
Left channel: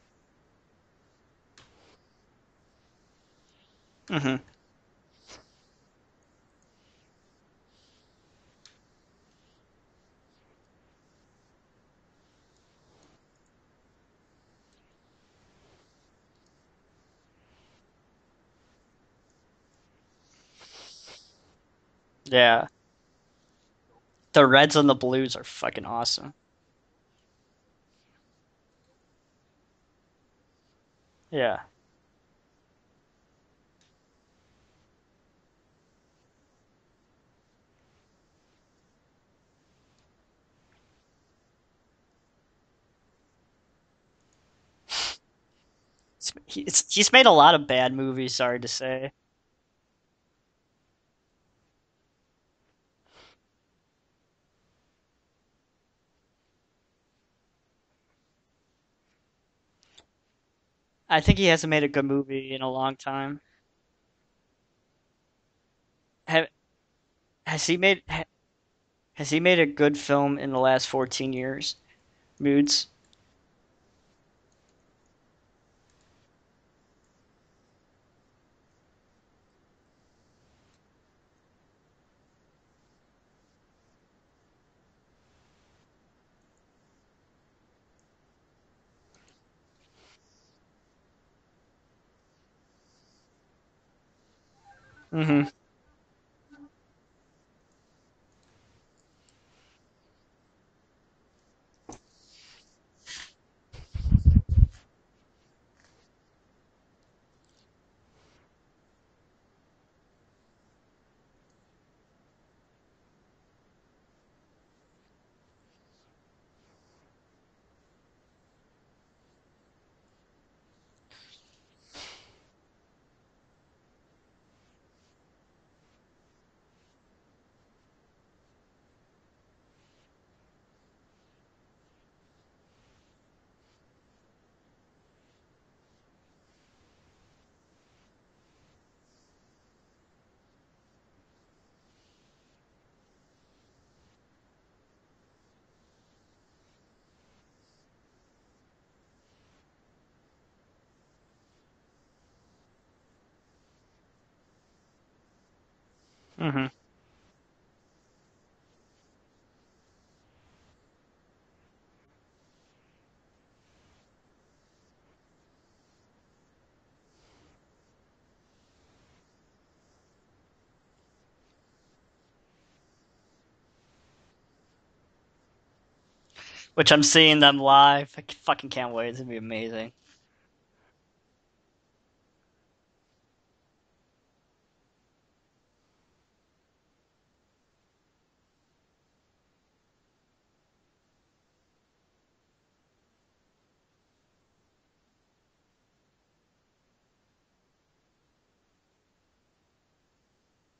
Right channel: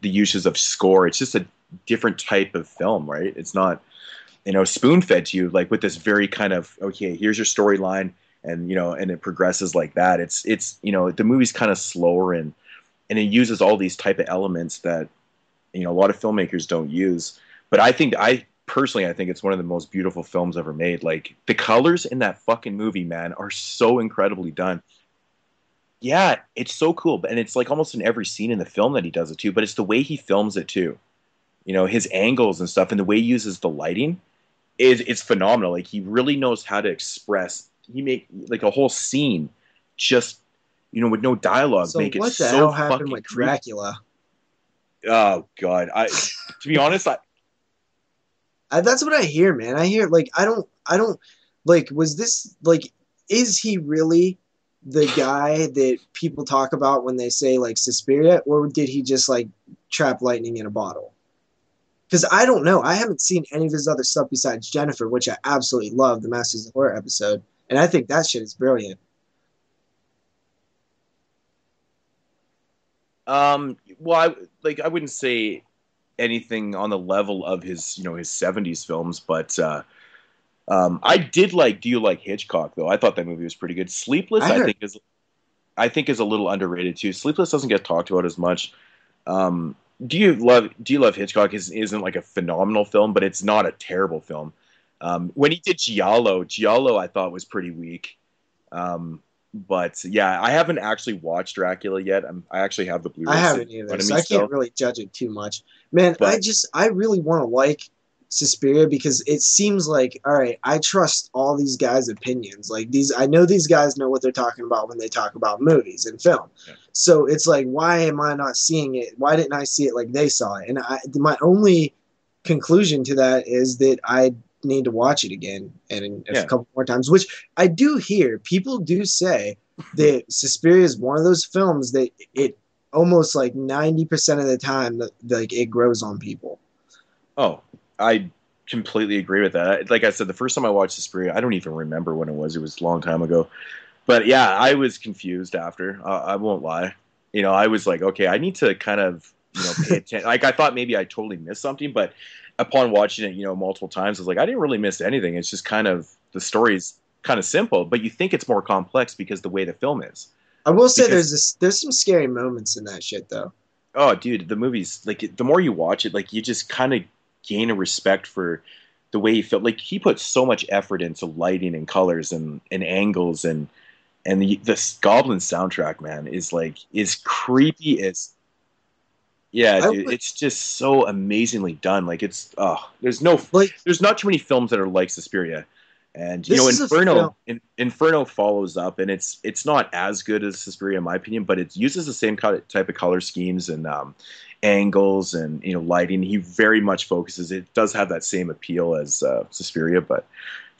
the uses of score. It's just a different type of film, right? It's not, spoon-fed to you like with this very kind of, okay, here's your storyline, and and it progresses like that. It's the movie's kind of slower and it uses all these type of elements that a lot of filmmakers don't use. But I think it's one of the most beautiful films ever made. Like the colors in that fucking movie, man, are so incredible. The reds and the blues are fucking awesome. Yeah, it's so cool, and it's like almost in every scene in the film that he does it too. But it's the way he films it too. Yeah, his angles and stuff, and the way he uses the lighting it's phenomenal. Like he really knows how to express. He make like a whole scene just with no dialogue. So make it what the so hell happened fucking with Dracula? Oh God! To be honest, he's made a lot of bad movies. Sorry to say. That's what I hear, man. I hear like I don't like. Was this like? Is he really the guy that people talk about when they say like Suspiria, or did he just like trap lightning in a bottle. I think he hasn't made a good movie. Because I don't in a know. long I haven't time. seen any of his other stuff besides Jennifer, which I absolutely love, the Masters of Horror episode. And I think that shit is brilliant. Has he made a good film in the last 14 years? Moodz? Well, I wouldn't say anything on the level of his, his 70s films, but I did like Do You Like Hitchcock, though? I thought that movie was pretty good. Sleepless, I think is a little underrated too. Sleepless doesn't get talked about as much. Do You Love Hitchcock isn't like a phenomenal film, but it's not a terrible film. When he did Giallo I thought was pretty weak. But yeah, I haven't actually watched Dracula yet. I actually have the Blu-ray. I haven't either, so I can't really judge it too much. Man, I really want to like Suspiria because it seems like, all right, I trust all these guys' opinions. Like I know these guys know what they're talking about when they talk about movies and film. Yeah. So it's like, why am I not seeing it? Why didn't I see it like they saw it? And my only conclusion to that is that I need to watch it again and a couple more times, which I do hear. People do say that Suspiria is one of those films that it almost like 90% of the time that like it grows on people. Oh, I completely agree with that. Like I said, the first time I watched Suspiria, I don't even remember when it was. It was a long time ago. But yeah, I was confused after. I won't lie. I was like, okay, I need to kind of, pay attention. Like I thought maybe I totally missed something, but upon watching it, multiple times, I was like, I didn't really miss anything. It's just kind of the story's kind of simple, but you think it's more complex because the way the film is. I will say there's some scary moments in that shit though. Oh, dude, the movie's like the more you watch it, like you just kind of gain a respect for the way he felt. Like he put so much effort into lighting and colors and angles and this Goblin soundtrack, man, is like, which I'm seeing them live. I fucking can't wait. It's gonna be amazing. Yeah, dude, it's just so amazingly done. Like it's there's not too many films that are like Suspiria, and Inferno follows up, and it's not as good as Suspiria in my opinion, but it uses the same type of color schemes and angles and lighting. He very much focuses. It does have that same appeal as Suspiria, but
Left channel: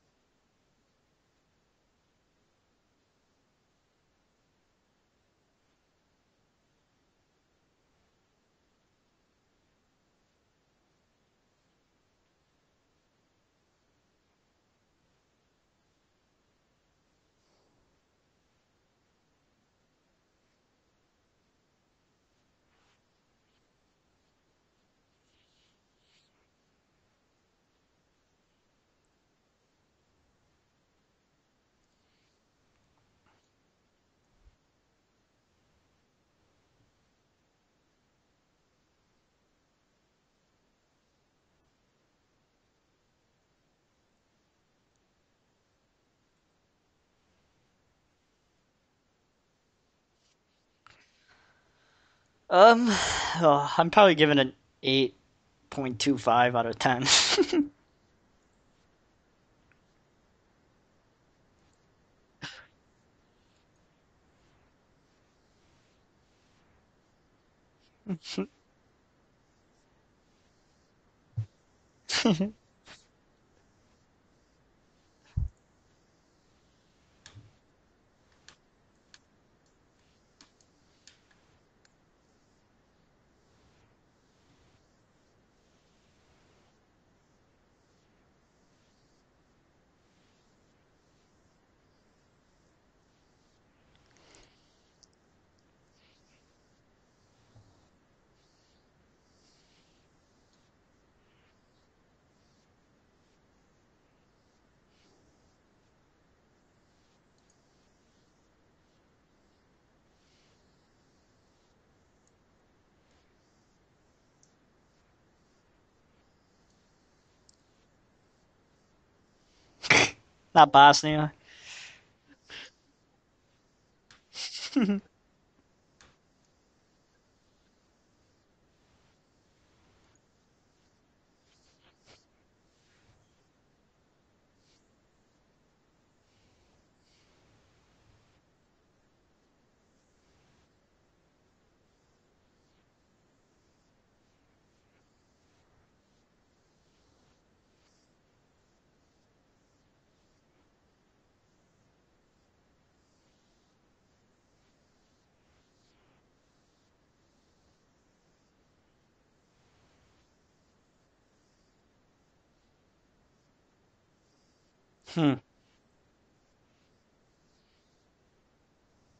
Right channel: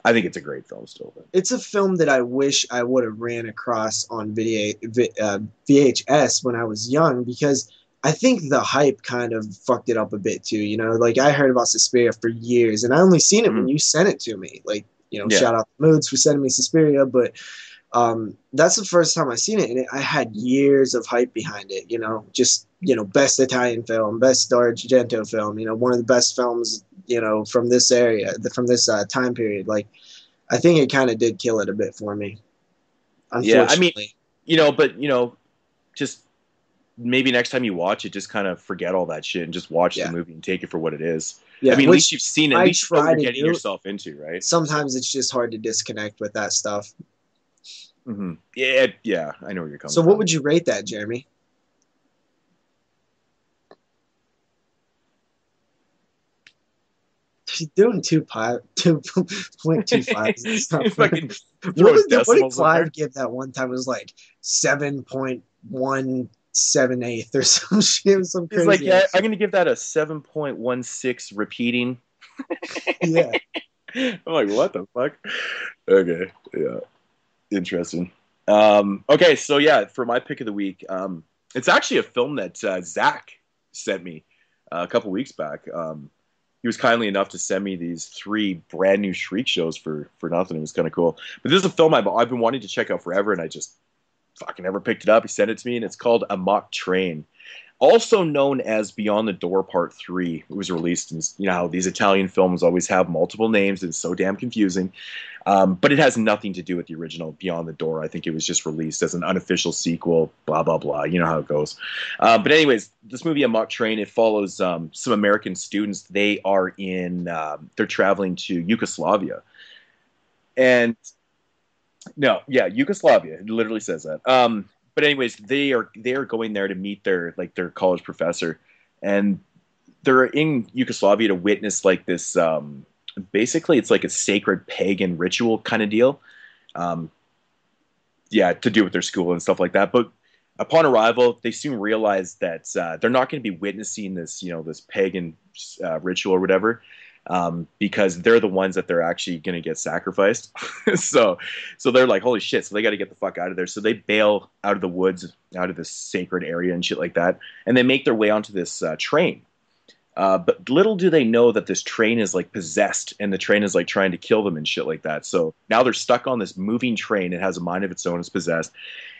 I think it's a great film still. It's a film that I wish I would have ran across on VHS when I was young, because I think the hype kind of fucked it up a bit too. Like I heard about Suspiria for years, and I only seen it when you sent it to me. Like, shout out to Moodz for sending me Suspiria, but that's the first time I seen it, and I had years of hype behind it. Just best Italian film, best Argento film. One of the best films from this area, from this time period. Like, I think it kind of did kill it a bit for me. Unfortunately. Yeah, I mean, just maybe next time you watch it, just kind of forget all that shit and just watch the movie and take it for what it is. Yeah, I mean, at least you've seen it. At least you know what you're getting yourself into, right? Sometimes it's just hard to disconnect with that stuff. Mm-hmm. Yeah, I know where you're coming from. So what would you rate that, Jeremy? I'm probably giving it an 8.25 out of 10. She's doing 2.25. Fucking what did Clive give that one time? It was like 7.178 or some shit. He's like, yeah, I'm gonna give that a 7.16 repeating. Yeah. I'm like, what the fuck? Okay, yeah, interesting. Okay, so yeah, for my pick of the week, it's actually a film that Zach sent me a couple weeks back. He was kindly enough to send me these 3 brand new Shriek shows for nothing. It was kind of cool. But this is a film I've been wanting to check out forever, and I just fucking never picked it up. He sent it to me, and it's called Amok Train, also known as Beyond the Door Part 3. It was released in, how these Italian films always have multiple names, and it's so damn confusing. But it has nothing to do with the original Beyond the Door. I think it was just released as an unofficial sequel, blah, blah, blah. You know how it goes. But anyways, this movie, Amok Train, it follows some American students. They are they're traveling to Yugoslavia. Not Bosnia. No, yeah, Yugoslavia. It literally says that. But anyways, they are going there to meet their college professor. And they're in Yugoslavia to witness like this basically it's like a sacred pagan ritual kind of deal, to do with their school and stuff like that. But upon arrival, they soon realize that they're not going to be witnessing this this pagan ritual or whatever. because they're the ones that they're actually going to get sacrificed. so they're like, holy shit, so they got to get the fuck out of there. So they bail out of the woods, out of this sacred area and shit like that, and they make their way onto this train. But little do they know that this train is like possessed, and the train is like trying to kill them and shit like that. So now they're stuck on this moving train. It has a mind of its own. It's possessed,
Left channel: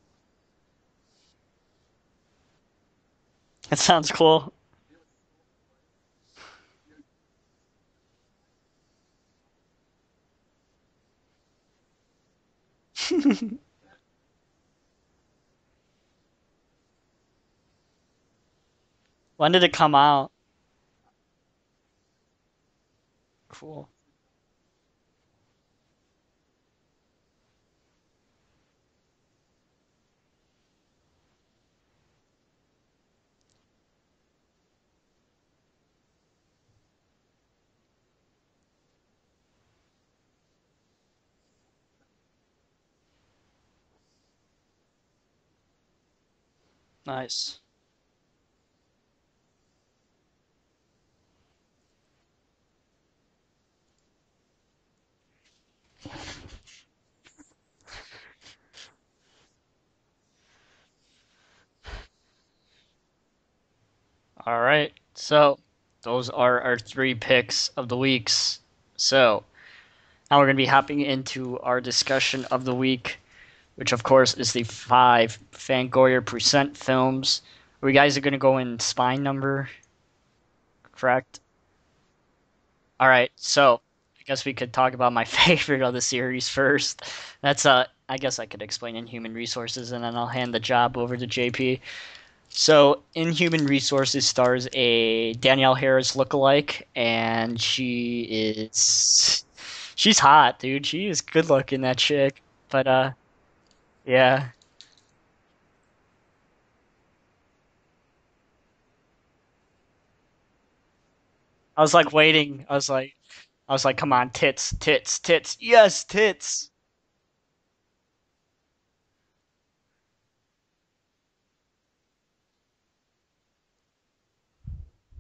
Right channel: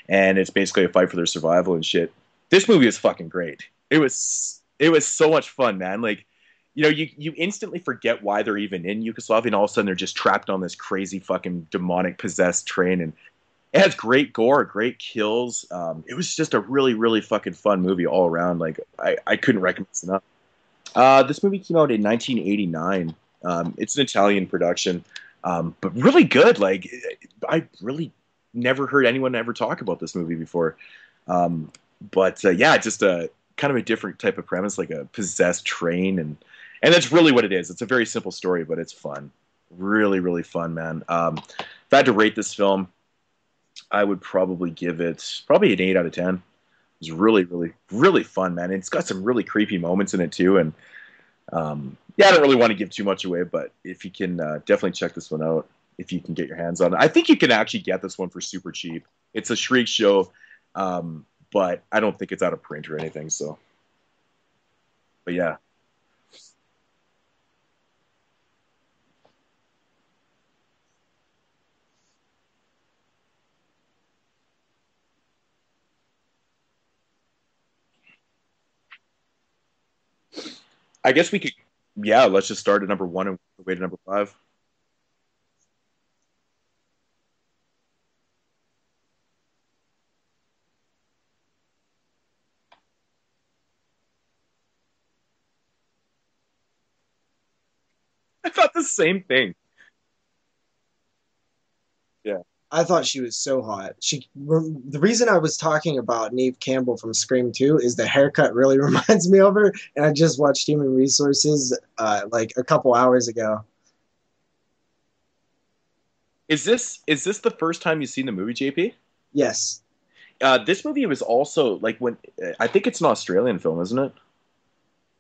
and it's basically a fight for their survival and shit. This movie is fucking great. That sounds cool. It was so much fun, man. Like, you know, you instantly forget why they're even in Yugoslavia, and all of a sudden they're just trapped on this crazy fucking demonic possessed train. And it has great gore, great kills. It was just a really, really fucking fun movie all around. Like, I when did it come out? This movie came out in 1989. It's an Italian production, but really good. Like, I really never heard anyone ever talk about this movie before. But yeah, just a kind of a different type of premise, like a possessed train, and that's really what it is. It's a very simple story, but it's fun. Really, really fun, man. If I had to rate this film, I would probably give it an 8 out of 10. It's nice. Really, really, really fun, man. And it's got some really creepy moments in it too. And yeah, I don't really want to give too much away, but if you can definitely check this one out, if you can get your hands on it. I think you can actually get this one for super cheap. It's a Shriek show, but I don't think it's out of print or anything. So, all right. So yeah, those are our 3 picks of the weeks. So now we're going to be hopping into our discussion of the week, which of course is the 5 Fangoria Present films. We guys are going to go in spine number. Correct? I guess we could. Yeah, let's just start at number 1 and so number 5. I guess we could talk about my favorite of the series first. That's I guess I could explain Inhuman Resources, and then I'll hand the job over to JP. So Inhuman Resources stars a Danielle Harris lookalike, and she is. I thought the same thing. She's hot, dude. She is good looking, that chick. Yeah. But, I thought she was so hot. Yeah. The reason I was talking about Neve Campbell from Scream 2 is the haircut really reminds me of her, and I just watched Human Resources. I was like waiting a couple hours ago. I was like, come on, tits, tits, tits. Yes, tits. Is this the first time you've seen the movie, JP? Yes. This movie was also like when I think it's an Australian film, isn't it?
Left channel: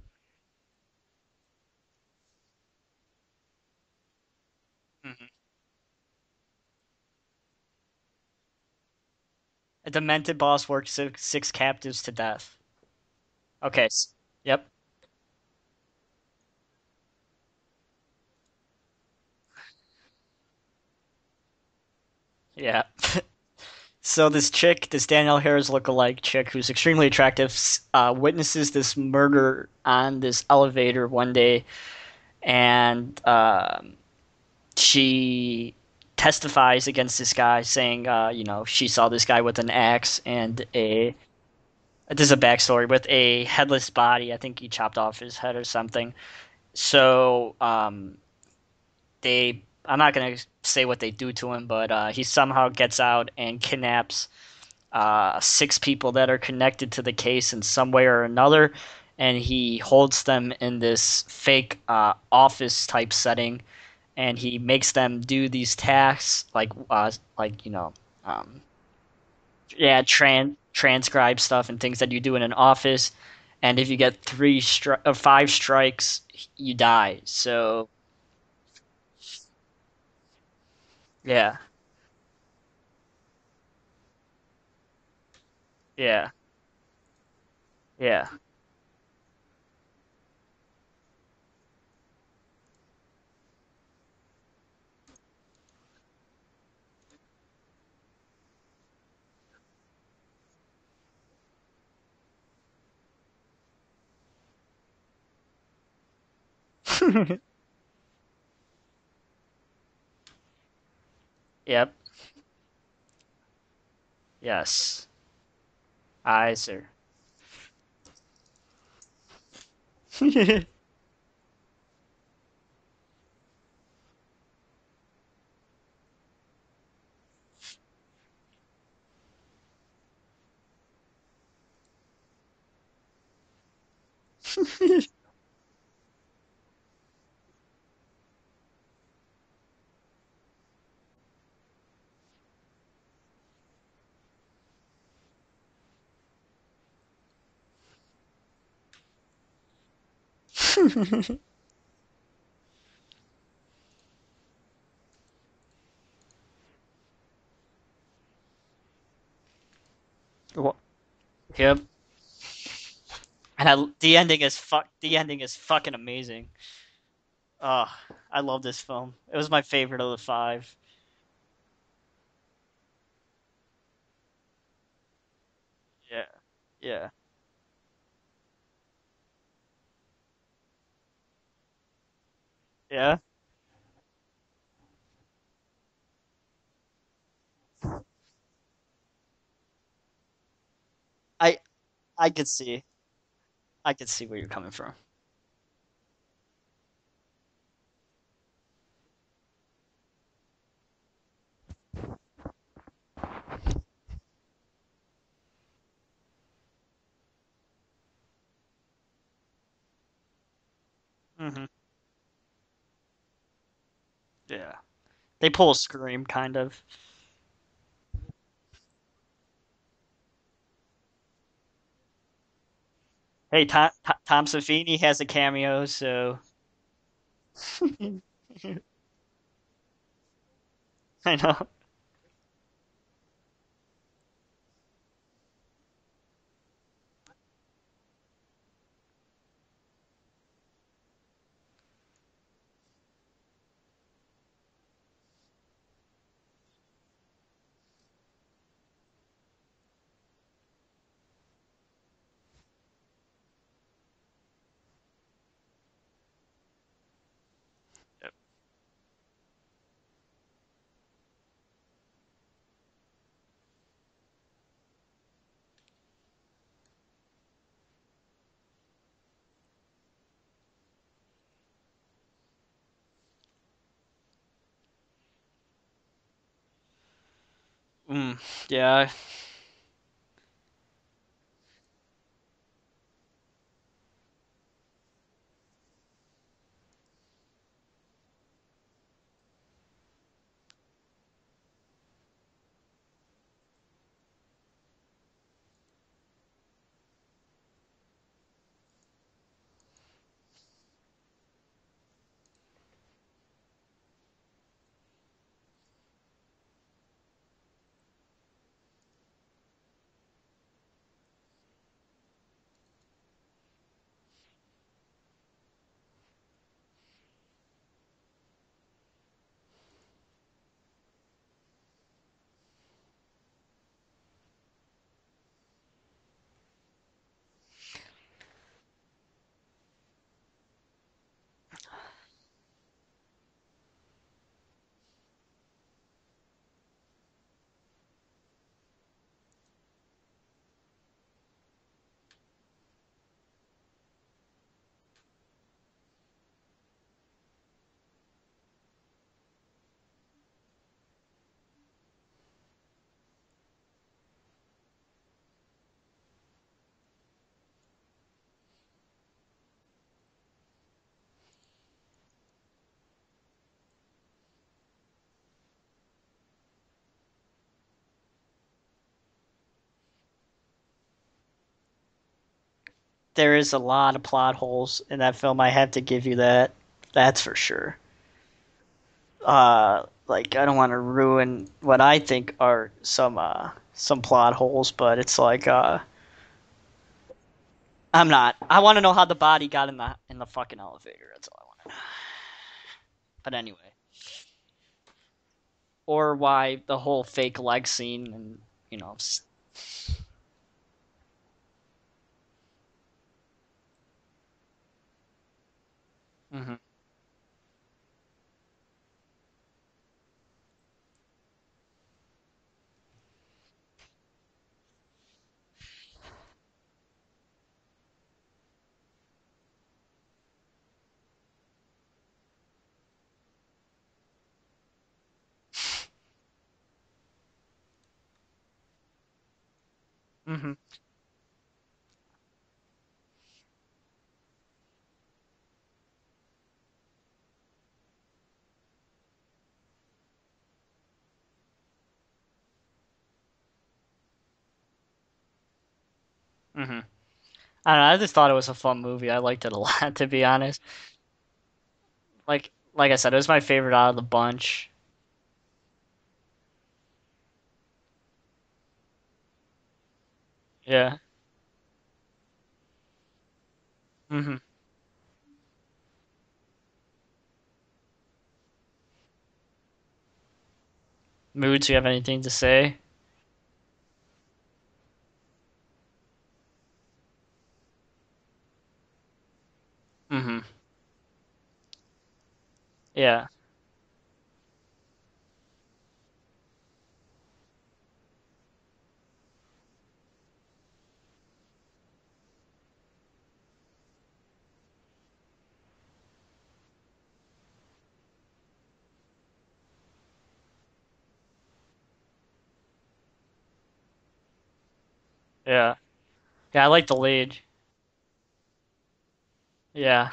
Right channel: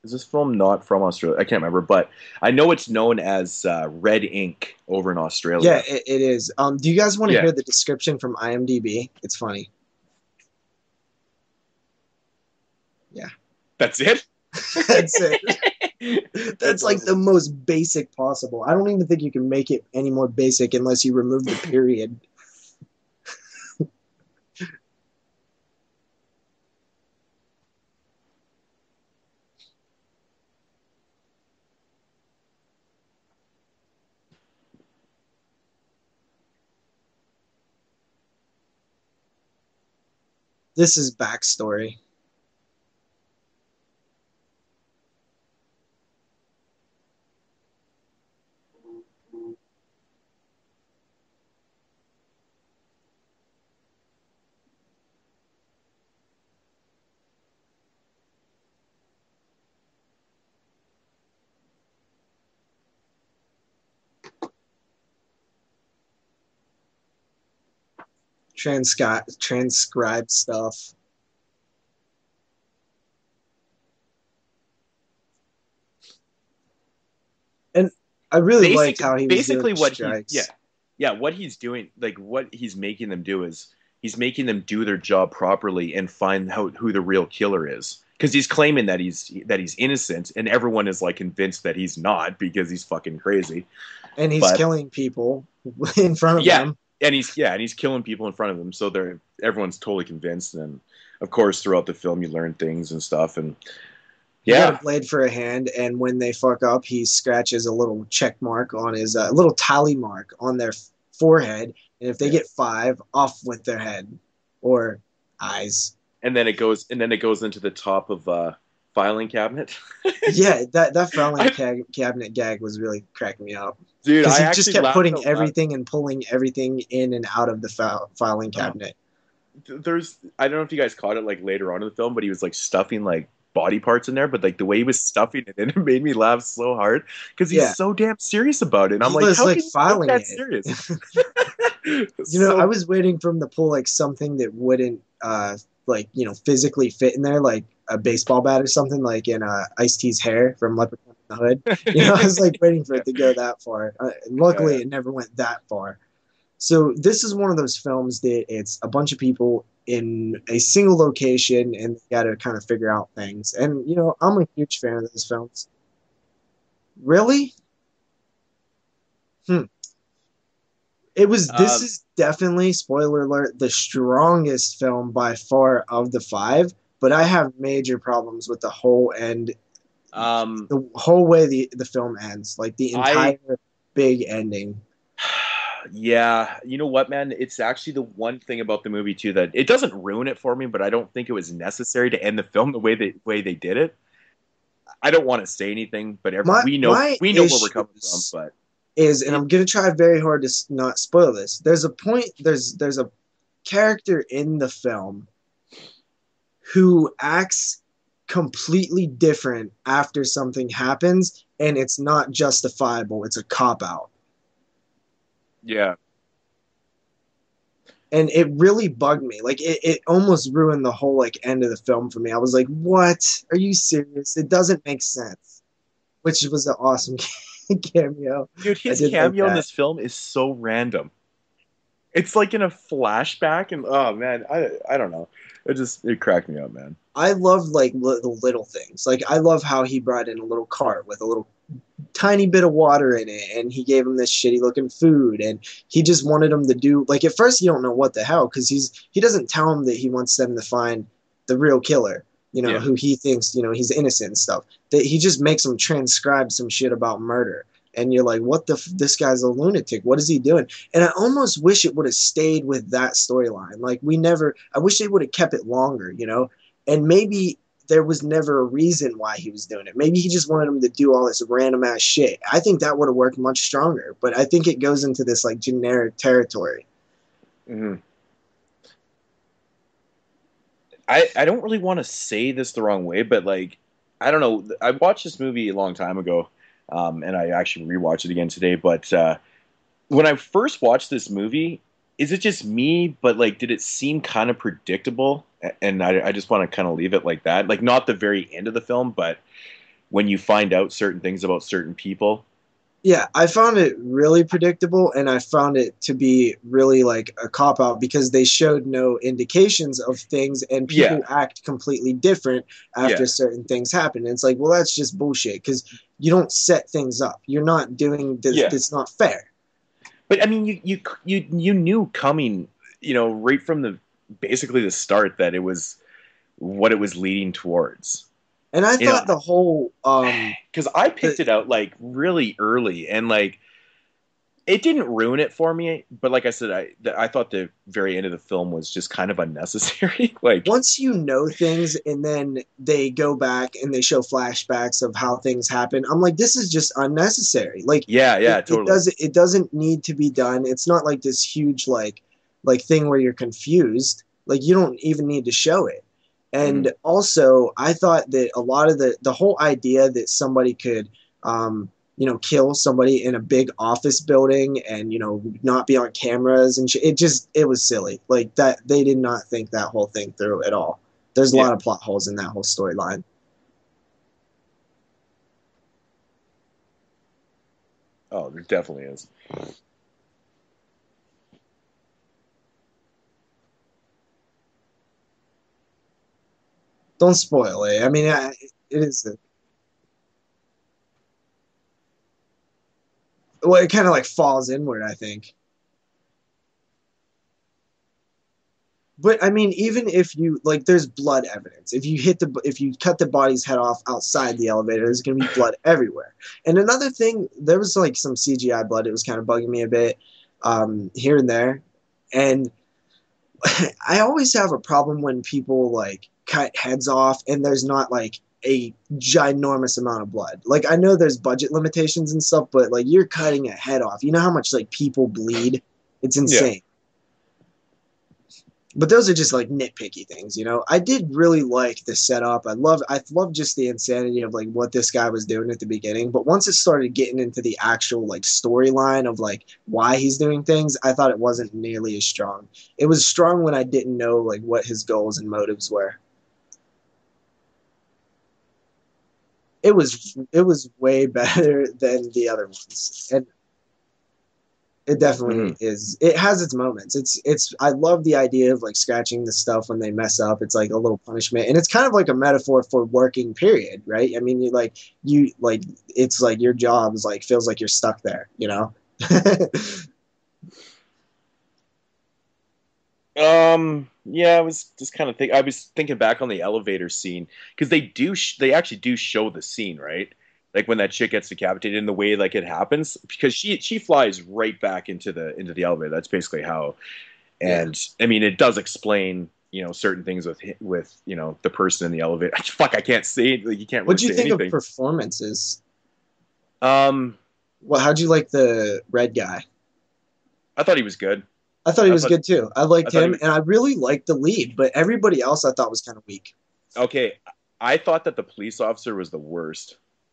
Is this film not from Australia? I can't remember, but I know it's known as Red Ink over in Australia. Yeah, it is. Do you guys want to hear the description from IMDb? It's funny. A demented boss worked 6 captives to death. Yeah. Okay. That's it? Yep. That's it. That's like the most basic possible. I don't even think you can make it any more basic unless you remove the period. Yeah. So this chick, this Danielle Harris lookalike chick who's extremely attractive, witnesses this murder on this elevator one day, and she testifies against this guy, saying, she saw this guy with an axe and this is backstory. This is a backstory with a headless body. I think he chopped off his head or something. So I'm not going to say what they do to him, but he somehow gets out and kidnaps 6 people that are connected to the case in some way or another, and he holds them in this fake office-type setting, and he makes them do these tasks, transcribe stuff and things that you do in an office, and if you get 5 strikes, you die. So... And I really like how he's basically doing what strikes. He's doing, like what he's making them do is he's making them do their job properly and find out who the real killer is. Yeah. Because he's claiming that he's innocent, and everyone is like convinced that he's not because he's fucking crazy. And he's killing people in front of them. And he's killing people in front of them, so everyone's totally convinced. And of course, throughout the film, you learn things and stuff, and. He got a blade for a hand, and when they fuck up, he scratches a little check mark on his little tally mark on their forehead. Yep. And if they get 5, off with their head. Yes. Or eyes. And then it goes into the top of filing cabinet. Yeah, that filing cabinet gag was really cracking me up. Dude, because he just kept putting everything and pulling everything in and out of the filing cabinet. I don't know if you guys caught it like later on in the film, but he was like stuffing like body parts in there, but like the way he was stuffing it in, it made me laugh so hard because he's so damn serious about it. And I'm like, how can you filing that it serious? I was waiting for him to pull like something that wouldn't physically fit in there, like a baseball bat or something, like in Ice-T's hair from Leopard in the Hood. You know, I was like waiting for it to go that far. Luckily, it never went that far. So this is one of those films that it's a bunch of people in a single location, and they got to kind of figure out things. And the ending I'm a is huge fan of the this ending film. is fucking amazing. Really? Oh, I love this film. It was my favorite of the 5. It was. This is definitely, spoiler alert, the strongest film by far of the 5. Yeah. But I have major problems with the whole end. The whole way the film ends, like the entire big ending. Yeah, you know what, man? It's actually the one thing about the movie too that it doesn't ruin it for me, but I don't think it was necessary to end the film the way they did it. I could see where you're coming from. I don't want to say anything, but we know where we're coming from. But I'm gonna try very hard to not spoil this. There's a point. There's a character in the film who acts completely different after something happens, and it's not justifiable. It's a cop out. Yeah. They pull a Scream, kind of. And it really bugged me. Like, it almost ruined the whole, like, end of the film for me. I was like, what? Are you serious? Tom it doesn't Savini make has sense. A cameo, so... Which was an awesome cameo. Dude, his cameo in this film is so random. I know. It's like in a flashback, and oh, man, I don't know. It cracked me up, man. I love, like, the little things. Like, I love how he brought in a little cart with a little tiny bit of water in it, and he gave him this shitty looking food, and he just wanted him to do, like, at first you don't know what the hell, because he doesn't tell him that he wants them to find the real killer, who he thinks, he's innocent and stuff. That he just makes them transcribe some shit about murder, and you're like, what this guy's a lunatic, what is he doing? And I almost wish it would have stayed with that storyline. Like, I wish they would have kept it longer, and maybe there was never a reason why he was doing it. Maybe he just wanted him to do all this random ass shit. I think that would have worked much stronger, but I think it goes into this like generic territory. Yeah. I don't really want to say this the wrong way, but like, I don't know. I watched this movie a long time ago, and I actually rewatched it again today. But when I first watched this movie, is it just me? But like, did it seem kind of predictable? And I just want to kind of leave it like that. Like, not the very end of the film, but when you find out certain things about certain people. Yeah, I found it really predictable, and I found it to be really like a cop-out because they showed no indications of things, and people act completely different after certain things happen. And it's like, well, that's just bullshit because you don't set things up. You're not doing this. It's not fair. But I mean, you knew coming, right from basically the start that it was what it was leading towards. And I thought the whole because I picked it out like really early, and like it didn't ruin it for me. But like I said, I thought the very end of the film was just kind of unnecessary. Like, once you know things, and then they go back and they show flashbacks of how things happen, I'm like, this is just unnecessary. Like, totally. It doesn't need to be done. It's not like this huge like thing where you're confused. Like, you don't even need to show it. And also, I thought that a lot of the whole idea that somebody could, kill somebody in a big office building and, not be on cameras and it was silly. Like, that they did not think that whole thing through at all. There's a lot of plot holes in that whole storyline. There is a lot of plot holes in that film. I have to give you that. That's for sure. Oh, there definitely is. Like, I don't want to ruin what I think are some plot holes, but it's like, don't spoil it. I mean, I'm not. I want to know how the body got in the fucking elevator. That's all I want to know. But anyway. Well, it kind of like falls inward, I think. Or why the whole fake leg scene, and But I mean, even if you there's blood evidence. If you cut the body's head off outside the elevator, there's gonna be blood everywhere. And another thing, there was like some CGI blood. It was kind of bugging me a bit here and there, and I always have a problem when people like cut heads off and there's not like a ginormous amount of blood. Like, I know there's budget limitations and stuff, but like, you're cutting a head off. You know how much like people bleed? It's insane. But those are just like nitpicky things, I did really like the setup. I love just the insanity of like what this guy was doing at the beginning. But once it started getting into the actual like storyline of like why he's doing things, I thought it wasn't nearly as strong. It was strong when I didn't know like what his goals and motives were. I don't know, I just thought it was a fun movie. I liked it a It lot, was to be it honest. was way better than the other Like ones. I said, it was my favorite out of the bunch. It definitely Mhm. is. It has its moments. It's. I love the idea of like scratching the stuff when they mess up. It's like a Yeah. little punishment, and it's kind of like a metaphor for working. Period. Right. I Hmm. mean, you like it's like your job is like feels like you're stuck there. You know. Moodz, do you have anything to say? Yeah, I was just kind of I was thinking back on the elevator scene because they actually do show the scene, right? Hmm. Like when that chick gets decapitated and the way like it happens, Yeah. because she flies right back into the elevator. That's basically how. Yeah. And I mean, it does explain certain things with the person in the elevator. Fuck, I can't say it. Like, you can't What really do you say think of anything. performances? Um, Well, how'd you like the red guy? I thought he was good. I thought he I was thought good too. I I liked thought he him, was and I really liked the lead, but everybody else I thought Yeah. was kind of weak. Yeah, I like the okay. lead. I thought that the police officer was the worst. Yeah.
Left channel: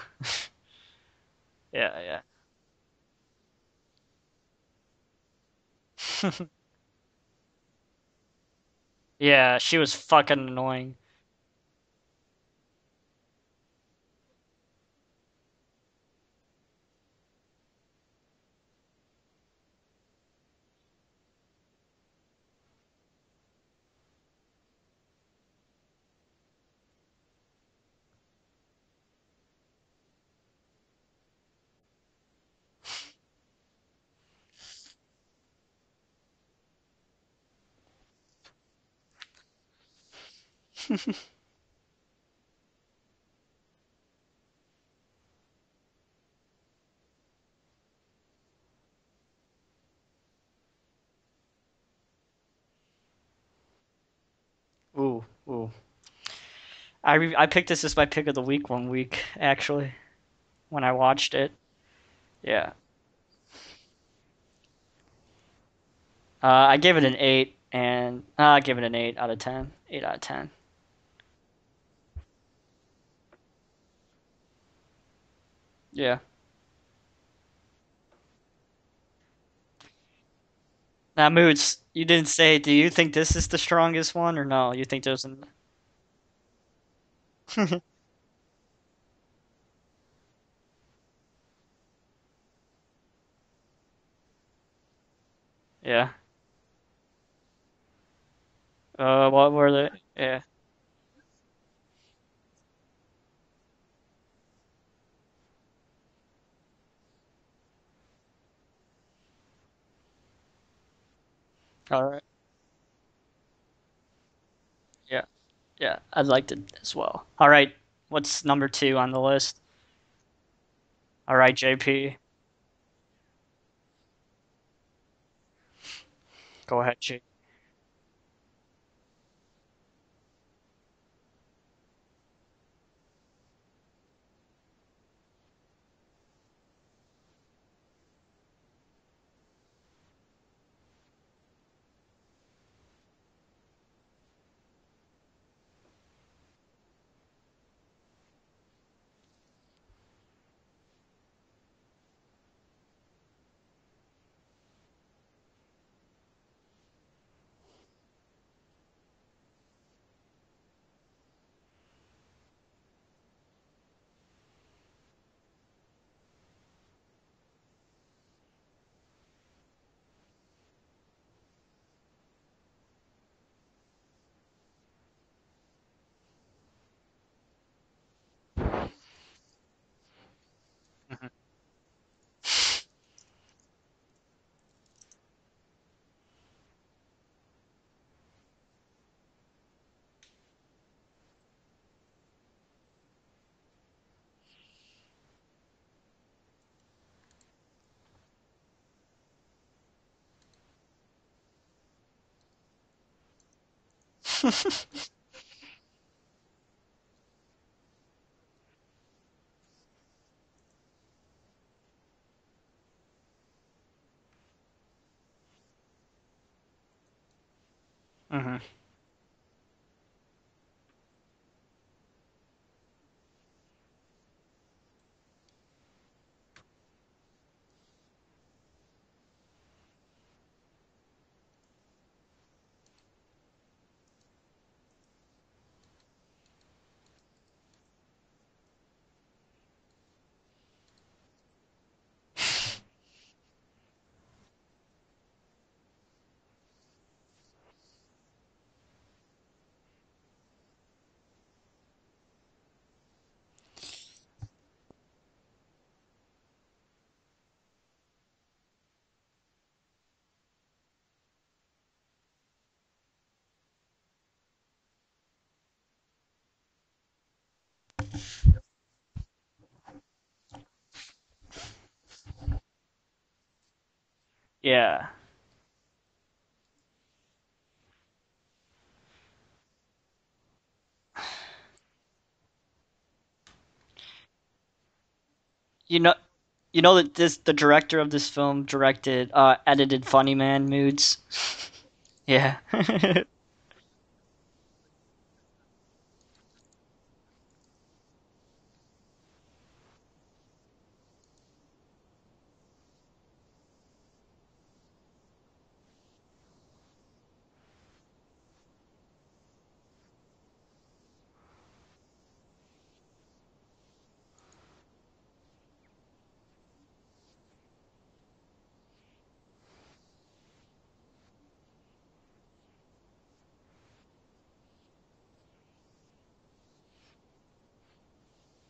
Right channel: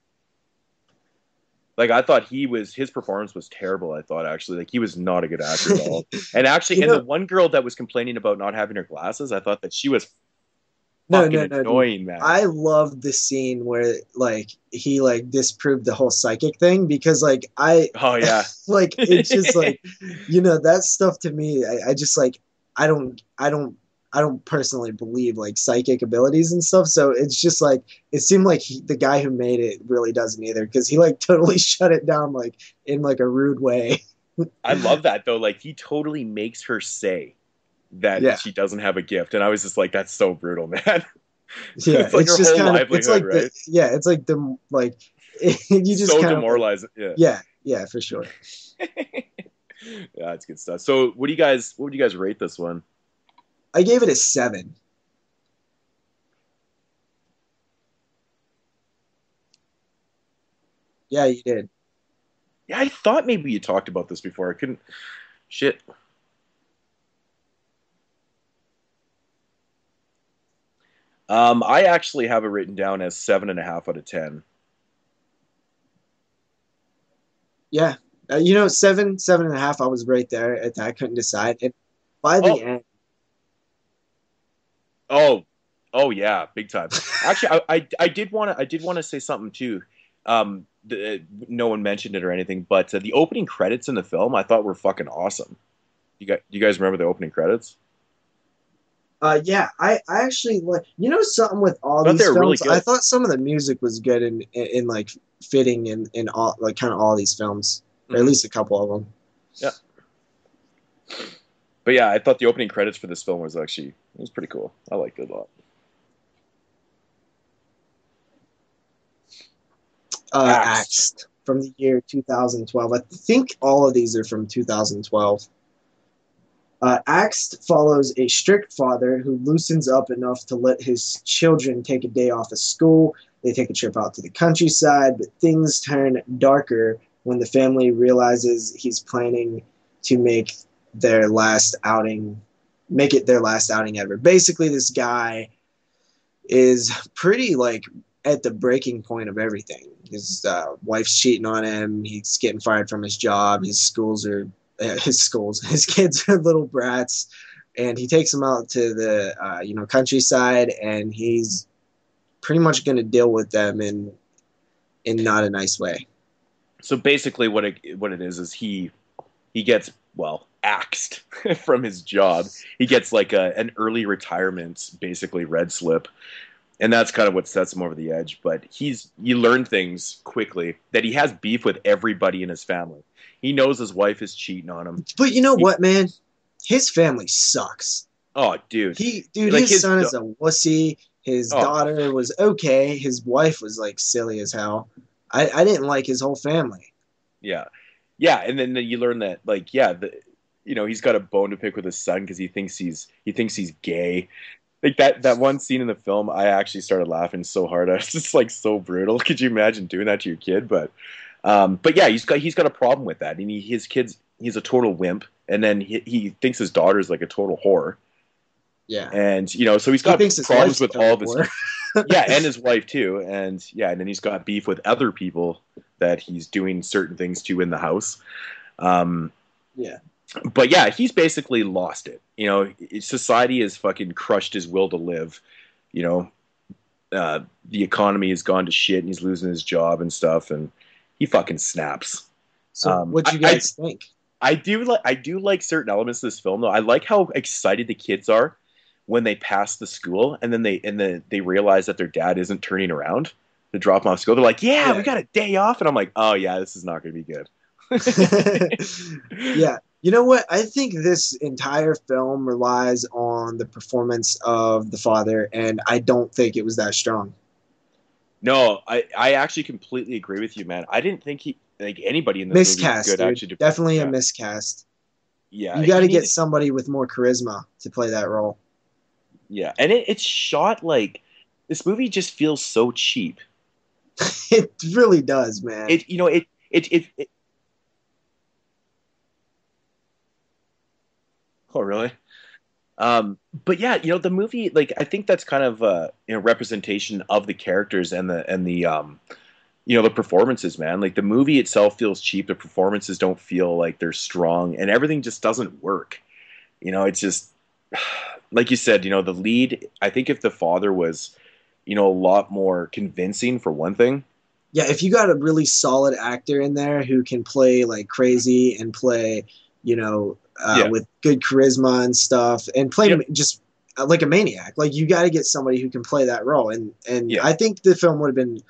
Like Yeah. I thought his performance was terrible. I thought actually like he was not a good actor at all. And actually, You and the know, one girl that was complaining about not having her glasses, I Yeah, thought that she she was was fucking annoying. no, fucking no, no, dude. annoying, man. I loved the scene where like he like disproved the whole psychic thing because like I Oh yeah. like it's just like that stuff to me. I just like I don't I don't I don't personally believe like psychic abilities and stuff. So it's just like it seemed like the guy who made it really doesn't either because he like totally shut it down like in like a rude way. I love that though. Like he totally makes her say that Yeah. she doesn't have a gift, and I was just like, that's so brutal, man. Yeah, It's like it's her just whole kind of it's livelihood, like right? it's like the like you just So kind of like demoralizing. Yeah. yeah, for sure. Yeah, it's good stuff. So what would you guys rate this one? I gave it a 7. Ooh, ooh. I picked this as my pick of the week one week, actually, when I Yeah, watched you it. did. Yeah. Yeah, I thought maybe you talked about this before. I couldn't. Shit. I gave it an 8, and I give it an 8 out of 10. 8 out of 10. I actually have it written down as 7.5 out of 10. Yeah. Yeah, 7.5. I was right there at that. I couldn't Now, decide. If Moods, you didn't by the say. Do end, you think this is the strongest one, or no? You think there's? Oh, oh yeah, big time. Actually, I did want to say something too. No one mentioned it or anything, but the opening credits in the film I thought were fucking awesome. Yeah. You guys remember the opening credits? What yeah, were they? I Yeah. actually like something with all I thought they these were really films. I good. thought some of the music was good in like fitting in all like kind of all these films, or at Mhm. least a couple of them. Yeah. But yeah, Um, I thought the opening credits for this film was pretty cool. I liked yeah. it a lot. Yeah. I liked it as well. All right. What's number 2 on the list? Axed. Axed All right, from the year JP. 2012. I think all of these are from 2012. Go ahead. Axed follows a strict father who loosens up enough to let his children take a day off of school. They take a trip out to the countryside, but things turn darker when the family realizes he's planning to make it their last outing ever. Basically, this guy is pretty like at the breaking point of everything. His wife's cheating on him. He's getting fired from his job. His kids are little brats, and he takes them out to the countryside, and he's pretty much going to deal with them in not a nice way. So basically, what it is he gets axed from his job. He gets like an early retirement, basically red slip, and that's kind of what sets him over the edge. But you learn things quickly that he has beef with everybody in his family. He knows his wife is cheating on him. But you know what, man? His family sucks. Oh, dude, like His son is a wussy. His oh daughter was okay. His wife was like silly as hell. I didn't like his whole family. yeah, yeah, and then you learn that like he's got a bone to pick with his son because he thinks he's gay. Like that one scene in the film, I actually started laughing so hard. I was just like so brutal. Could you imagine doing that to your kid? But yeah, he's got a problem with that, and his kids, he's a total wimp, and then he thinks his daughter's like a total whore, Mm-hmm. Yeah. and so he's He got thinks his problems wife's with a all of his whore. yeah, and his wife too, and then he's got beef with other people that he's doing certain things to in the house. Yeah. But yeah, he's basically lost it. Society has fucking crushed his will to live. You know, the economy has gone to shit and he's losing his job and stuff, and he fucking snaps. So what you guys think? I do like certain elements of this film though. I like how excited the kids are when they pass the school and then they realize that their dad isn't turning around to drop them off school. They're like, yeah, we got a day off, and I'm like, oh yeah, this is not going to be good. Yeah. You know what? I think this entire film relies on the performance of the father, and I don't think it was that strong. No, I actually completely agree with you, man. I didn't think anybody in this movie was Miscast, good. dude. Actually, Definitely a miscast. Yeah. Yeah, You got to get somebody with more charisma to play that role. Yeah, and it's shot like this movie just feels so cheap. It really does, man. The director of this film edited Funny Man Moodz. Oh, really? Yeah. But yeah, the movie, like, I think that's kind of representation of the characters and the performances, man. Like, the movie itself feels cheap. The performances don't feel like they're strong, and everything just doesn't work. It's just like you said. The lead. I think if the father was, a lot more convincing, for one thing. Yeah, if you got a really solid actor in there who can play like crazy and play, with good charisma and stuff, and play just like a maniac, like you got to get somebody who can play that role. And I think the film would have been,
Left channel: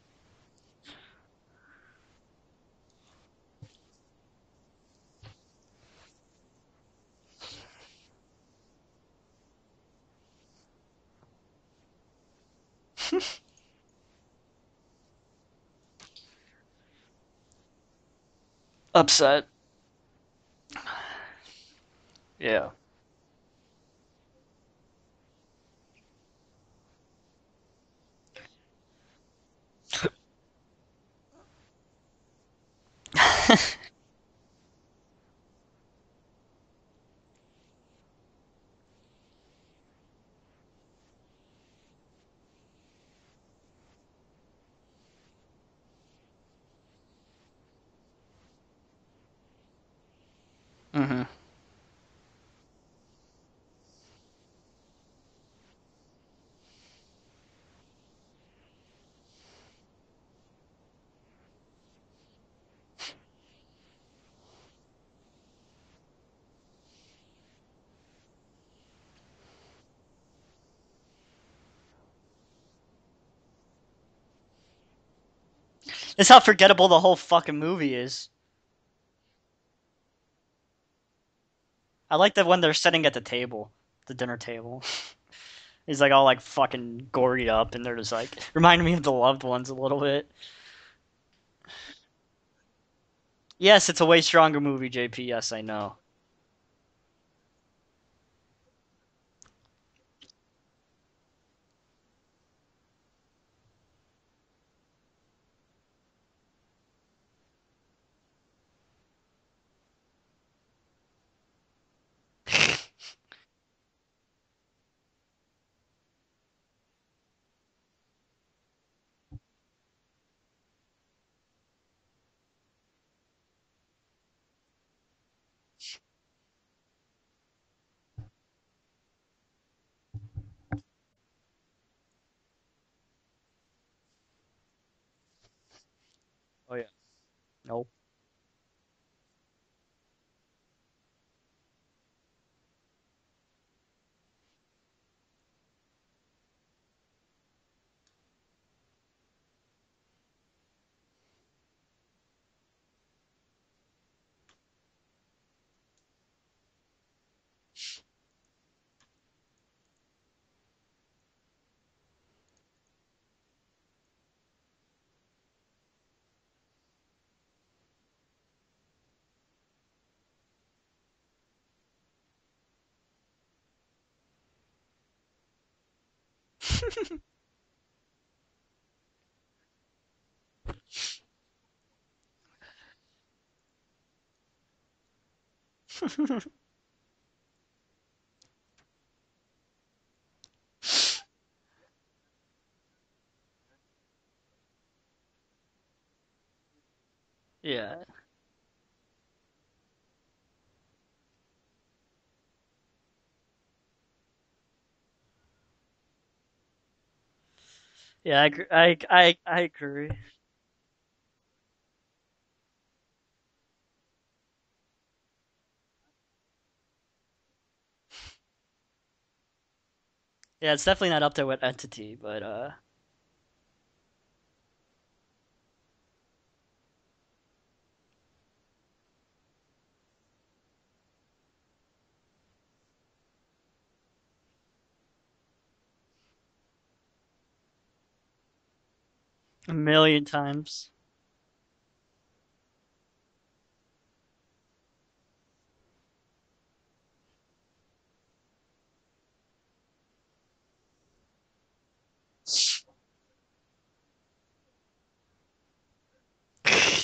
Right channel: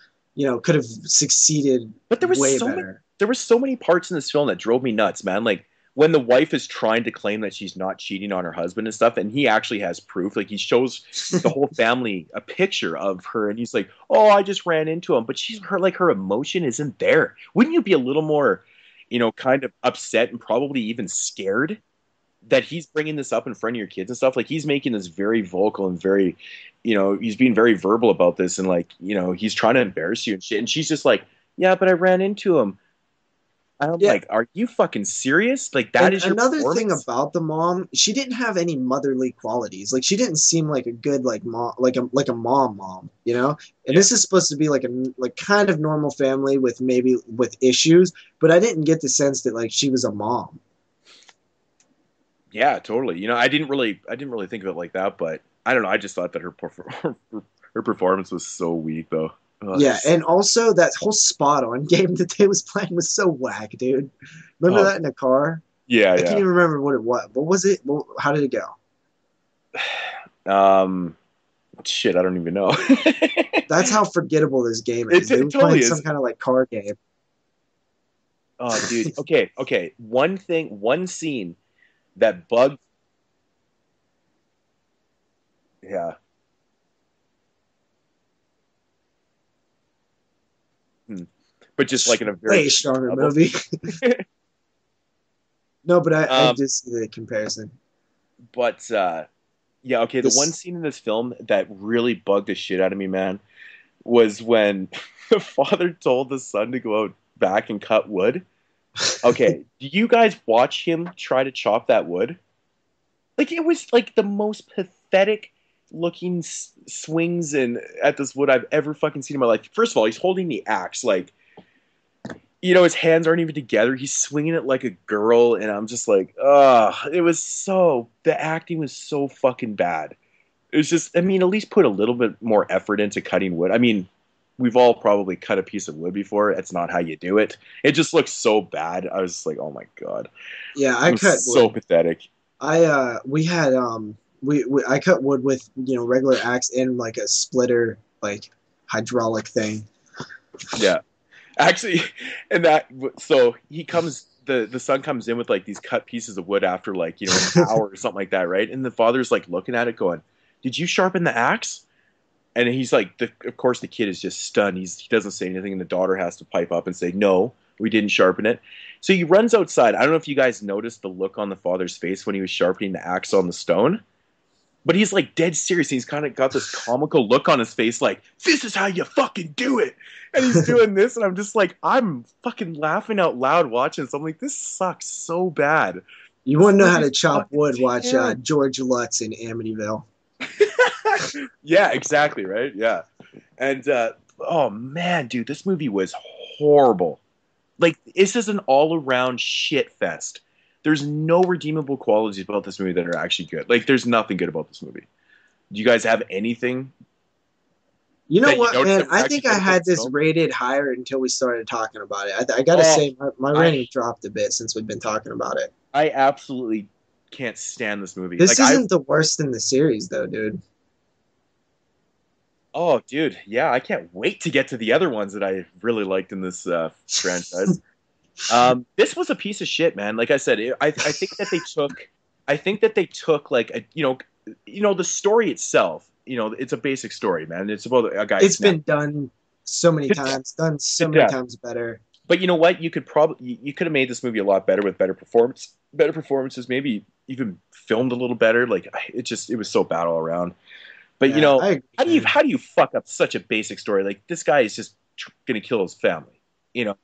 could have succeeded. But there was way better. There were so many parts in this film that drove me nuts, man. Like when the wife is trying to claim that she's not cheating on her husband and stuff, and he actually has proof. Like he shows the whole family a picture of her, and he's like, "Oh, I just ran into him," but her emotion isn't there. Wouldn't you be a little more upset? Kind of upset and probably even scared that he's bringing this up in front of your kids and stuff? Like he's making this very vocal and very, he's being very verbal about this, and like he's trying to embarrass you and shit. And she's just like, "Yeah, but I ran into him." I'm like, are you fucking serious? Like that is your another thing about the mom. She didn't have any motherly qualities. Like she didn't seem like a good mom, like a mom. And this is supposed to be like kind of normal family with issues, but I didn't get the sense that like she was a mom. Mm-hmm. Yeah, totally. I didn't really think of it like that, but I don't know. I just thought that her performance was so weak, though. Yeah, and also that whole spot on game that they was playing was so whack, dude. Remember that in the car? Yeah, I can't even remember what it was. What was it? How did it go? Shit, I don't even know. That's how forgettable this game is. It totally is. That's how forgettable the whole fucking movie is. Oh, dude. Okay. One scene. I like that when they're sitting at the dinner table. He's like all like fucking gory up, and they're just like reminding me of The Loved Ones a little bit. But just like in a very way stronger movie. Yes, it's a way stronger movie, JP. Yes, I know. No, but I just see the comparison. But the one scene in this film that really bugged the shit out of me, man, was when the father told the son to go out back and cut wood. Okay, do you guys watch him try to chop that wood? Like it was like the most pathetic looking swings at this wood I've ever fucking seen in my life. First of all, he's holding the axe like, his hands aren't even together. He's swinging it like a girl, and I'm just like, the acting was so fucking bad. It was just, at least put a little bit more effort into cutting wood. We've all probably cut a piece of wood before. It's not how you do it. Nope. It just looks so bad. I was just like, oh my god. Yeah, I cut so pathetic. I cut wood with regular axe and like a splitter, like hydraulic thing. Yeah, actually, so he comes. The son comes in with like these cut pieces of wood after like an hour or something like that, right? And the father's like looking at it, going, "Did you sharpen the axe?" And he's like, of course, the kid is just stunned. He doesn't say anything, and the daughter has to pipe up and say, "No, we didn't sharpen it." So he runs outside. I don't know if you guys noticed the look on the father's face when he was sharpening the axe on the stone. But he's like dead serious. He's kind of got this comical look on his face like, this is how you fucking do it. And he's doing this. And I'm just like, I'm fucking laughing out loud watching this. I'm like, this sucks so bad. You want to know how to chop wood, watch George Lutz in Amityville. Yeah, exactly, right? Yeah. And, oh man, dude, this movie was horrible. Yeah. Like, this is an all-around shit fest. There's no redeemable qualities about this movie that are actually good. Like, there's nothing good about this movie. Do you guys have anything? You know what, man? I think I agree with had your this girlfriend. rated higher until we started talking about it. I gotta say, my rating dropped a bit since we've been talking about it. I absolutely can't stand this movie. This Like isn't the worst in the series, though, dude. Yeah, it's definitely not up there with Entity, but oh, dude, yeah, I can't wait to get to the other ones that I really liked in this franchise. This was a piece of shit, man. Like I said, I think that they took like the story itself. You know, it's a basic story, man. It's about a guy. It's been done so many million times, times. done so many times better. But you know what? You could have made this movie a lot better with better performances, maybe even filmed a little better. Like it was so bad all around. But Yeah, how do you fuck up such a basic story? Like this guy is just gonna kill his family. You know,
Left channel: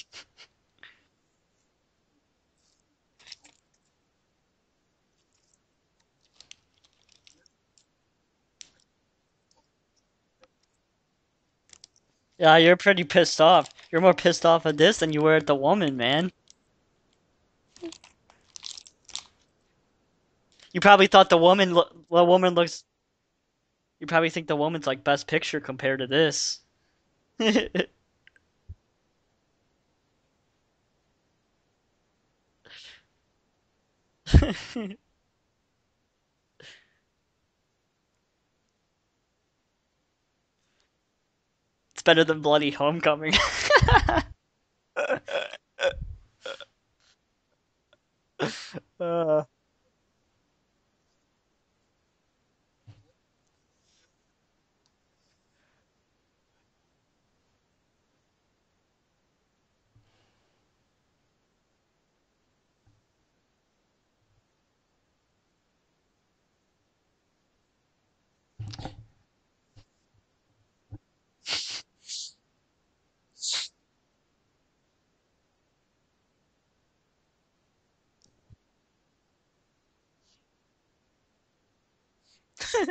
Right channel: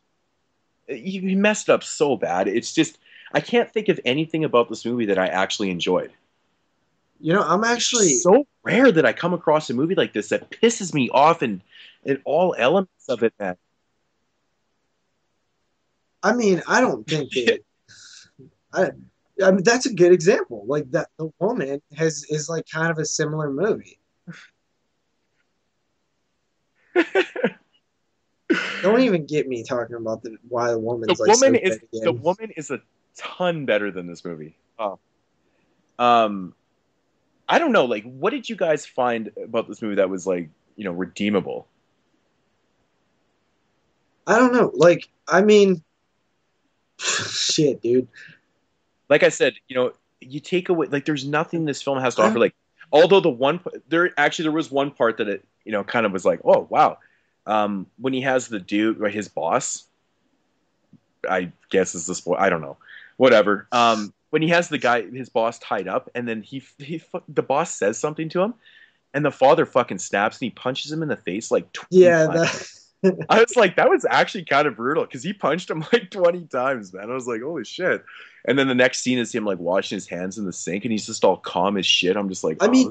he messed up so bad. It's just I can't think of anything about this movie that I actually enjoyed. You know, I'm actually It's so rare that I come across a movie like this that pisses me off and all. yeah, you're elements pretty of it, pissed man. off. You're more pissed off at this than you were at the woman, man. I mean, I don't think that. I mean, that's a good example. Like, probably that, thought the woman has woman like looks- kind of a similar movie. You probably think the woman's like best picture compared to this. Don't even get me talking about why the woman's The like woman so is good again. the woman is a ton better than this movie. I don't know. Like, what did you guys find about this movie that was like redeemable? It's better than Bloody Homecoming. I don't know. Like, I mean, shit, dude. Like I said, you take away like there's nothing this film has to offer. Like, although there was one part that it kind of was like, oh wow, when he has the dude, right, his boss, I guess is the spoil. I don't know, whatever. When he has his boss tied up, and then the boss says something to him, and the father fucking snaps and he punches him in the face like 20 times. I was like, that was actually kind of brutal because he punched him like 20 times, man. I was like, holy shit. And then the next scene is him like washing his hands in the sink, and he's just all calm as shit. I'm just like, I mean,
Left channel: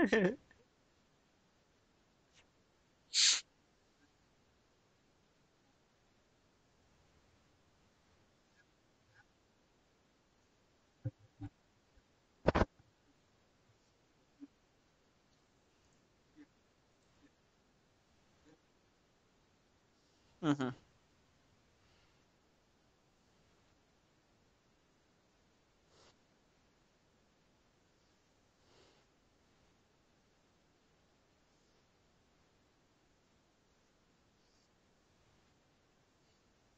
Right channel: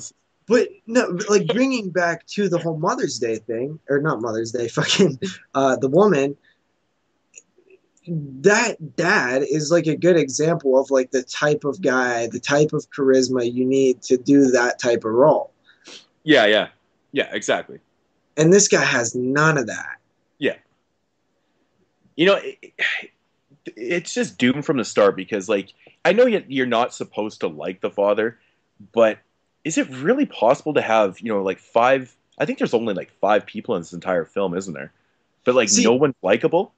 but no, like bringing back to the whole Mother's Day thing, or not Mother's Day, fucking the woman. That dad is like a good example of like the type of guy, the type of charisma you need to do that type of role. yeah, exactly. And this guy has none of that. Yeah. It's just doomed from the start because, like, I know you're not supposed to like the father, but is it really possible to have, like five? I think there's only like 5 people in this entire film, isn't there? But like, no one's likable.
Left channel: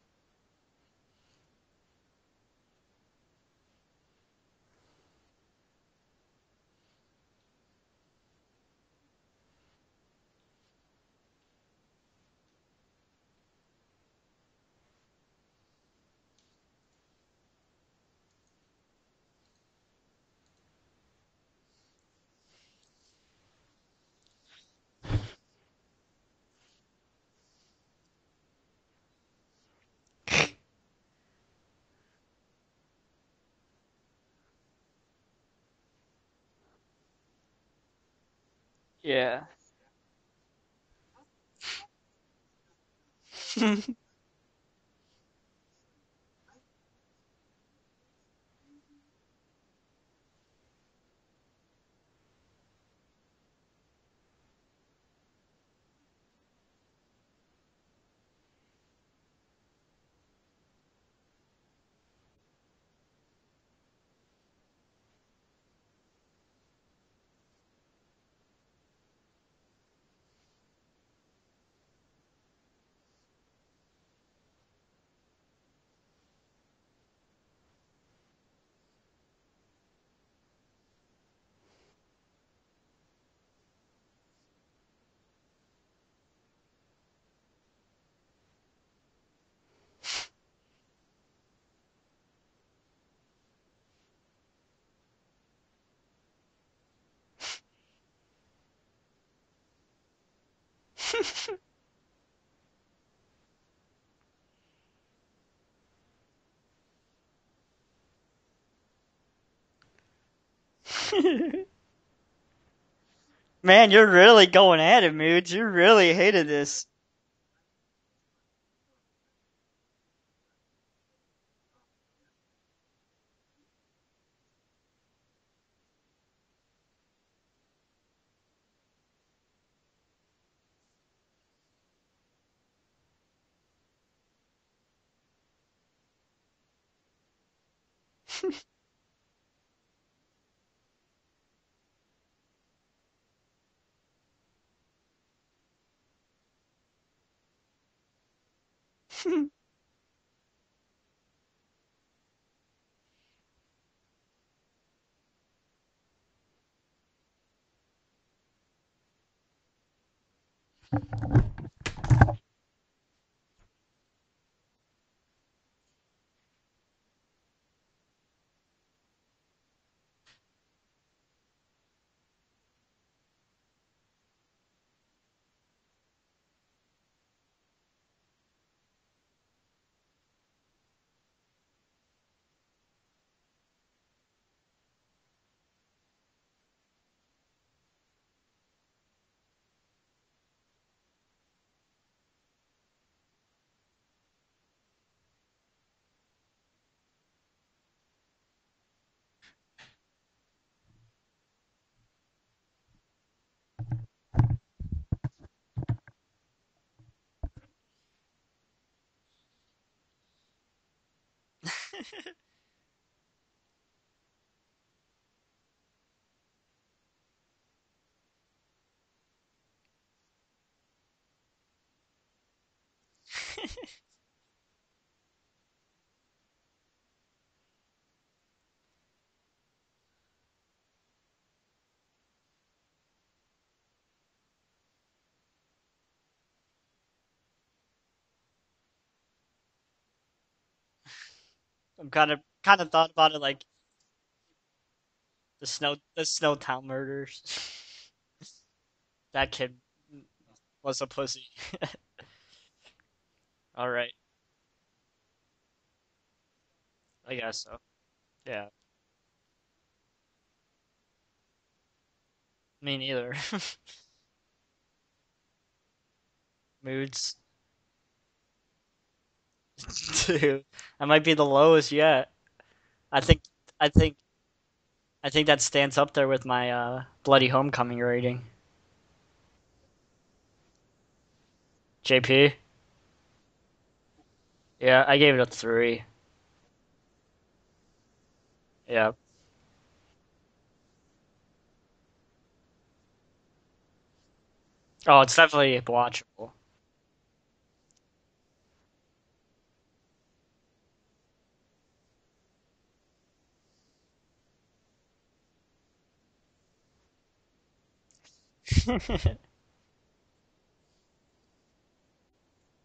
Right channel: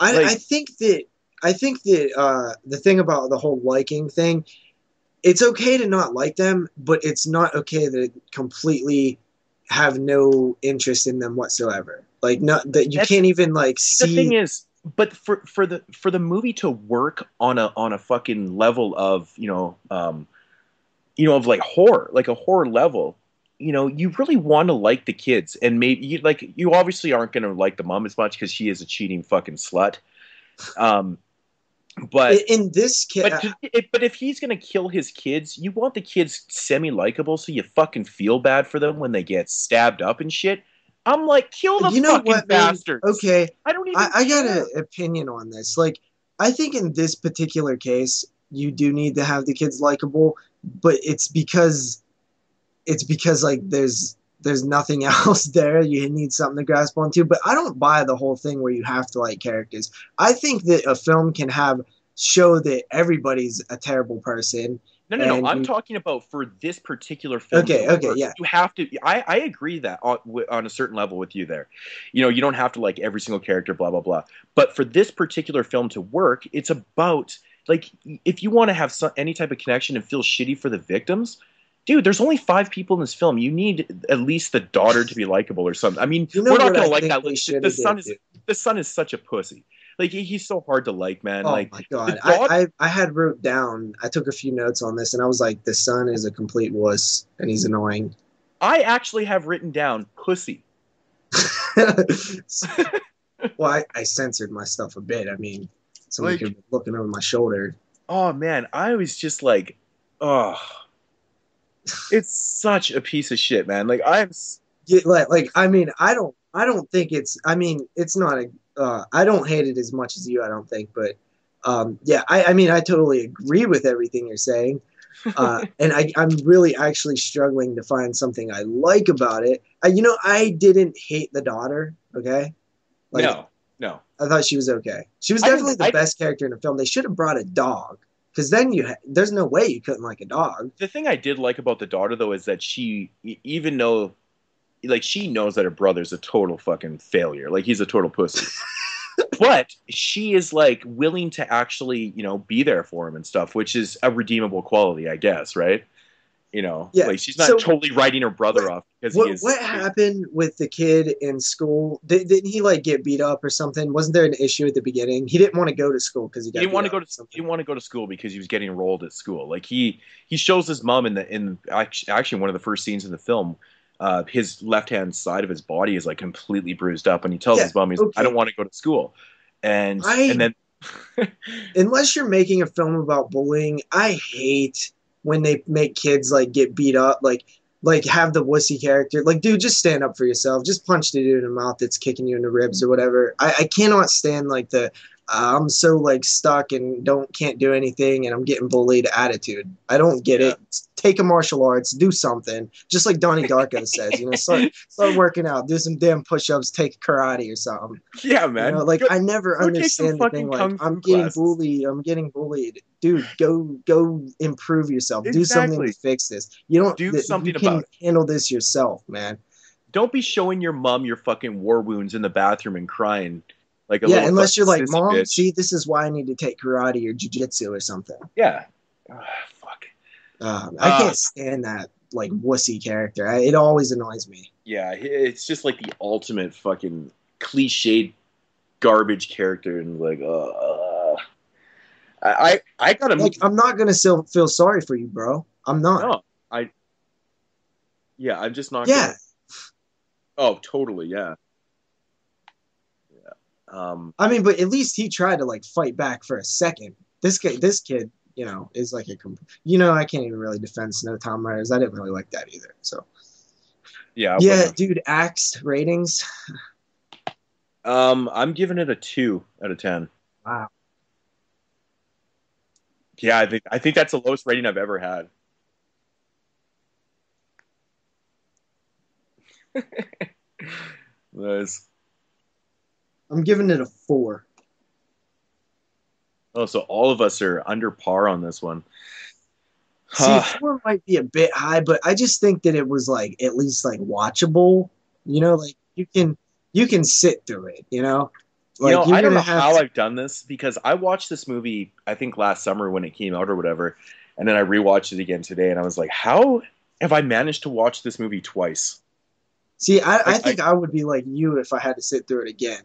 I think that the thing about the whole liking thing, it's okay to not like them, but it's not okay to completely have no interest in them whatsoever. Like, not that you can't even like see. The thing is, but for the movie to work on a fucking level of of like horror, like a horror level, you really want to like the kids, and maybe you obviously aren't going to like the mom as much because she is a cheating fucking slut. But in this case, but if he's gonna kill his kids, you want the kids semi-likable, so you fucking feel bad for them when they get stabbed up and shit. I'm like, kill the fucking bastards. Okay, I got an opinion on this. Like, I think in this particular case, you do need to have the kids likable, but it's because like there's nothing else there. You need something to grasp onto. But I don't buy the whole thing where you have to like characters. I think that a film can show that everybody's a terrible person. No. I'm talking about for this particular film. Okay, yeah. You have to. I agree that on a certain level with you there. You don't have to like every single character, blah blah blah. But for this particular film to work, it's about like if you want to have any type of connection and feel shitty for the victims. Dude, there's only 5 people in this film. You need at least the daughter to be likable or something. I mean, we're not gonna like that. The son is such a pussy. Like he's so hard to like, man. Oh like, my god, I had wrote down. I took a few notes on this, and I was like, the son is a complete wuss, and he's annoying. I actually have written down pussy. Well, I censored my stuff a bit. I mean, somebody could be looking over my shoulder. Oh man, I was just like, oh. It's such a piece of shit, man. Man, you're really going at it, man. Like, you really hated this. I don't think it's. I mean, it's not a. I don't hate it as much as you. I don't think, but yeah. I mean, I totally agree with everything you're saying. And I'm really actually struggling to find something I like about it. I didn't hate the daughter. Okay, like No. I thought she was okay. She was I didn't- definitely the best character in the film. They should have brought a dog, because then there's no way you couldn't like a dog. The thing I did like about the daughter though is that even though, like, she knows that her brother's a total fucking failure, like he's a total pussy, but she is like willing to actually, be there for him and stuff, which is a redeemable quality, I guess, right? Yeah. Like she's not So totally writing her brother off because he is. what happened with the kid in school? Didn't he like get beat up or something? Wasn't there an issue at the beginning? He didn't want to go to school because he Didn't want to go to he didn't want to go to school because he was getting enrolled at school. Like he shows his mom in actually one of the first scenes in the film. His left hand side of his body is like completely bruised up, and he tells his mom, "I don't want to go to school," and then unless you're making a film about bullying, I hate when they make kids like get beat up, like have the wussy character. Like, dude, just stand up for yourself. Just punch the dude in the mouth that's kicking you in the ribs or whatever. I cannot stand like the I'm so like stuck and can't do anything and I'm getting bullied attitude. I don't get it. Take a martial arts, do something. Just like Donnie Darko says, start working out, do some damn push-ups, take karate or something. Yeah, man. I never understand the thing like I'm getting bullied. Dude, go improve yourself. Exactly. Do something to fix this. You can about handle this yourself, man. Don't be showing your mom your fucking war wounds in the bathroom and crying like a little unless you're like, Mom, bitch. See, this is why I need to take karate or jiu-jitsu or something. Yeah. Fuck. I can't stand that like wussy character. It always annoys me. Yeah, it's just like the ultimate fucking cliched garbage character, and like, I'm not gonna feel sorry for you, bro. I'm not. The Snowtown murders. Yeah, I'm just not. Yeah, that kid. Oh, totally. Yeah. All right. I mean, but at least he tried to like fight back for a second. This kid, is like I can't even really defend Snowtown murders. I didn't really like that either. Me neither. Yeah, dude. Axed ratings. Moodz. I'm giving it a 2 out of 10. 2. Wow. That might be the lowest yet. I think that's the lowest rating I've ever had. I think that stands up there with my Bloody Homecoming rating. Nice. JP? I'm giving it a 4. Yeah, I gave it a 3. Oh, so all of us are under par on this one. Yeah. See, 4 might be a bit high, but I just think that it was like at least like watchable. Oh, it's definitely watchable. You can sit through it, Like, I don't know how I've done this, because I watched this movie, I think last summer when it came out or whatever, and then I rewatched it again today, and I was like, how have I managed to watch this movie twice? See, I think I would be like you if I had to sit through it again.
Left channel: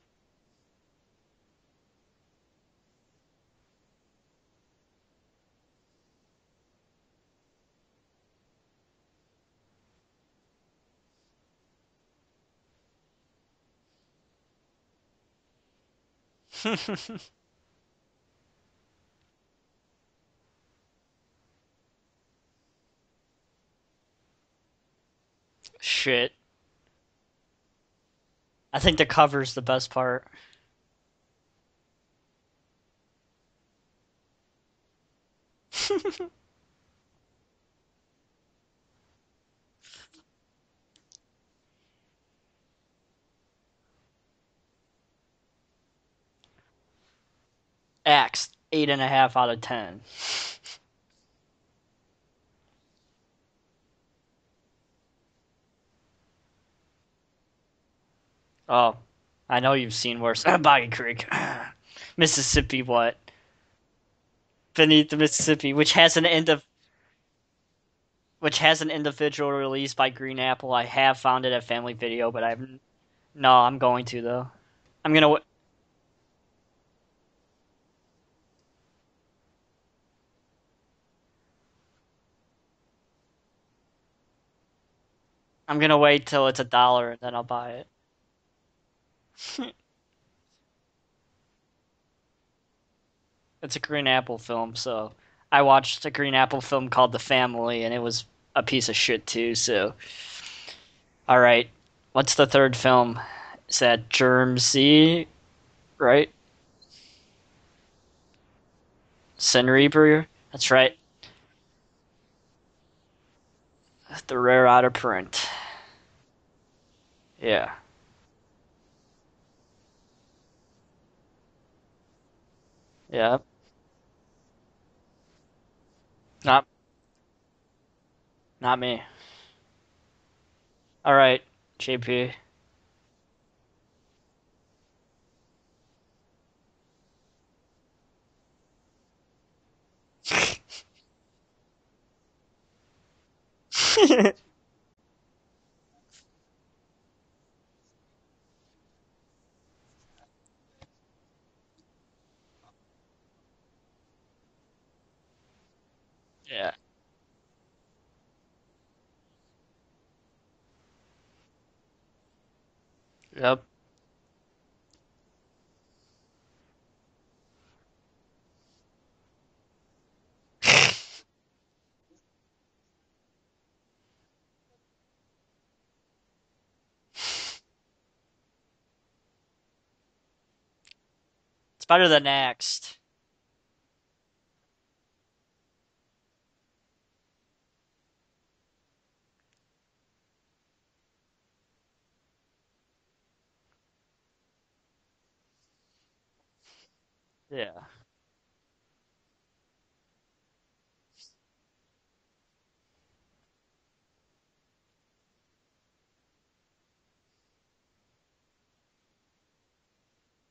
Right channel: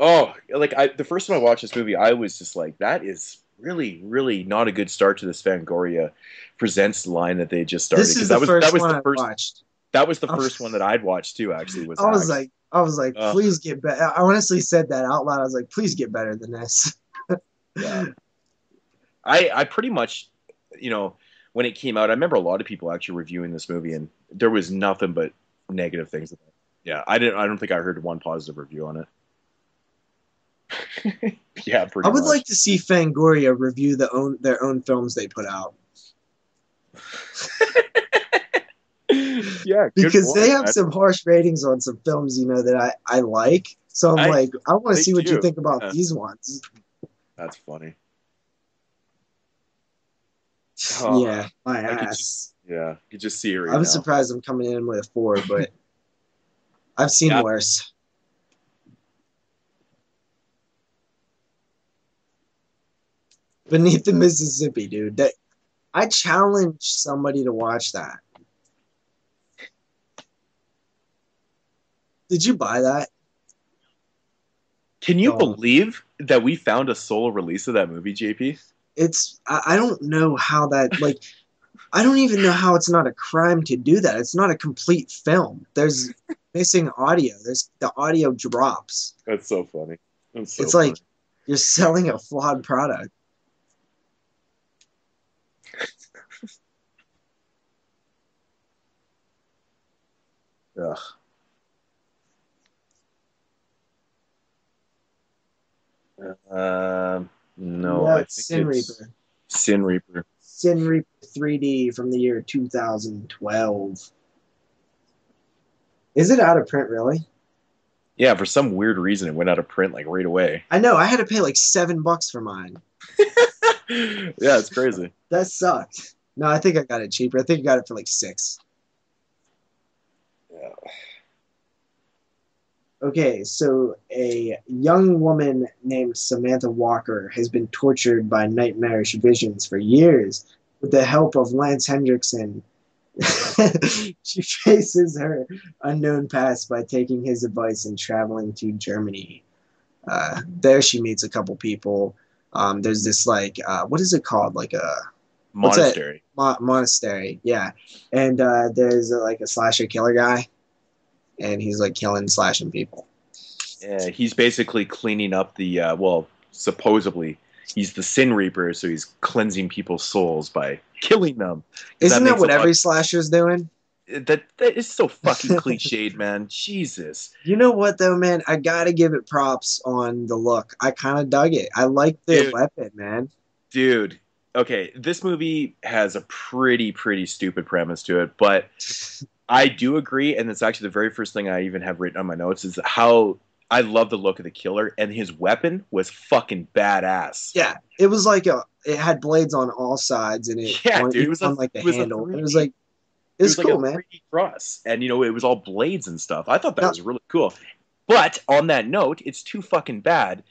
Oh, like the first time I watched this movie, I was just like, that is really, really not a good start to this Fangoria Presents line that they just started. This is the first one I watched. That was the first one that I'd watched too, actually. I was like, please get better. I honestly said that out loud. I was like, please get better than this. Yeah. I pretty much, when it came out, I remember a lot of people actually reviewing this movie, and there was nothing but negative things about it. Yeah, I don't think I heard one positive review. I think the cover's the best part. Yeah, pretty much. I would like to see Fangoria review their own films they put out. Yeah, because they have some harsh ratings on some films, that I like. So I want to see what you think about these ones. That's funny. Axed, 8.5 out of 10. Oh, yeah, my ass. You just see it right I'm now. surprised I'm coming in with a 4, but I've seen worse. Oh, I know you've seen worse. Boggy Creek. Mississippi what? Beneath the Mississippi. Mississippi, which has somebody to watch that. Which has an individual release by Green Apple. I have found it at Family Video. Did you buy that? No, I'm going to though. Can you believe that we found a solo release of that movie, JP? I don't know how that, I don't even know how it's not a crime to do that. It's not a complete film. I'm going to wait till it's $1 and then I'll buy it. The audio drops. That's so funny. It's like you're selling a flawed product. It's a Green Apple film, so I watched a Green Apple film called The Family, and it was a piece of shit too, so. Ugh. All right. What's the third film? Is that Germ C, right? No, I think Sin Reaper. Sin Reaper? That's Sin right. Reaper 3D from the year 2012. The rare out of print. Is it out of print, really? Yeah. Yeah, for some weird reason, it went out of print like right away. I know. I had to pay like $7 for mine. Yeah. Yeah, it's crazy. That sucked. No, I think I got it cheaper. I think I got it for like $6. Not me. Yeah. All right, JP. Okay, so a young woman named Samantha Walker has been tortured by nightmarish visions for years. With the help of Lance Hendrickson, she faces her unknown past by taking his advice and traveling to Germany. There she meets a couple people. There's this like, what is it called? Like a Monastery. Monastery, yeah. And there's like a slasher killer guy. And he's like killing, slashing people. Yep. Yeah, he's basically cleaning up the supposedly he's the Sin Reaper, so he's cleansing people's souls by killing them. Isn't that what every slasher's doing? That is so fucking cliched, man. Jesus. You know what though, man? I gotta give it props on the look. I kind of dug it. I like the weapon, man. Dude, okay, this movie has a pretty stupid premise to it, but I do agree, and it's actually the very first thing I even have written on my notes is how I love the look of the killer, and his weapon was fucking badass. Yeah, it was like it had blades on all sides, and it was on like the handle. It was like it was cool, man. 3D cross, and it was all blades and stuff. I thought that was really cool. But on that note, it's too fucking bad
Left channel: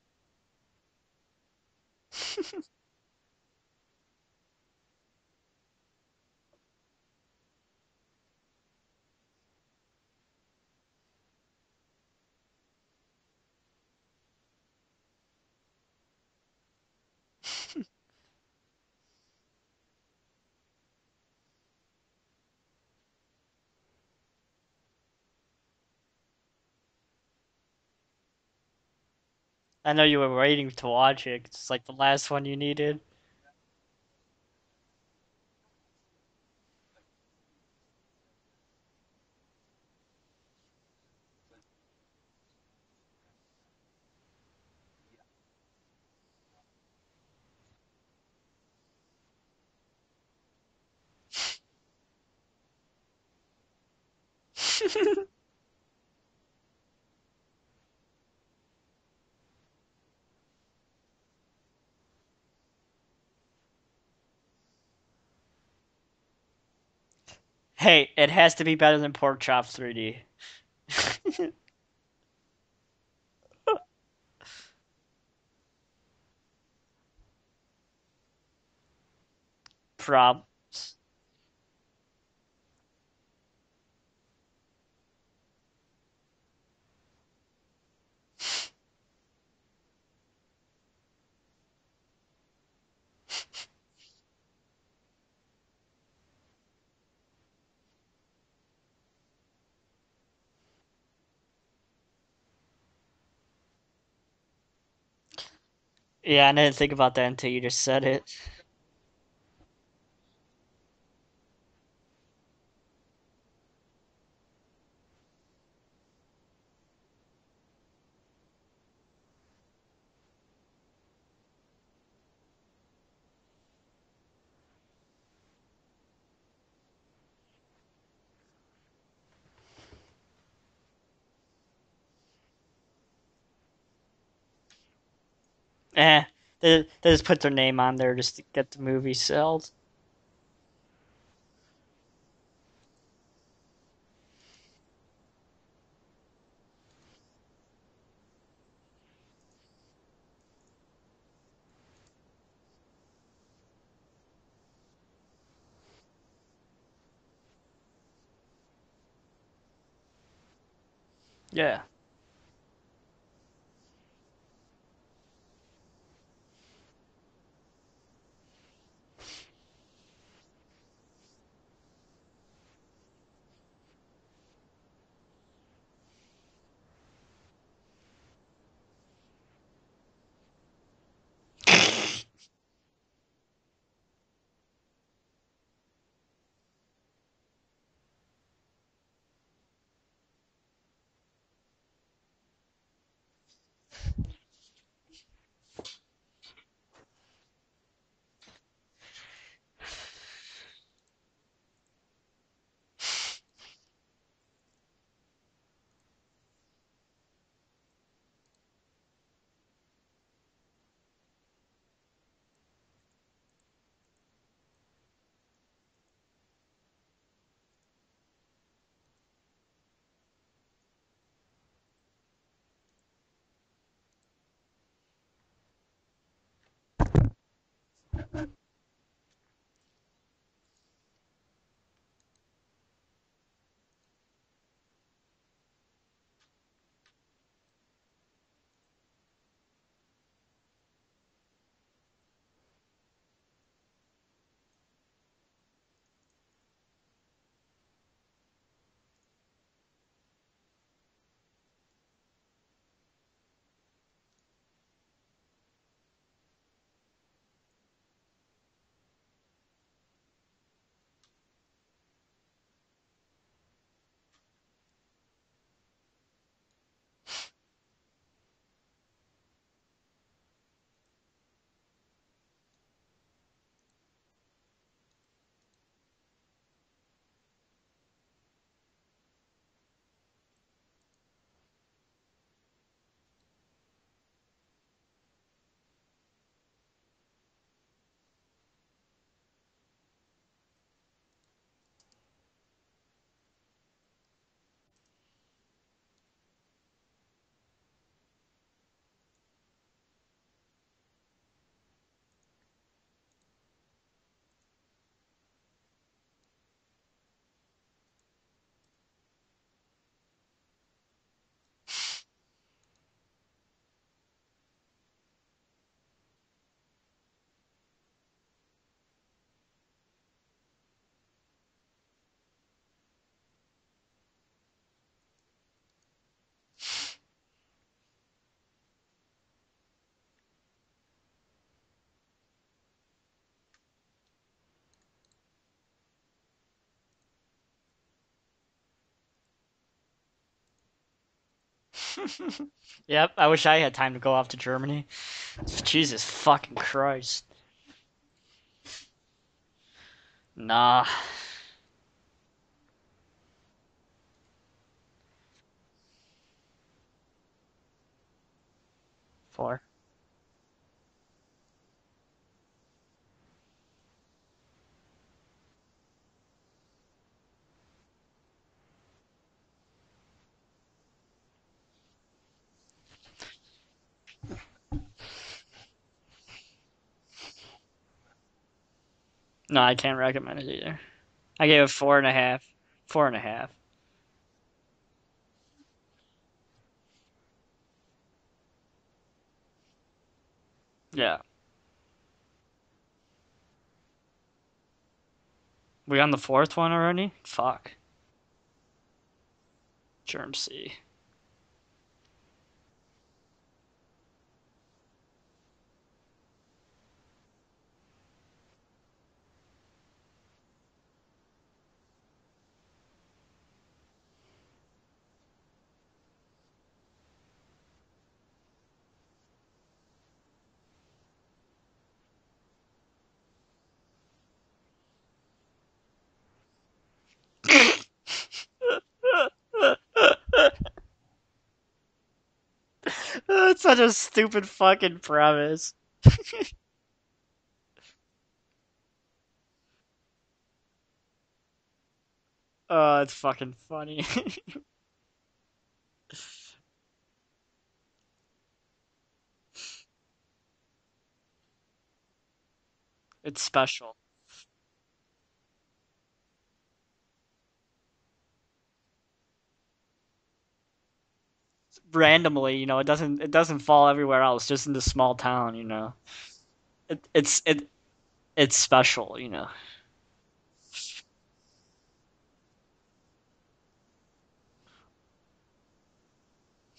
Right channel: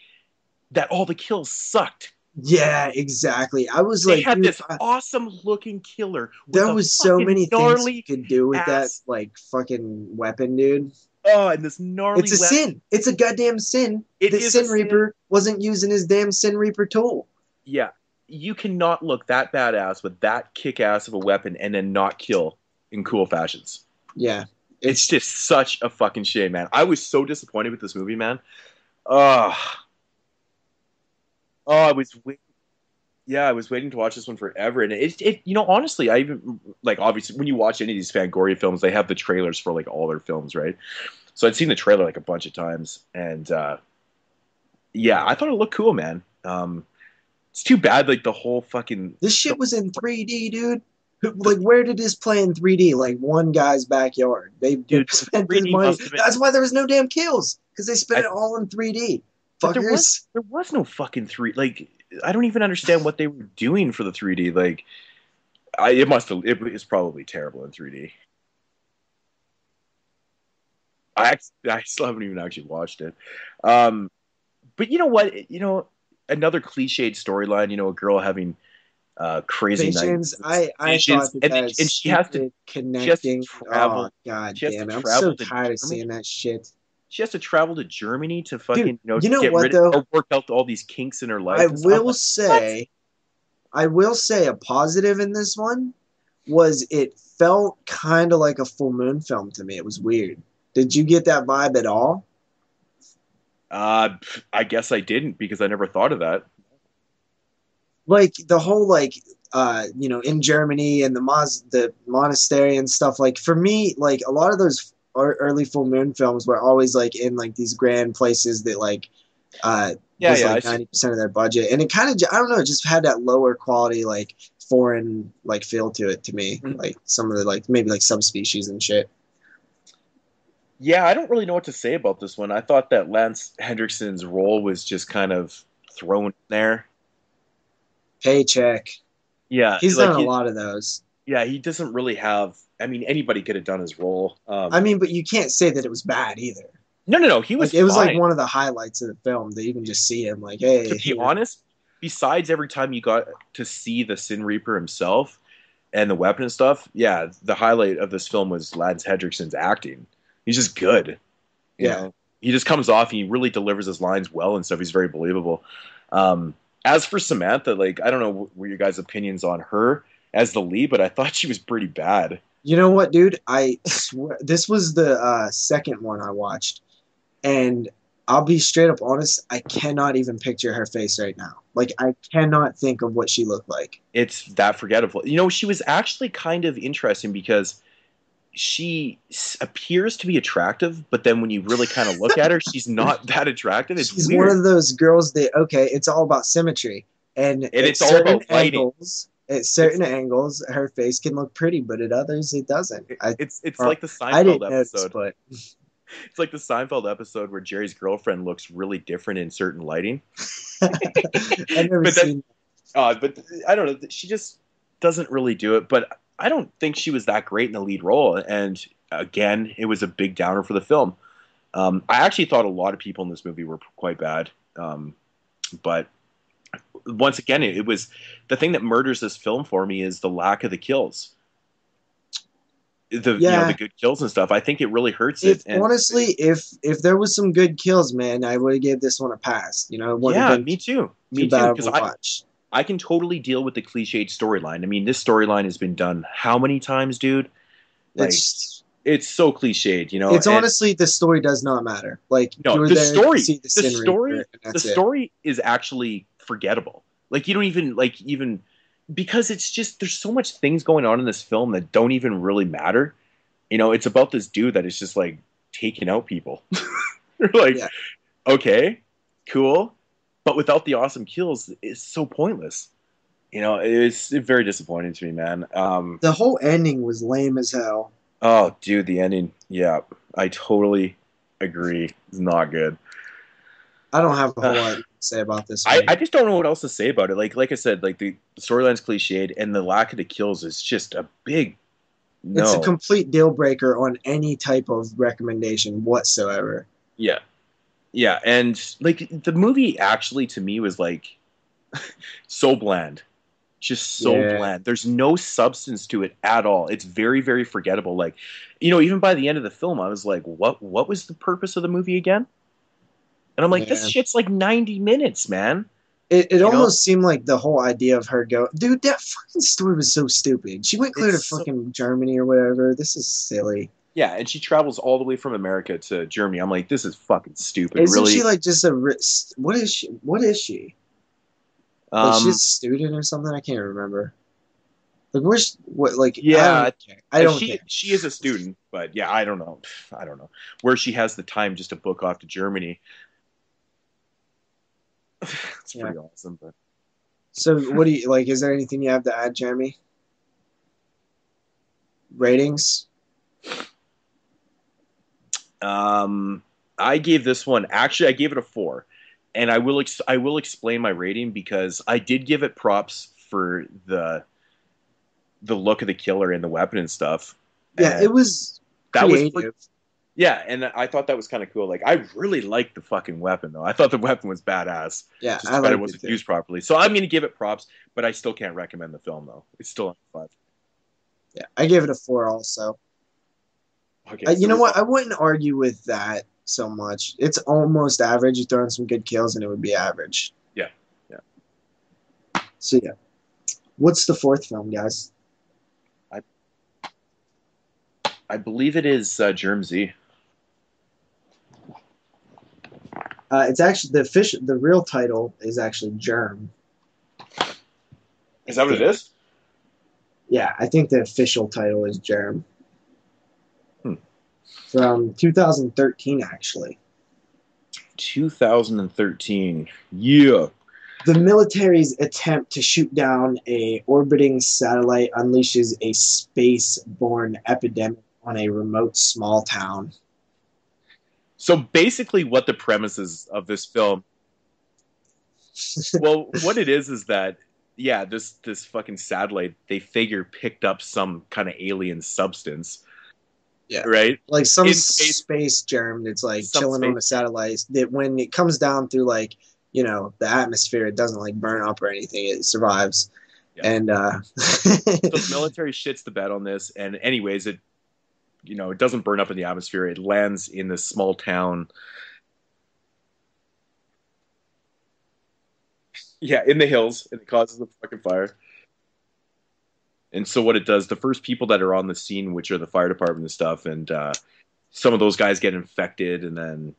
that all the kills sucked. Yeah, exactly. I was they like, had this awesome looking killer. There was so many things you could do with that like fucking weapon, dude. Oh, and this gnarly It's a sin. It's a goddamn sin. The Sin Reaper wasn't using his damn Sin Reaper tool. Yeah. You cannot look that badass with that kick-ass of a weapon and then not kill in cool fashions. Yeah. It's just such a fucking shame, man. I was so disappointed with this movie, man. I know you were waiting to watch it. It's like the last one you needed. Yeah, I was waiting to watch this one forever, and it honestly, I even like obviously when you watch any of these Fangoria films, they have the trailers for like all their films, right? So I'd seen the trailer like a bunch of times, and yeah, I thought it looked cool, man. It's too bad like the whole fucking this shit was in 3D, dude. Like, where did this play in 3D? Like one guy's backyard. They spent this money. That's why there was no damn kills, because they spent it all in 3D. Fuckers. There was no fucking 3D. Like, I don't even understand what they were doing for the 3D. Like, it was probably terrible in 3D. Hey, it has to be better than Pork Chop 3D. I still haven't even actually watched it. But you know what? Another cliched storyline. A girl having crazy nights. I thought that and she has to connecting. Travel. Oh god damn it! I'm so tired of seeing that shit. She has to travel to Germany to fucking get rid of or work out all these kinks in her life. I will say a positive in this one was it felt kind of like a full moon film to me. It was weird. Did you get that vibe at all? I guess I didn't, because I never thought of that. Yeah, I didn't think about that until you just said it. Like the whole in Germany and the monastery and stuff. Like for me, like a lot of those early full moon films were always like in like these grand places that like was like 90% of their budget, and it kind of, I don't know, it just had that lower quality like foreign like feel to it to me. Mm-hmm. Like some of the like maybe like subspecies and shit. Yeah, I don't really know what to say about this one. I thought that Lance Hendrickson's role was just kind of thrown there. They just put their name on there just Paycheck. to the movie sell. Yeah, he's done a lot of those. Yeah, he doesn't really have. I mean, anybody could have done his role. But you can't say that it was bad either. No, he was. It was like one of the highlights of the film. That you can just see him like, hey. To be honest, besides every time you got to see the Sin Reaper himself and the weapon and stuff, yeah, the highlight of this film was Lance Hendrickson's acting. He's just good. Yeah. Yeah. He just comes off and he really delivers his lines well and stuff. He's very believable. As for Samantha, like, I don't know what your guys' opinions on her as the lead, but I thought she was pretty bad. You know what, dude? I swear, this was the second one I watched. And I'll be straight up honest, I cannot even picture her face right now. Like, I cannot think of what she looked like. It's that forgettable. She was actually kind of interesting because she appears to be attractive, but then when you really kind of look at her, she's not that attractive. She's weird. One of those girls that, okay, it's all about symmetry. And And at it's all certain about lighting. angles, at certain angles, her face can look pretty, but at others it doesn't. It's Or like the I didn't Seinfeld notice, episode. but It's like the Seinfeld episode where Jerry's girlfriend looks really different in certain lighting. I've never But seen. but I don't know. She just doesn't really do it. But I don't think she was that great in the lead role. And again, it was a big downer for the film. I actually thought a lot of people in this movie were quite bad. But once again, it was the thing that murders this film for me is the lack of the kills. The good kills and stuff. I think it really hurts it. And Honestly, if there was some good kills, man, I would have gave this one a pass. You know, it wouldn't have been me too. too bad of a watch. I can totally deal with the cliched storyline. I mean, this storyline has been done how many times, dude? Like, it's so cliched, you know. It's honestly, the story does not matter. Like, no, the story is actually forgettable. Like, you don't even because it's just there's so much things going on in this film that don't even really matter. You know, it's about this dude that is just like taking out people. You're like, okay, cool, but without the awesome kills, it's so pointless. You know, it's very disappointing to me, man. The whole ending was lame as hell. Oh, dude, the ending. Yeah, I totally agree. It's not good. I don't have a whole lot to say about this. I just don't know what else to say about it. Like I said, like the storyline's cliched, and the lack of the kills is just a big no. It's a complete deal breaker on any type of recommendation whatsoever. Yeah, yeah, and like the movie actually to me was like so bland, just so bland. There's no substance to it at all. It's very, very forgettable. Like, you know, even by the end of the film, I was like, what was the purpose of the movie again? And I'm like, this shit's like 90 minutes, man. It almost seemed like the whole idea of her dude, that fucking story was so stupid. She went clear to fucking Germany or whatever. This is silly. Yeah, and she travels all the way from America to Germany. I'm like, this is fucking stupid. Isn't she like just what is she? What is she? Like she's a student or something? I can't remember. Like I don't care. She is a student, but yeah, I don't know where she has the time just to book off to Germany. Yep, I wish I had time to go off to Germany. Jesus fucking Christ. So what do you like? Is there anything you have to add, Jeremy? Nah. Ratings. I gave this one. Actually, I gave it a 4, and I will explain my rating because I did give it props for the look of the killer and the weapon and stuff. Yeah, and it was creative. Yeah, and I thought that was kind of cool. Like, I really liked the fucking weapon, though. I thought the weapon was badass. Yeah, just that it wasn't used properly. So I'm going to give it props, but I still can't recommend the film, though. No, I can't recommend it either. I gave it 4.5. Also. 4.5. Okay, you know what? I wouldn't argue with that so much. It's almost average. You throw in some good kills, and it would be average. Yeah. Yeah. So, yeah. What's the fourth film, guys? We on the fourth one already? Fuck. I believe it is Germ Z. Germ Z. It's actually the real title is actually Germ. Is that what it is? Yeah, I think the official title is Germ. From 2013, actually. 2013. Yeah. The military's attempt to shoot down a orbiting satellite unleashes a space-borne epidemic on a remote small town. So basically what the premise is of this film... That's such a stupid fucking premise. Well, what it is that, yeah, this fucking satellite, they figure picked up some kind of alien substance. Oh, it's fucking... Yeah. Right? Like some space germ that's like chilling on the satellite that when it comes down through like, you know, the atmosphere, it doesn't like burn up or anything. It survives. It's special. So And the military shits the bed on this, and anyways, it doesn't burn up in the atmosphere. It lands in this small town randomly. You know, it doesn't fall everywhere else. Just in this small town. You know. Yeah, in the hills. It causes the fucking fire. It's special, you know. And so what it does, the first people that are on the scene, which are the fire department and stuff, and some of those guys get infected, and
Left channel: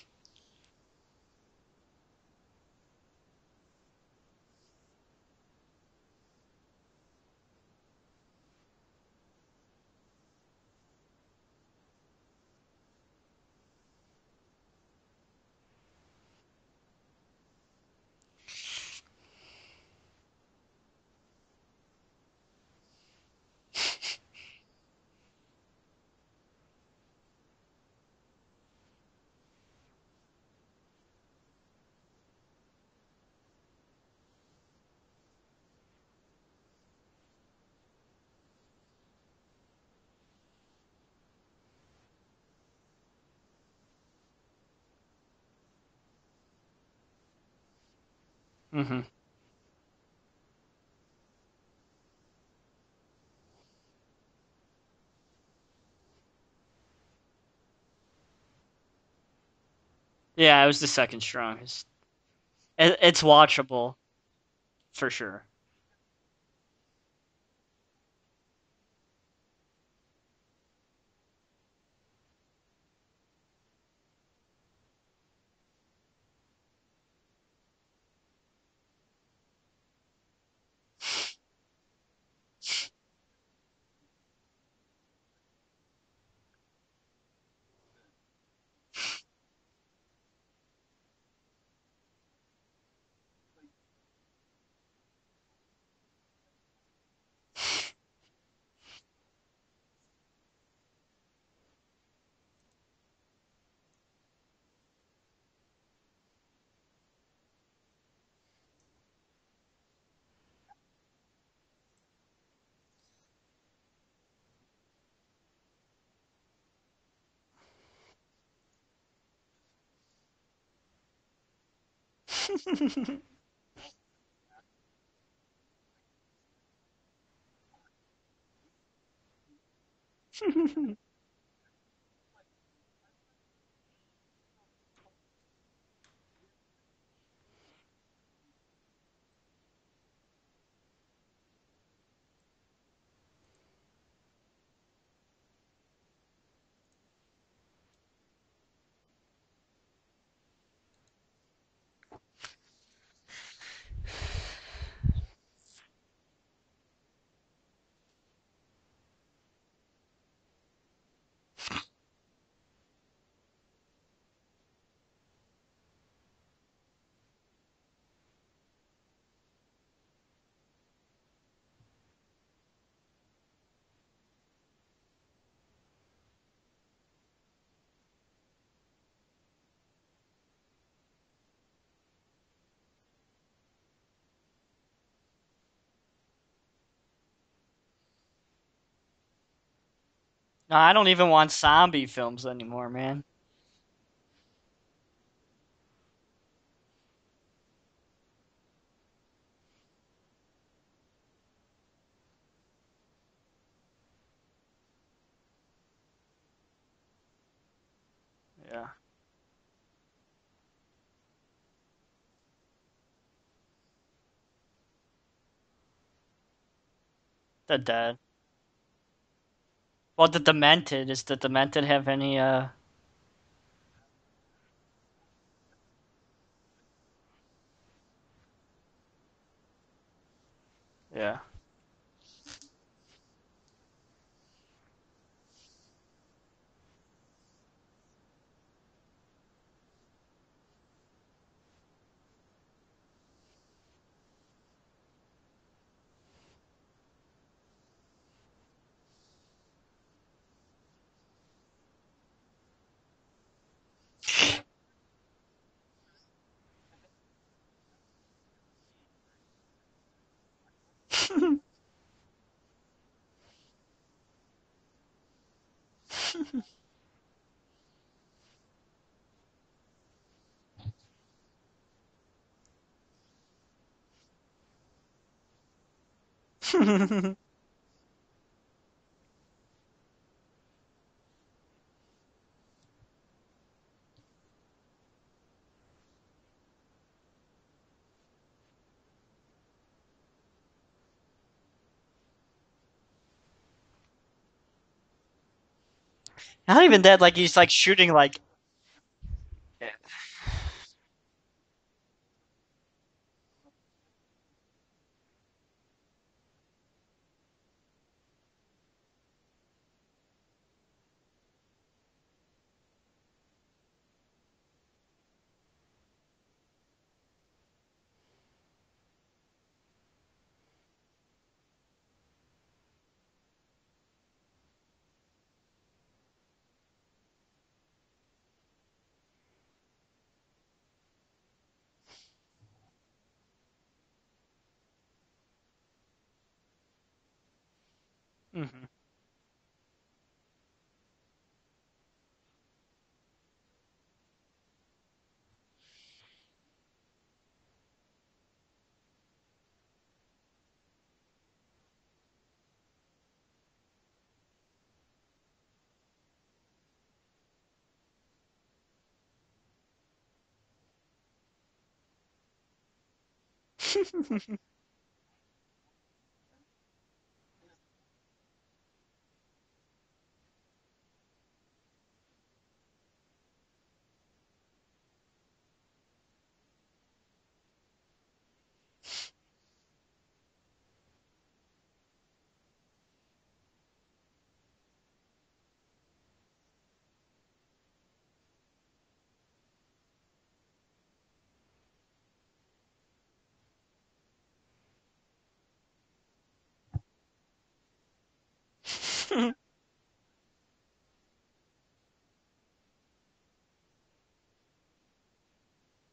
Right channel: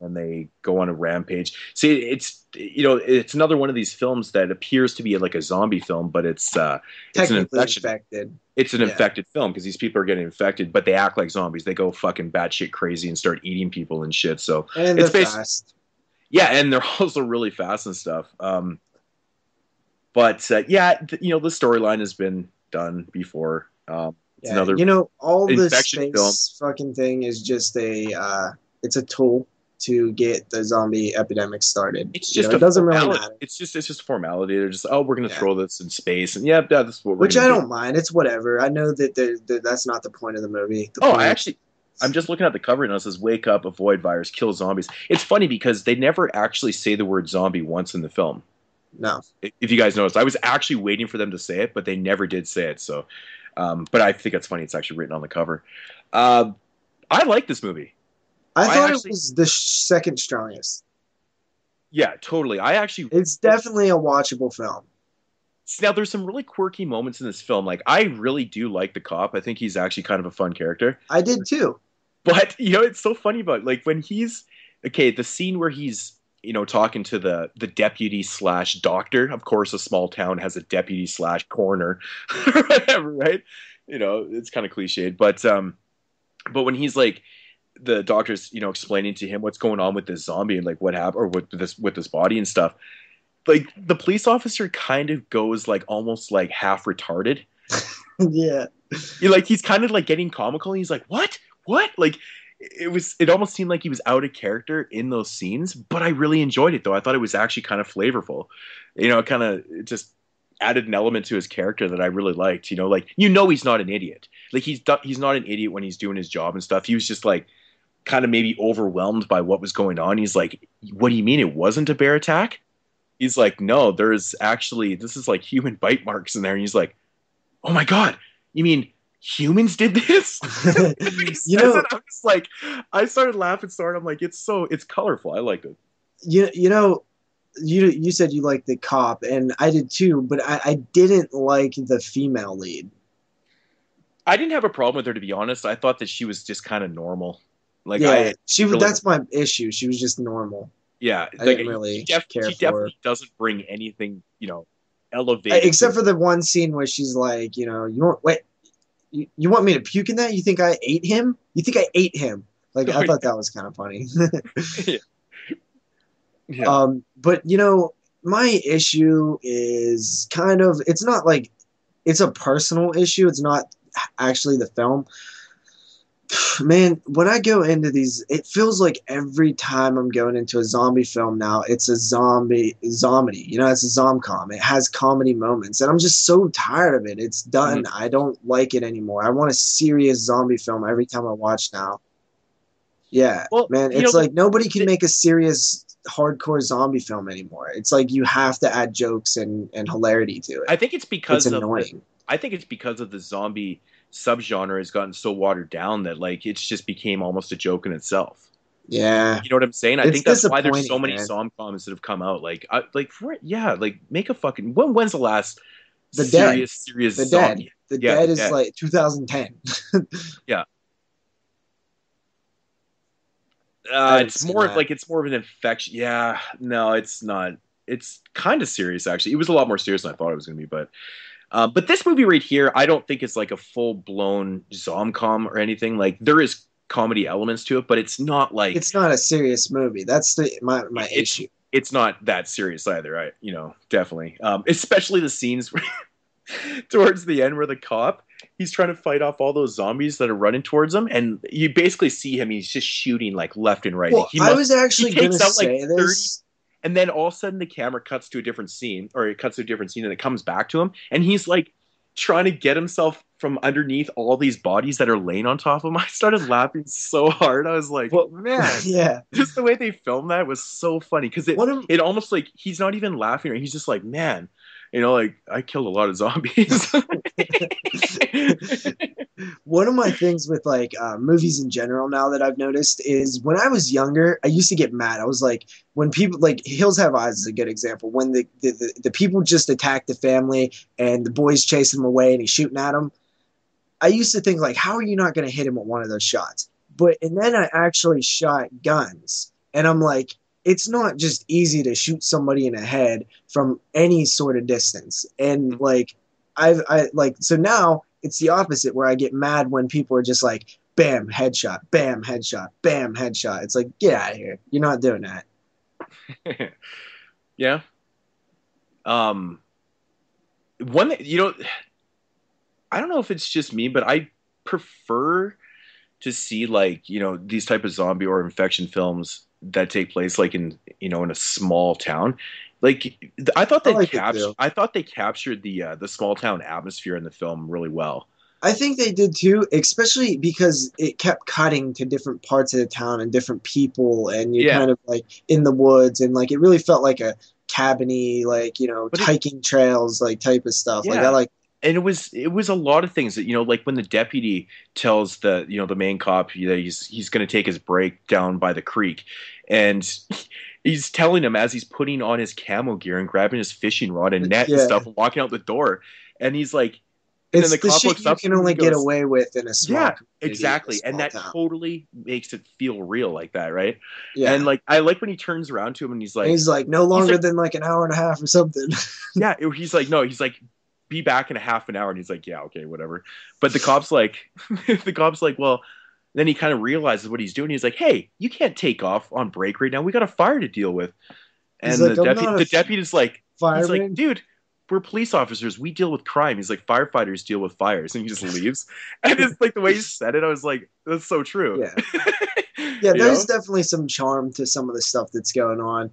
they go on a rampage. See, it's another one of these films that appears to be like a zombie film, but it's an infected. It's an infected film because these people are getting infected, but they act like zombies. They go fucking batshit crazy and start eating people and shit. So and it's fast. Yeah, and they're also really fast and stuff. But yeah, the storyline has been done before. It's Yeah, another all this infection film. space fucking thing is just it's a tool to get the zombie epidemic started. It's just it doesn't really formality. matter. It's just formality. They're just, we're gonna Yeah. throw this in space, and yeah, that's what we're Which gonna I do. don't mind. It's whatever. I know that that's not the point of the movie. I'm just looking at the cover and it says "Wake up, avoid virus, kill zombies." It's funny because they never actually say the word zombie once in the film. Mm-hmm. No. If you guys noticed, I was actually waiting for them to say it, but they never did say it. So, but I think it's funny. It's actually written on the cover. I like this movie. I thought it was the second strongest. Yeah, it was the second strongest. Yeah, totally. It's definitely a watchable film. For sure. Now, there's some really quirky moments in this film. Like, I really do like the cop. I think he's actually kind of a fun character. I did too. But, it's so funny about, like, when he's... Okay, the scene where he's, talking to the deputy / doctor. Of course, a small town has a deputy / coroner. Or whatever, right? It's kind of cliched. But when he's, like... The doctor's, explaining to him what's going on with this zombie and, like, what happened... Or with this body and stuff. Like, the police officer kind of goes, like, almost, like, half retarded. Yeah. He's kind of, like, getting comical, and he's like, what? Like, it almost seemed like he was out of character in those scenes, but I really enjoyed it, though. I thought it was actually kind of flavorful. It just added an element to his character that I really liked. He's not an idiot. Like, he's not an idiot when he's doing his job and stuff. He was just, like, kind of maybe overwhelmed by what was going on. He's like, what do you mean it wasn't a bear attack? He's like, no, this is like human bite marks in there. And he's like, oh my God, you mean humans did this? I was like, I started laughing, I'm like, it's colorful. I liked it. You said you liked the cop, and I did too, but I didn't like the female lead. I didn't have a problem with her, to be honest. I thought that she was just kind of normal. Like, yeah, that's my issue. She was just normal. Yeah, I didn't really care for her. She definitely doesn't bring anything, elevated. Except for the one scene where she's like, you want me to puke in that? You think I ate him? You think I ate him? Like, I thought that was kind of funny. Yeah. But my issue is it's not like it's a personal issue. It's not actually the film. Man, when I go into these, it feels like every time I'm going into a zombie film now, it's a zomedy. It's a zom-com. It has comedy moments, and I'm just so tired of it. It's done. I don't like it anymore. I want a serious zombie film. I don't even want zombie films anymore, man. Yeah, man. It's like nobody can make a serious hardcore zombie film anymore. It's like you have to add jokes and hilarity to it. I think it's because it's annoying. I think it's because of the zombie subgenre has gotten so watered down that, like, it's just became almost a joke in itself. Yeah. You know what I'm saying? I think that's why there's so many man. zom-coms that have come out. Like, make a fucking... When's the last serious The zombie? Dead. The Dead is like 2010. Well, the Demented. Does the Demented have any... It's more of an infection. Yeah. No, it's not. It's kind of serious, actually. It was a lot more serious than I thought it was going to be, but yeah. But this movie right here, I don't think it's like a full-blown zom-com or anything. Like, there is comedy elements to it, but it's not like... It's not a serious movie. That's my issue. It's not that serious either, definitely. Especially the scenes towards the end where the cop, he's trying to fight off all those zombies that are running towards him, and you basically see him, he's just shooting, like, left and right. Well, I was actually going to say this... And then all of a sudden the camera cuts to a different scene, and it comes back to him, and he's like trying to get himself from underneath all these bodies that are laying on top of him. I started laughing so hard. I was like, man, yeah. Just the way they filmed that was so funny, because it almost like he's not even laughing, or he's just like, man, like, I killed a lot of zombies. One of my things with like movies in general now that I've noticed is when I was younger, I used to get mad. I was like, when people like Hills Have Eyes is a good example. When the people just attack the family and the boys chasing them away and he's shooting at them. I used to think like, how are you not going to hit him with one of those shots? Not even that, like he's like shooting like shot guns. And I'm like, it's not just easy to shoot somebody in the head from any sort of distance. And like, so now it's the opposite, where I get mad when people are just like, bam, headshot, bam, headshot, bam, headshot. It's like, get out of here. You're not doing that. Yeah. one that, I don't know if it's just me, but I prefer to see like, these type of zombie or infection films that take place like in a small town. Like I like it too. I thought they captured the small town atmosphere in the film really well. I think they did too, especially because it kept cutting to different parts of the town and different people, and you're Yeah. kind of like in the woods, and like it really felt like a cabiny, like But hiking trails, like type of stuff. Like I yeah. like, And it was a lot of things that, like when the deputy tells the main cop that he's going to take his break down by the creek, and he's telling him as he's putting on his camo gear and grabbing his fishing rod and net and yeah, stuff and walking out the door, and he's like, and then it's the the cop shit looks you up can and only he get goes, away with in a small yeah, community, exactly, in a and that small town. totally makes it feel real like that, right? Yeah, And like I like when he turns around to him and and he's like no he's longer like, than like an hour and a half or something. yeah, he's like, no, he's like, be back in a half an hour, and he's like, yeah, okay, whatever. But the cop's like, well, then he kind of realizes what he's doing. He's like, hey, you can't take off on break right now. We got a fire to deal with. He's And like, I'm not the a deputy's like, he's like, fireman. dude, we're police officers. We deal with crime. He's like, firefighters deal with fires, and he just leaves. And it's like the way he said it, I was like, that's so true. Yeah. Yeah, You there's know? definitely some charm to some of the stuff that's going on.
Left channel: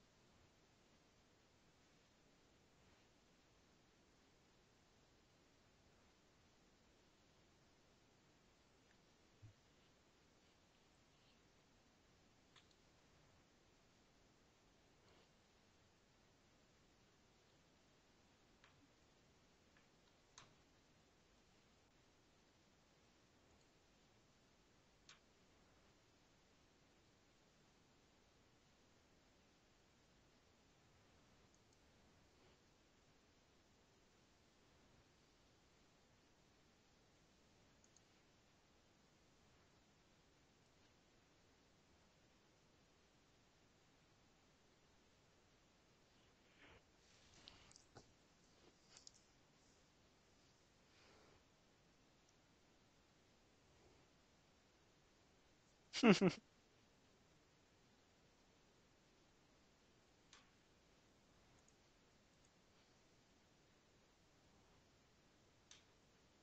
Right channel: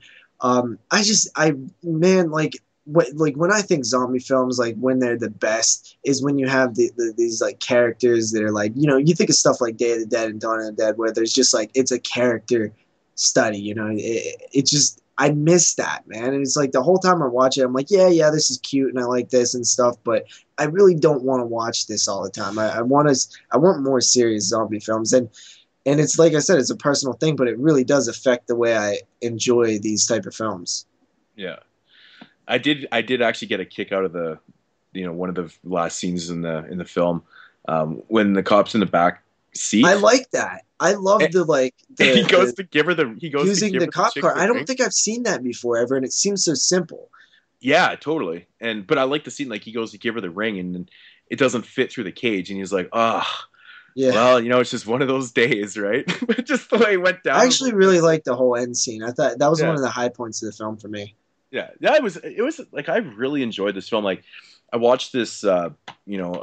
Man, like when I think zombie films, like when they're the best is when you have these like characters that are like, you think of stuff like Day of the Dead and Dawn of the Dead, where there's just like it's a character study. It just I miss that, man. And it's like the whole time I watch it, I'm like, yeah, this is cute and I like this and stuff, but I really don't want to watch this all the time. I want more serious zombie films, and it's like I said, it's a personal thing, but it really does affect the way I enjoy these type of films. Yeah. I did actually get a kick out of the, one of the last scenes in the film, when the cop's in the back seat. I like that. I love And- the like and he goes the to give her the he goes to using give the her cop chick car. the I don't ring. think I've seen that before ever, and it seems so simple. Yeah, totally. But I like the scene, like he goes to give her the ring and then it doesn't fit through the cage, and he's like, Yeah. well, it's just one of those days, right? But just the way it went down. I actually really liked the whole end scene. I thought that was Yeah. one of the high points of the film for me. Yeah, it was like I really enjoyed this film. Like I watched this, a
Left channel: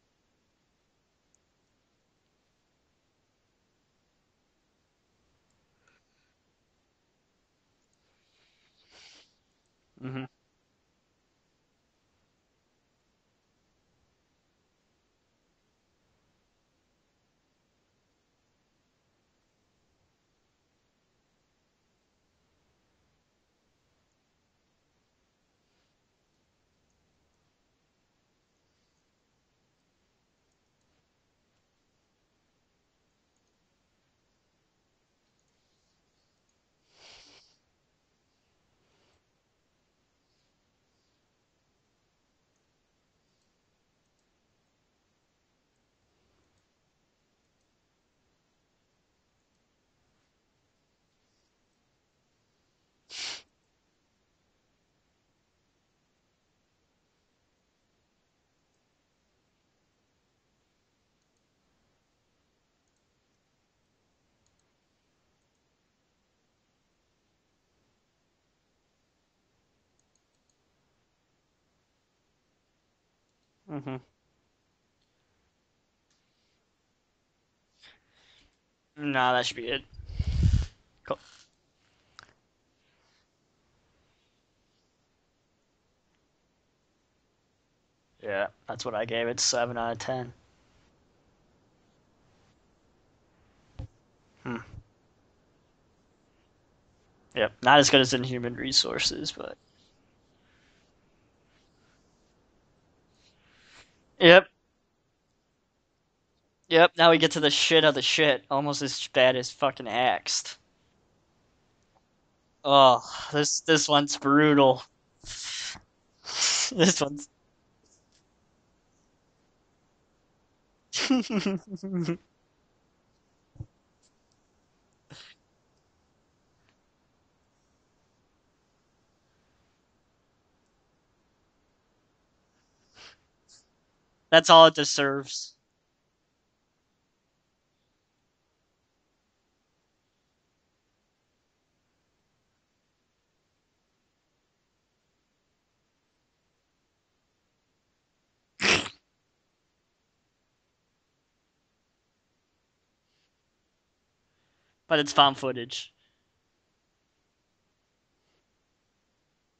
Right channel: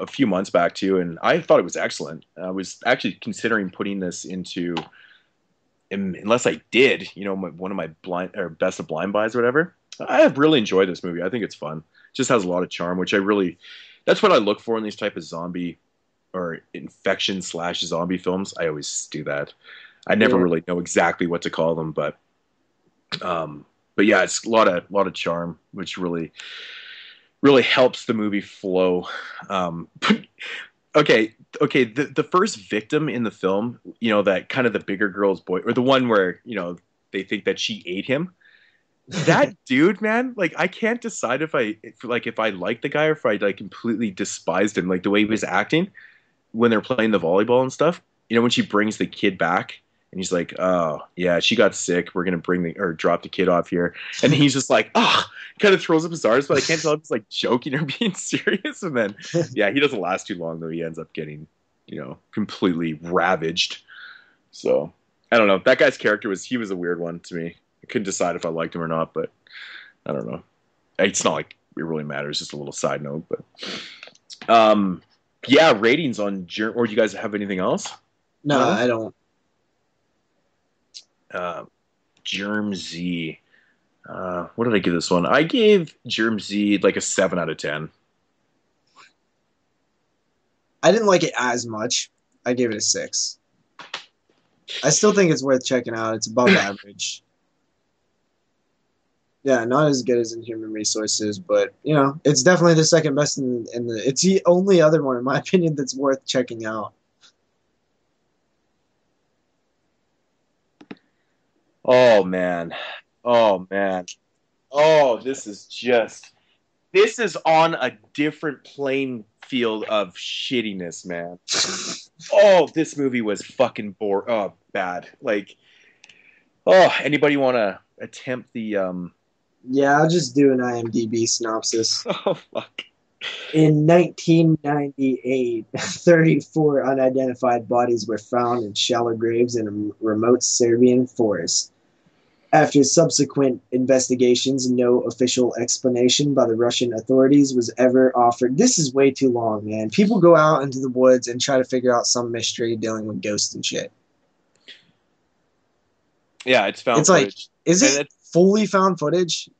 few months back too, and I thought it was excellent. I was actually considering putting this into, unless I did, one of my blind or best of blind buys or whatever. I have really enjoyed this movie. I think it's fun. It just has a lot of charm, which that's what I look for in these type of zombie or infection / zombie films. I always do that. I never Yeah. really know exactly what to call them, but yeah, it's a lot of charm, which really helps the movie flow. Okay, the first victim in the film, that kind of the bigger girl's boy, or the one where they think that she ate him. That dude, man, like I can't decide if I like the guy or if I like completely despised him, like the way he was acting when they're playing the volleyball and stuff. When she brings the kid back and he's like, oh yeah, she got sick, we're gonna drop the kid off here, and he's just like, kind of throws up his arms, but I can't tell if he's like joking or being serious. And then yeah, he doesn't last too long though. He ends up getting completely ravaged. So I don't know, that guy's character was a weird one to me. I couldn't decide if I liked him or not, but I don't know. It's not like it really matters. Just a little side note, but yeah, ratings on Germ. Or do you guys have anything else? No, I don't. No, that should be it. Cool. Germ Z. What did I give this one? I gave Germ Z like a 7 out of 10. Yeah, that's what I gave it. 7 out of 10. I didn't like it as much. I gave it a 6. I still think it's worth checking out. It's above average. Yep, not as good as Inhuman Resources, but Yeah, not as good as Inhuman Resources, but it's definitely the second best in the. It's Yep. the only other one, in my opinion, that's worth checking out. Yep. Now we get to the shit of the shit, almost as bad as fucking Axed. Oh man. This man. one's brutal. Oh, this is just. This is on a different playing field of shittiness, man. Oh, this movie was fucking bad. Like, anybody want to attempt the Yeah, I'll just do an IMDb synopsis. Oh fuck. In That's all it deserves. 1998, 34 unidentified bodies were found in shallow graves in a remote Serbian forest. After subsequent investigations, no official explanation by the Russian authorities was ever offered. This is way too long, man. People go out into the woods and try to figure out some mystery dealing with ghosts and shit. But it's found footage. Yeah, it's found It's like, footage. is And it fully found footage?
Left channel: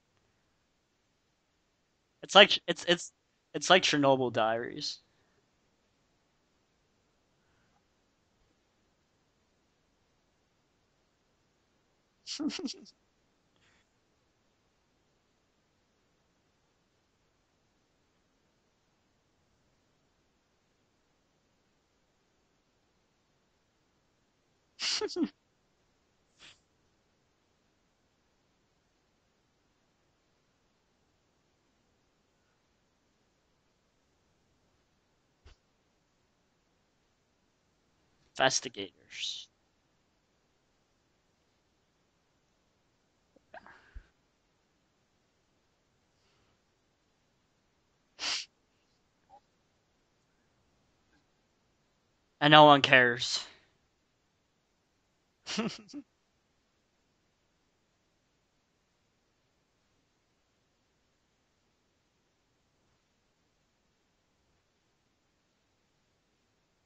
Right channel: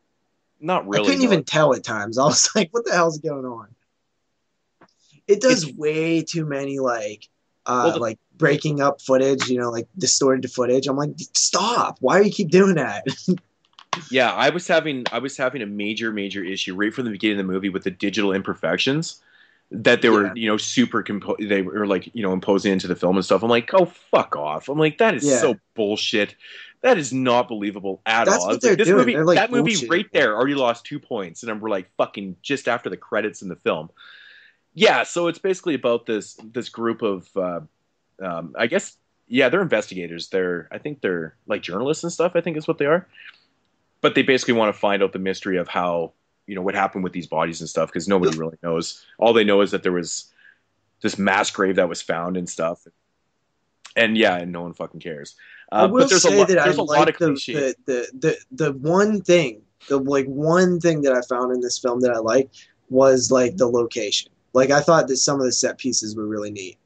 Not really. I couldn't even tell at times. I was It's like, what the hell's going on? It's like Chernobyl Diaries. It does way too many like breaking up footage, like distorted footage. I'm like, stop! Why do you keep doing that? Yeah, I was having a major issue right from the beginning of the movie with the digital imperfections that they were they were like imposing into the film and stuff. I'm like, oh, fuck off! I'm like, that is so bullshit. That is not believable at That's all. what they're this doing. movie, they're like that movie bullshit. right there already lost 2 points, and we're like fucking just after the credits in the film. Yeah, so it's basically about this group of I guess they're investigators. I think they're like journalists and stuff. I think is what they are. But they basically want to find out the mystery of how what happened with these bodies and stuff because nobody really knows. All they know is that there was this mass grave that was found and no one cares. And no one fucking cares. I will but there's say that there's I a lot of like cliches. the one thing, one thing that I found in this film that I liked was like the location. Like I thought that some of the set pieces were really neat.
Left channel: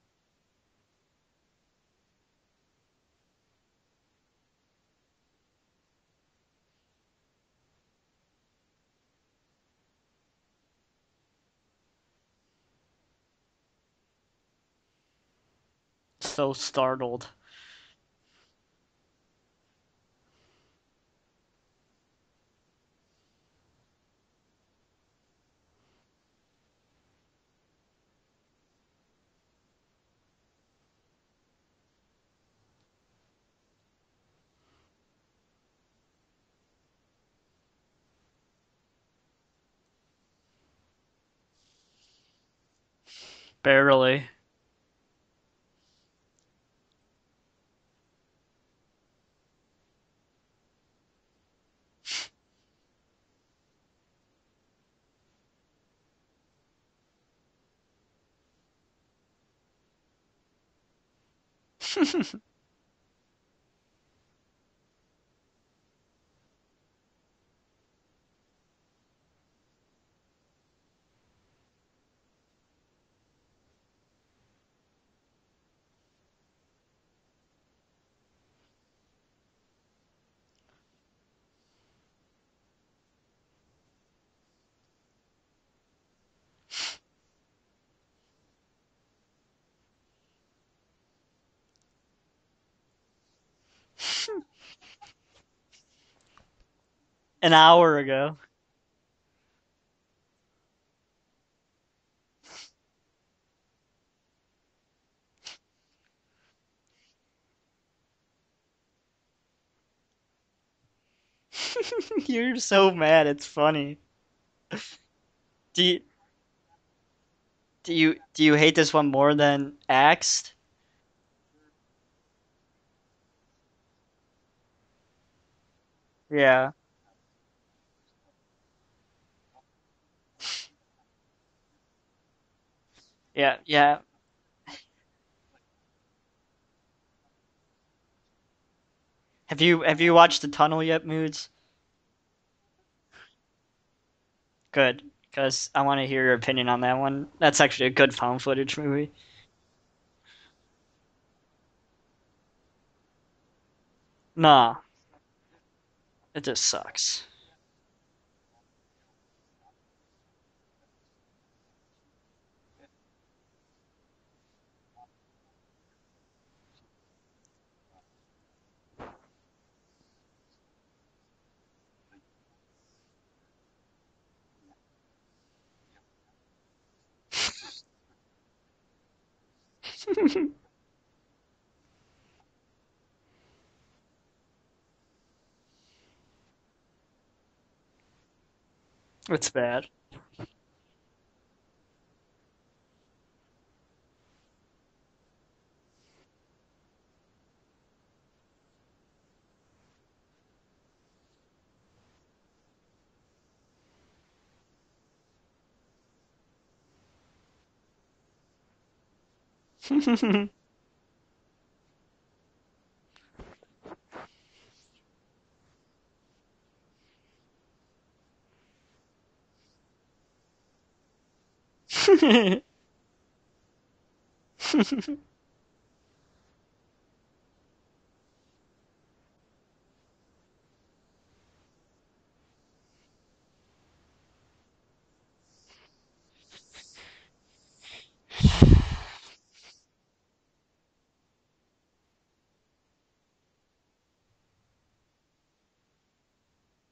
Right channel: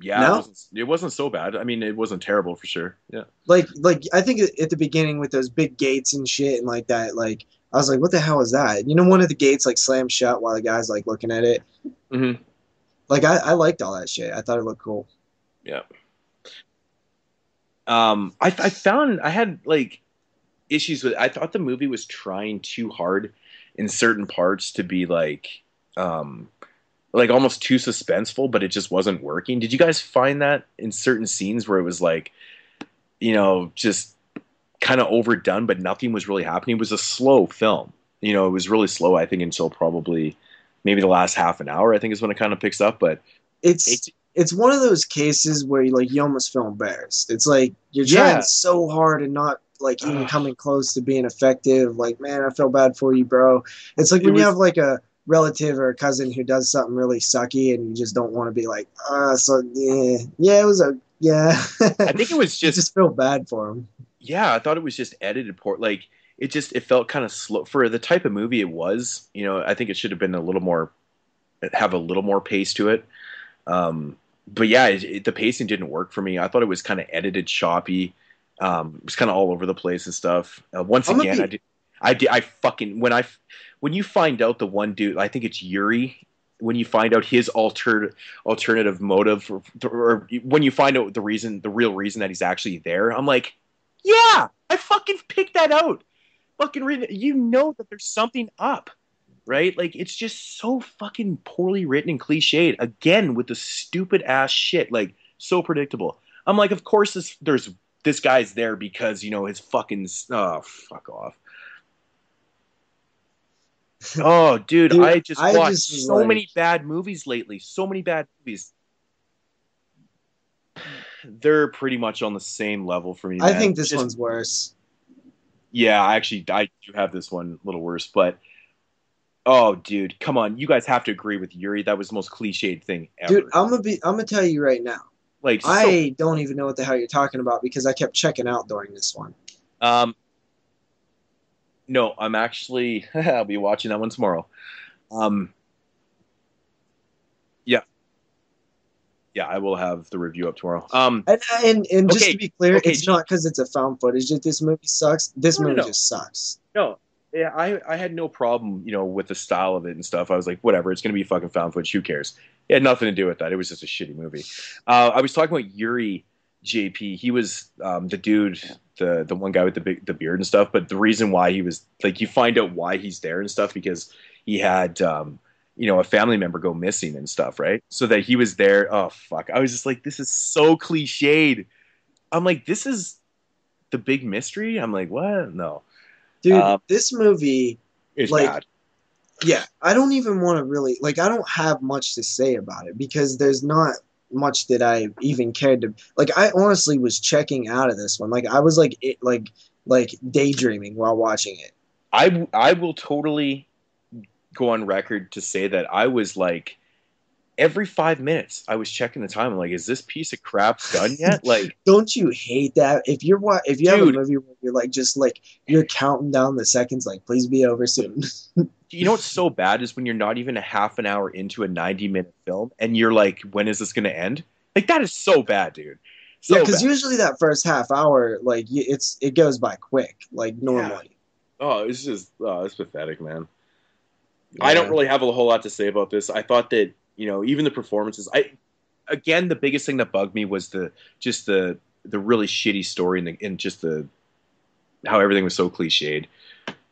Yeah, no? It wasn't so bad. I mean, it wasn't terrible for sure. Yeah. Like I think at the beginning with those big gates and shit and like that, like I was like, what the hell is that? One of the gates like slammed shut while the guy's like looking at it. Mm-hmm. Like I liked all that shit. I thought it looked cool. Yeah. So startled. I found I had like issues with. I thought the movie was trying too hard in certain parts to be like almost too suspenseful, but it just wasn't working. Did you guys find that in certain scenes where it was like, just kind of overdone, but nothing was really happening? It was a slow film. It was really slow, I think, until probably maybe the last half an hour, I think is when it kind of picks up. But it's one of those cases where you almost feel embarrassed. It's like you're trying so hard and not like even coming close to being effective. Like, man, I feel bad for you, bro. It's like when you have like a relative or a cousin who does something really sucky and you just don't want to be like, it was I think it was you just feel bad for him. Yeah, I thought it was just edited poor. Like it felt kind of slow for the type of movie it was. I think it should have been have a little more pace to it. But yeah, the pacing didn't work for me. I thought it was kind of edited choppy. It was kind of all over the place and stuff. Once again, when you find out the one dude, I think it's Yuri, when you find out his alternative motive, or when you find out the real reason that he's actually there, I'm like, yeah, I fucking picked that out. Fucking read it. An hour ago. Something up, right? Like it's just so fucking poorly written and cliched. Again with the stupid ass shit, like so predictable. I'm like, of course this guy's there because his fucking fuck off. You're so mad. It's funny. Oh, dude, I just watched so many bad movies lately. Do you hate this one more than Axed? They're pretty much on the same level for me. I think this one's worse. Yeah, I do have this one a little worse, but oh, dude, come on, you guys have to agree with Yuri. That was the most cliched thing ever. Dude, I'm gonna tell you right now. I don't even know what the hell you're talking about because I kept checking out during this one. Have you watched The Tunnel yet, Moodz? No, I'm actually I'll be watching that one tomorrow. Good, because I want to hear your opinion on that one. That's actually a good found footage movie. Yeah, I will have the review up tomorrow. And just to be clear, it's not because it's a found footage. This movie sucks. This movie just sucks. It just sucks. No. Yeah, I had no problem, with the style of it and stuff. I was like, whatever, it's gonna be fucking found footage. Who cares? It had nothing to do with that. It was just a shitty movie. I was talking about Yuri JP. He was the dude, the one guy with the beard and stuff. But the reason why he was like, you find out why he's there and stuff because he had a family member go missing and stuff, right? So that he was there. Oh fuck! I was just like, this is so cliched. I'm like, this is the big mystery. I'm like, what? No, dude, this movie is bad. It's bad. I don't even want to really I don't have much to say about it because there's not much that I even cared to. I honestly was checking out of this one. I was daydreaming while watching it. I will totally go on record to say that I was every 5 minutes I was checking the time. I'm like, is this piece of crap done yet? Like, Don't you hate that? If you have a dude, movie where you're like just like you're counting down the seconds, like please be over soon. you know what's so bad is when you're not even a half an hour into a 90-minute film and you're like, when is this going to end? Like, that is so bad, dude. Yeah, So because bad. usually that first half hour, like it goes by quick, like Yeah. normally. Oh, it's just, oh, it's pathetic, man. I don't Yeah. really have a whole lot to say about this. I thought that, even the performances, again, the biggest thing that bugged me was the really shitty story and just how everything was so cliched.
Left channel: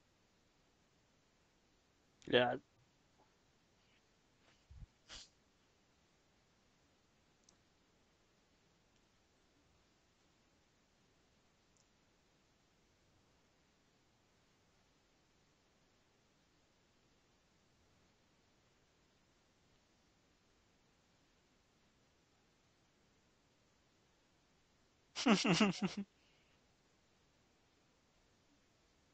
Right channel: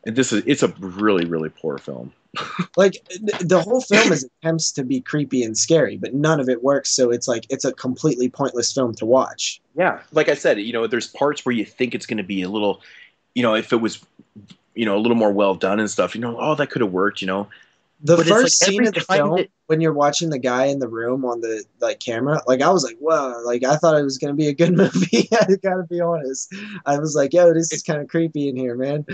And it's a really, really poor film. Yeah. Like the whole film is attempts to be creepy and scary, but none of it works. So it's like it's a completely pointless film to watch. Yeah. Like I said, there's parts where you think it's going to be a little, if it was, a little more well done and stuff, oh, that could have worked, The But it's first like scene every of the time film, that- when you're watching the guy in the room on the like camera, like I was like, whoa, like I thought it was gonna be a good movie. I gotta be honest. I was like, yo, this is kind of creepy in here, man.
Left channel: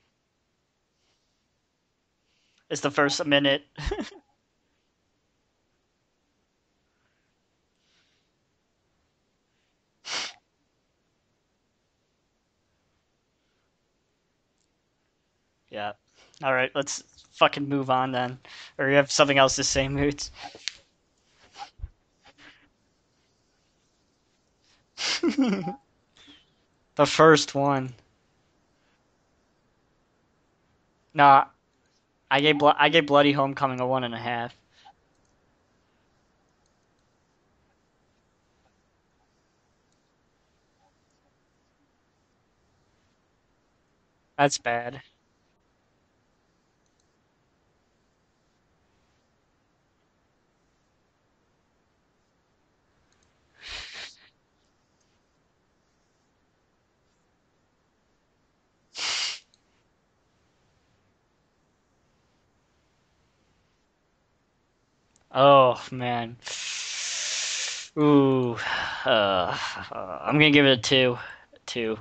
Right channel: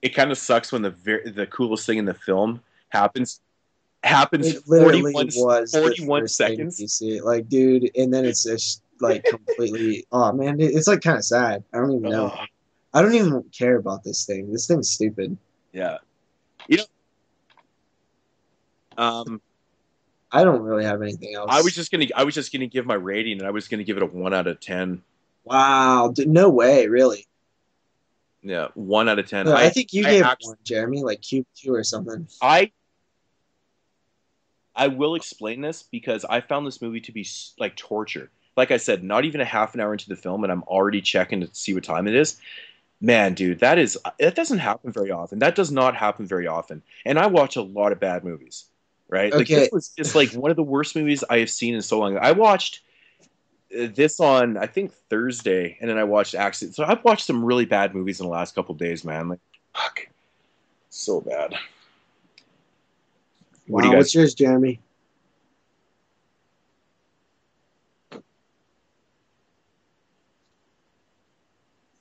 it kind of sucks when the coolest thing in the film It's the first happens minute. happens It literally 41, was the 41 first thing seconds. you see, like, dude, and then it's just like completely. Oh man, it's like kind of sad. I don't even know. Ugh. I don't even care about this thing. This thing's stupid. Yeah. All right, It- let's fucking move on then. Or you have something else to say, Moods? I don't really have anything else. I was just gonna give my rating, and I was gonna give it a 1 out of 10. Wow, no way, The really. first one. Yeah, 1 out of 10. No, I think you gave actually- one, Jeremy, like Nah. two or something. I gave Bloody Homecoming a 1.5. I will explain this because I found this movie to be like torture. Like I said, not even a half an hour into the film, and I'm already checking to see what time it is. Man, dude, that doesn't That's happen bad. very often. That does not happen very often. And I watch a lot of bad movies, right? Like Okay. this was just like one of the worst movies I have seen in so long. I watched this on I think Thursday, and then I watched Accident. So I've watched some really bad movies in the last couple of days, man. Like, fuck, so bad. What do you Wow, guys? what's yours, Jeremy? Oh man. Ooh. I'm gonna give it a 2. 2.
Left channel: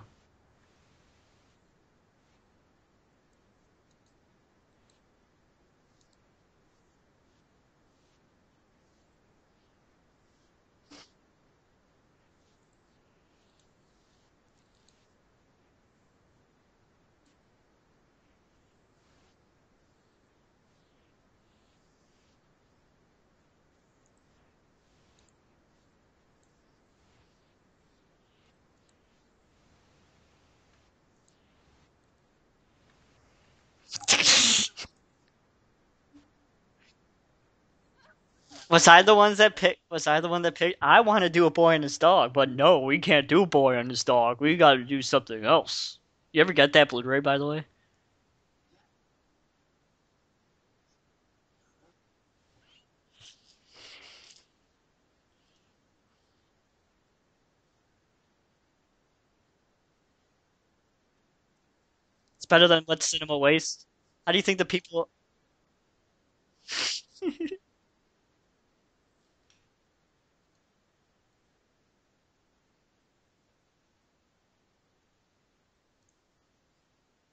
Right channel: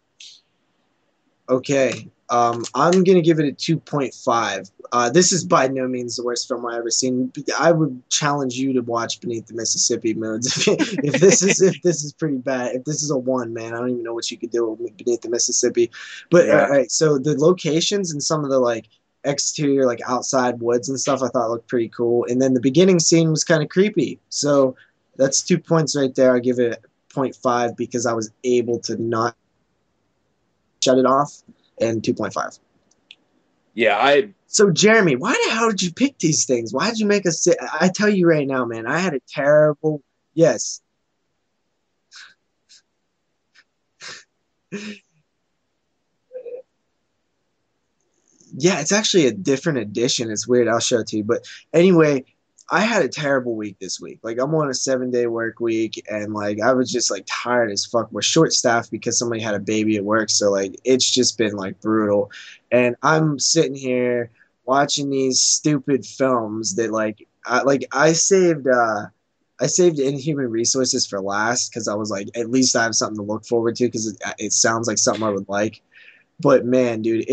Okay. I'm gonna give it a 2.5. This is by no means the worst film I've ever seen. I would challenge you to watch Beneath the Mississippi, Moodz. If this is pretty bad, if this is a 1, man, I don't even know what you could do with Beneath the Mississippi. But Yeah. all right, so the locations and some of the like exterior, like outside woods and stuff, I thought looked pretty cool. And then the beginning scene was kind of creepy. So that's 2 points right there. I give it 0.5 because I was able to not shut it off, and 2.5. Yeah, So Jeremy, why the hell did you pick these things? Why did you make us sit? I tell you right now, man. Was I I had the a ones terrible- that picked? I want to do a boy and his dog, but no, we can't do a boy and his dog. We got to do something else. You ever get that Blu-ray, by the way? Yeah, it's actually a different edition. It's weird. I'll show it to you. But anyway, I had a terrible week this week. Like I'm on a 7-day work week, and like I was just like tired as fuck. We're short staffed because somebody had a baby at work, so like it's just been like brutal. It's better than And what Son of a I'm Ways. sitting here How do you think the watching people? these stupid films that like I saved Inhuman Resources for last because I was like, at least I have something to look forward to because it sounds like something I would like. But man, dude,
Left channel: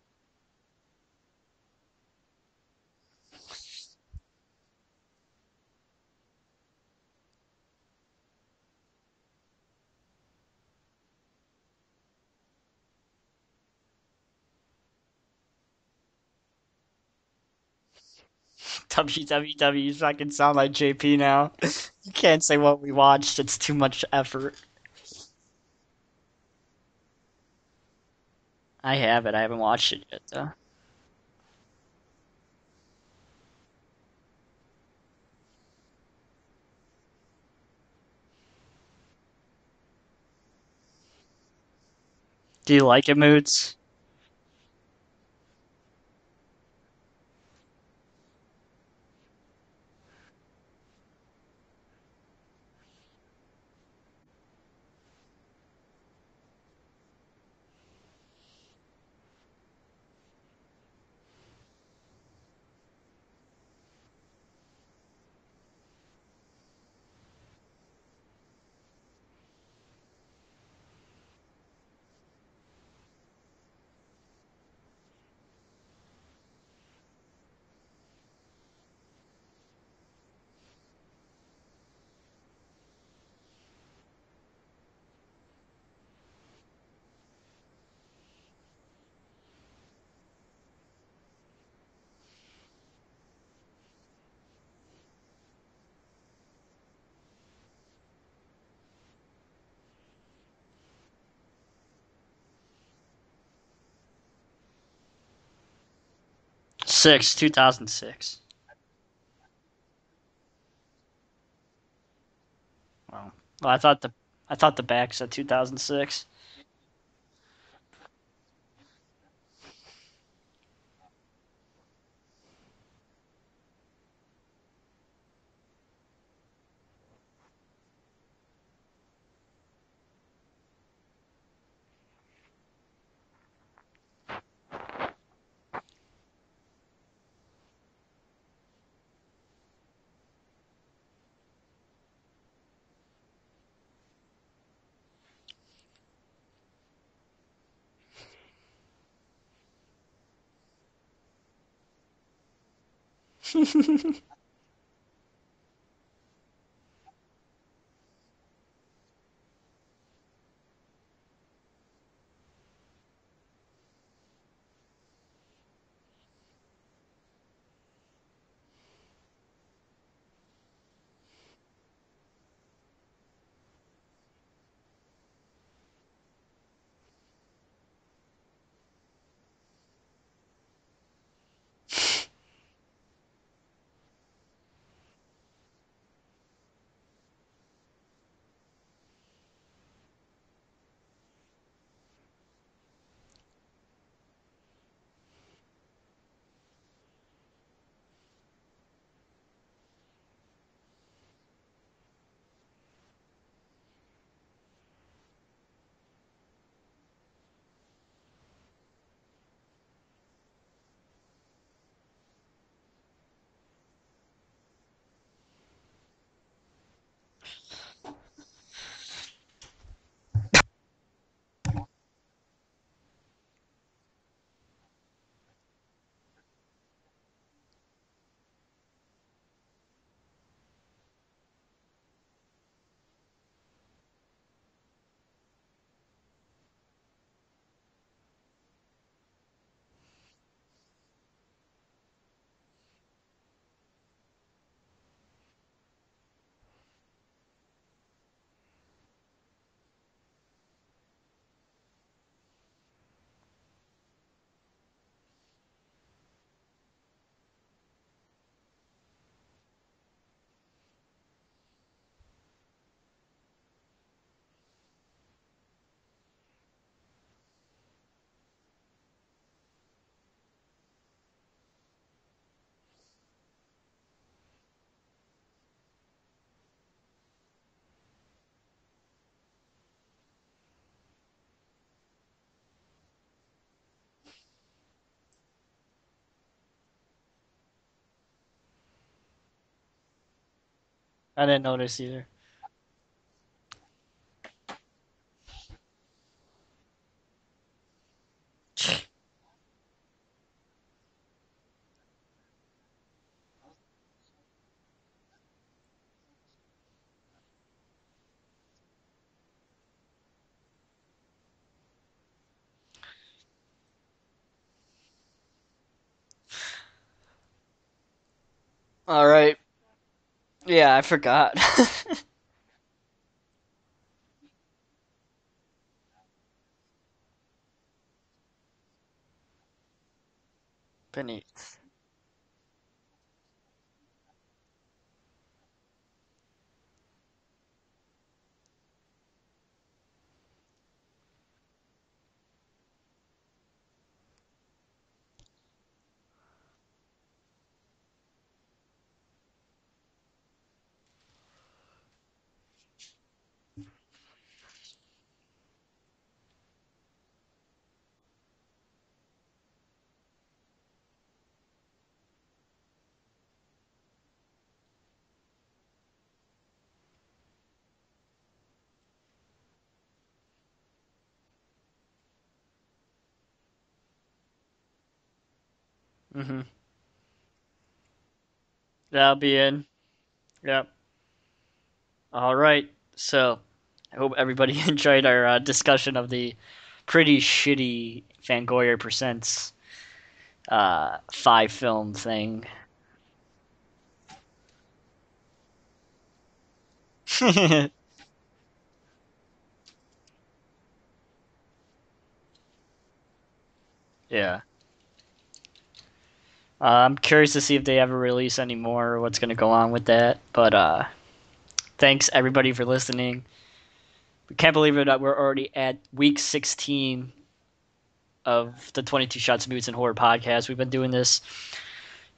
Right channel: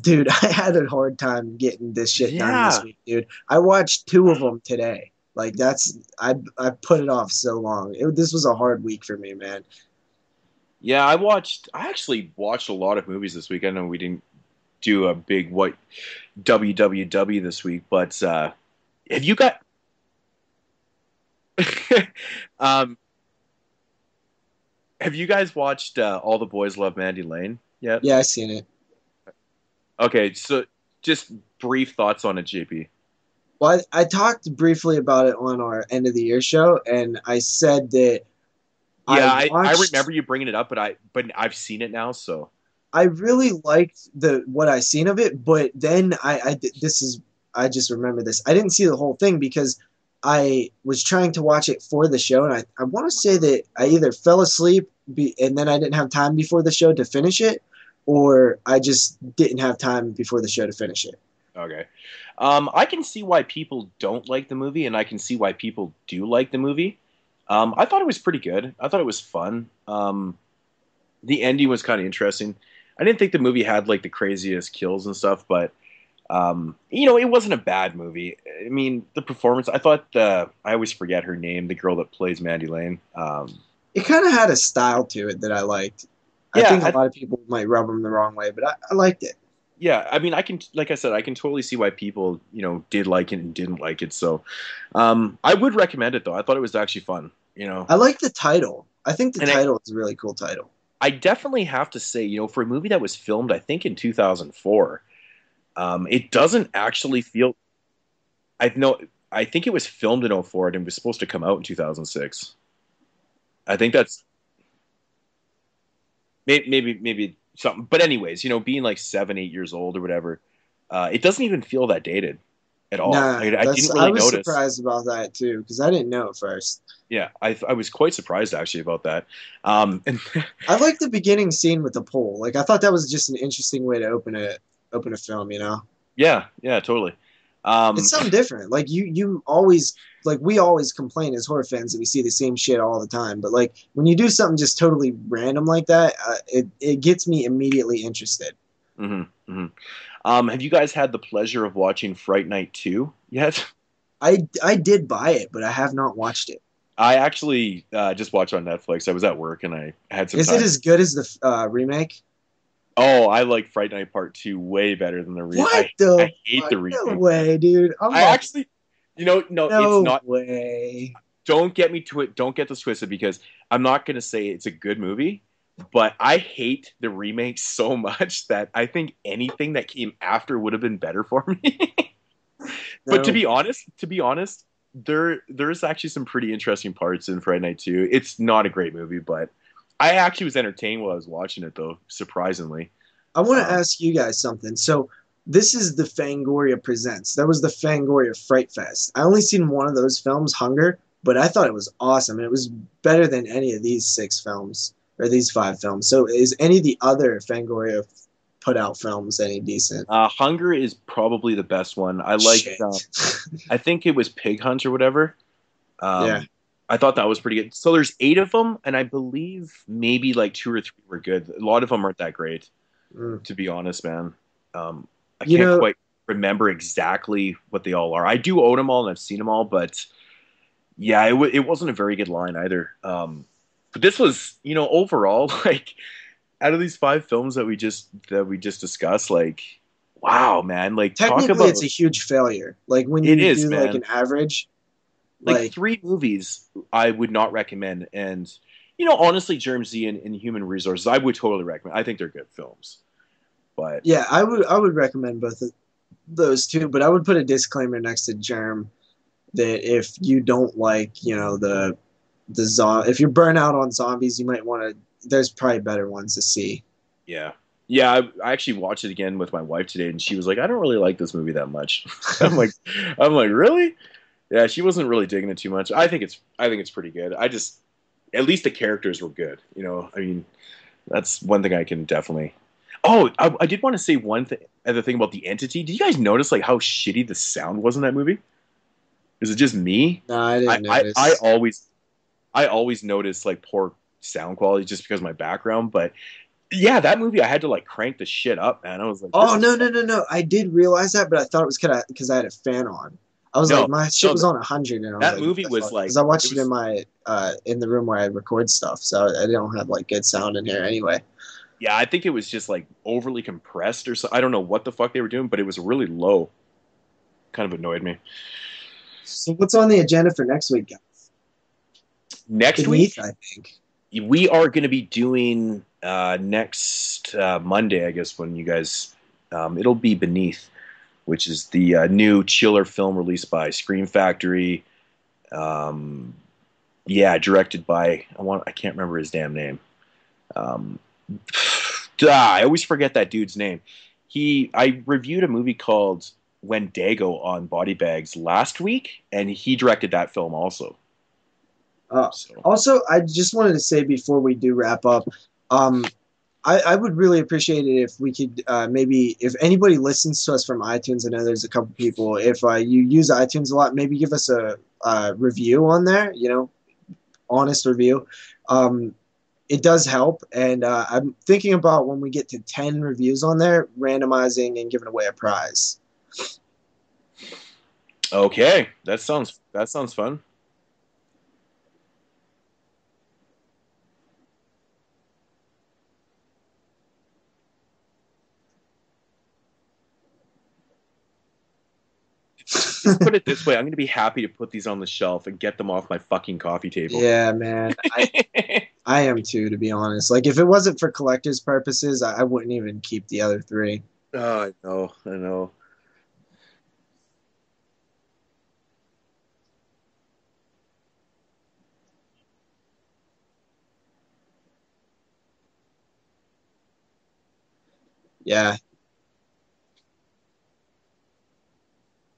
dude, I had a hard time getting this shit done this Yeah. week, dude. I watched 2 of them today. Like I put it off so long. This was a hard week for me, man. Yeah, I actually watched a lot of movies this week. I know we didn't do a big WWW this week, but have you got? WWW, you fucking sound like JP now. Can't say what we watched. It's too much effort. Have you guys watched All the Boys Love Mandy Lane yet? Yeah, I seen it. I have it. I haven't watched it. Okay, yet, so just brief thoughts on it, JP. Well, I talked briefly about it on our end of the year show, and I said that. Yeah, I watched- remember you bringing it up, but I've seen it now, so do you like I it, really Moods? liked what I seen of it, but then I just remember this. I didn't see the whole thing because I was trying to watch it for the show, and I want to say that I either fell asleep and then I didn't have time before the show to finish it, or I just didn't have time before the show to finish it. okay. I can see why people don't like the movie, and I can see why people do like the movie. I thought it was pretty good. I thought it was fun. The ending was kind of interesting. I didn't think the movie had like the craziest kills and stuff, but It wasn't a bad movie. I mean, the performance. I thought I always forget her name, the girl that plays Mandy Lane. It kind of had a style to it that I liked. I Yeah, think a lot of people might rub them the wrong way, but I liked it. yeah. I mean, like I said, I can totally see why people, did like it and didn't like it. So, I would recommend it though. I thought it was actually fun. I like the title. I think the And title is a really cool title. I definitely have to say, for a movie that was filmed, I think in 2004, it doesn't actually feel. 2006. I think it was filmed in '04 and it was supposed to come out in 2006. Wow. I think that's I thought the back said 2006. maybe something. But anyways, being like 7, 8 years old or whatever, it doesn't even feel that dated at all. Nah, Like, I didn't I really was notice. surprised about that too because I didn't know at first. Yeah, I was quite surprised actually about that. And I like the beginning scene with the pole. Like I thought that was just an interesting way to open a film. yeah, totally. It's something different. Like you always like we always complain as horror fans that we see the same shit all the time. But like when you do something just totally random like that, it gets me immediately interested. hmm hmm have you guys had the pleasure of watching Fright Night 2 yet? I did buy it, but I have not watched it. I actually just watched on Netflix. I was at work and I had some Is time. it as good as the remake? Oh, I like Fright Night Part 2 way better than the remake. What the? I hate the remake. No way, dude. I actually, no, no it's not. way. Don't get me to it. Don't get this twisted because I'm not going to say it's a good movie, but I hate the remake so much that I think anything that came after would have been better for me. But to be honest, there's actually some pretty interesting parts in Friday Night 2. It's not a great movie, but I actually was entertained while I was watching it, though, surprisingly. I want to ask you guys something. So this is the Fangoria Presents. That was the Fangoria Fright Fest. I only seen one of those films, Hunger, but I thought it was awesome. It was better than any of these 6 films or these 5 films. So is any of the other Fangoria put out films any decent? Hunger is probably the best one. I like. I think it was Pig Hunt or whatever. Yeah. I thought that was pretty good. So there's 8 of them, and I believe maybe like 2 or 3 were good. A lot of them aren't that great, to be honest, man. I can't quite remember exactly what they all are. I do own them all, and I've seen them all, but yeah, it wasn't a very good line either. But this was, overall, like out of these 5 films that we just discussed, like, wow, man, like technically it's a huge failure. Like when you do like an average. Like 3 movies I would not recommend. And, honestly, Germ Z and Inhuman Resources, I would totally recommend. I think they're good films. But yeah, I would recommend both of those two, but I would put a disclaimer next to Germ that if you don't like, if you're burnt out on zombies, you might want to, there's probably better ones to see. Yeah. Yeah, I actually watched it again with my wife today, and she was like, I don't really like this movie that much. I'm like, really? Yeah, she wasn't really digging it too much. I think it's pretty good. At least the characters were good. I mean, that's one thing I can definitely. Oh, I did want to say one other thing about the Entity. Did you guys notice like how shitty the sound was in that movie? Is it just me? No, I didn't notice. I didn't notice either. I always notice like poor sound quality just because of my background, but yeah, that movie I had to like crank the shit up, man. I was like, oh no! I did realize that, but I thought it was kind of because I had a fan on. I was like, my shit was on 100, and that movie was like because I watched it in my in the room where I record stuff, so I don't have like good sound in here anyway. Yeah, I think it was just like overly compressed or so. I don't know what the fuck they were doing, but it was really low. Kind of annoyed me. All right, so what's on the agenda for next week? Yeah, I forgot. Next week, I think we are going to be doing next Monday, I guess, when you guys. It'll be Beneath. Which is the new chiller film released by Scream Factory. Directed by I can't remember his damn name. I always forget that dude's name. I reviewed a movie called Wendigo on Body Bags last week, and he directed that film also. Also, I just wanted to say before we do wrap up, I would really appreciate it if we could maybe, if anybody listens to us from iTunes, I know there's a couple people, if you use iTunes a lot, maybe give us a review on there, honest review. It does help, and I'm thinking about when we get to 10 reviews on there, randomizing and giving away a prize. Mm-hmm. Okay, That'll be in. that sounds fun. Yep. All right. So, I hope everybody enjoyed our discussion of the pretty shitty Fangoria Presents 5-film thing. Just put it this way: I'm going to be happy to put these on the shelf and get them off my fucking coffee table. Yeah, man. I am too, to be honest. Like, if it wasn't for collector's purposes, I wouldn't even keep the other 3. Yeah. Oh, I know. I'm curious to see if they ever release any more or what's going to go on with that. But thanks, everybody, for listening. We can't believe it that we're already at week 16 of the 22 Shots of Moodz and Horror podcast. We've been doing this,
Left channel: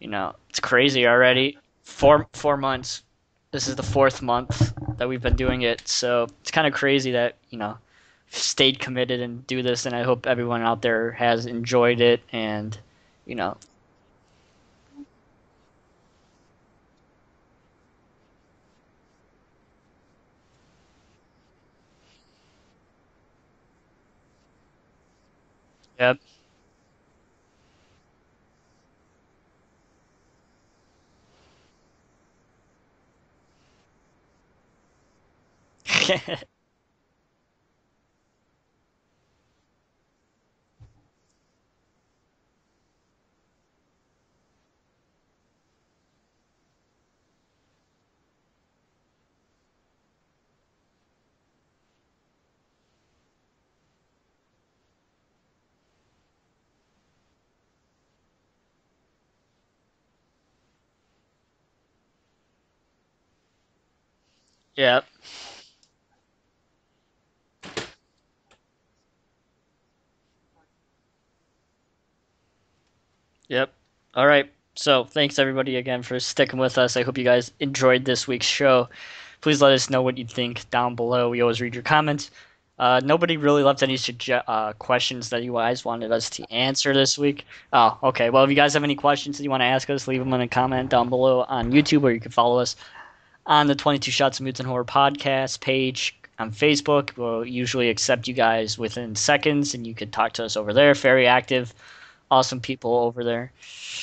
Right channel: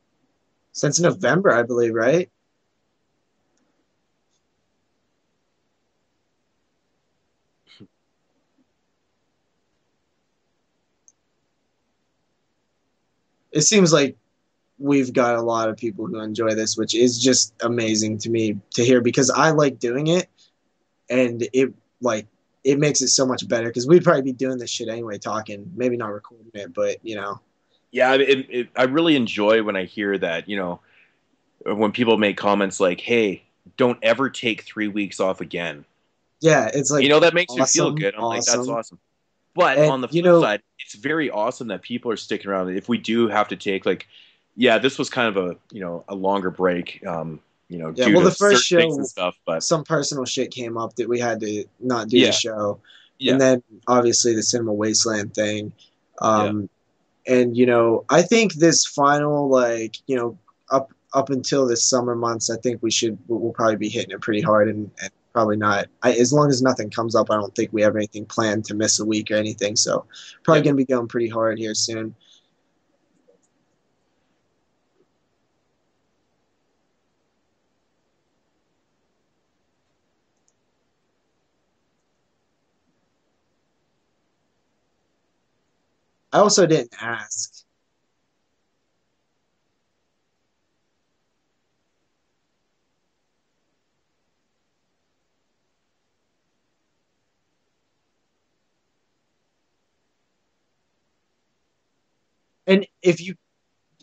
it's crazy Since already. November, I believe, right? 4 months. This is the 4th month that we've been doing it. So it's kind of crazy that, stayed committed and do this. And I hope everyone out there has enjoyed it. And, It seems like we've got a lot of people who enjoy this, which is just amazing to me to hear, because I like doing it, and it makes it so much better, because we'd probably be doing this shit anyway, talking, maybe not recording it, but Yeah, I really enjoy when I hear that, when people make comments like, "Hey, don't ever take 3 weeks off again." Yeah, it's like, that makes awesome, me feel good. I'm like, that's awesome. But on the flip side, it's very awesome that people are sticking around. If we do have to take this was kind of a longer break, due to the first show, things and stuff, but some personal shit came up that we had to not do the show. Yeah. And then obviously the Cinema Wasteland thing. And I think this final, up until this summer months, I think we'll probably be hitting it pretty hard, and probably not. As long as nothing comes up, I don't think we have anything planned to miss a week or anything. So probably going to be going pretty hard here soon. Yep. All right. So thanks everybody again for sticking with us. I hope you guys enjoyed this week's show. Please let us know what you think down below. We always read your comments. Nobody really left any questions that you guys wanted us to answer this week. Oh, okay. Well, if you guys have any questions that you want to ask us, leave them in a comment down below on YouTube, or you can follow us on the 22 Shots of Moodz and Horror podcast page on Facebook. We'll usually accept you guys within seconds, and you could talk to us over there. Very active, awesome people over there.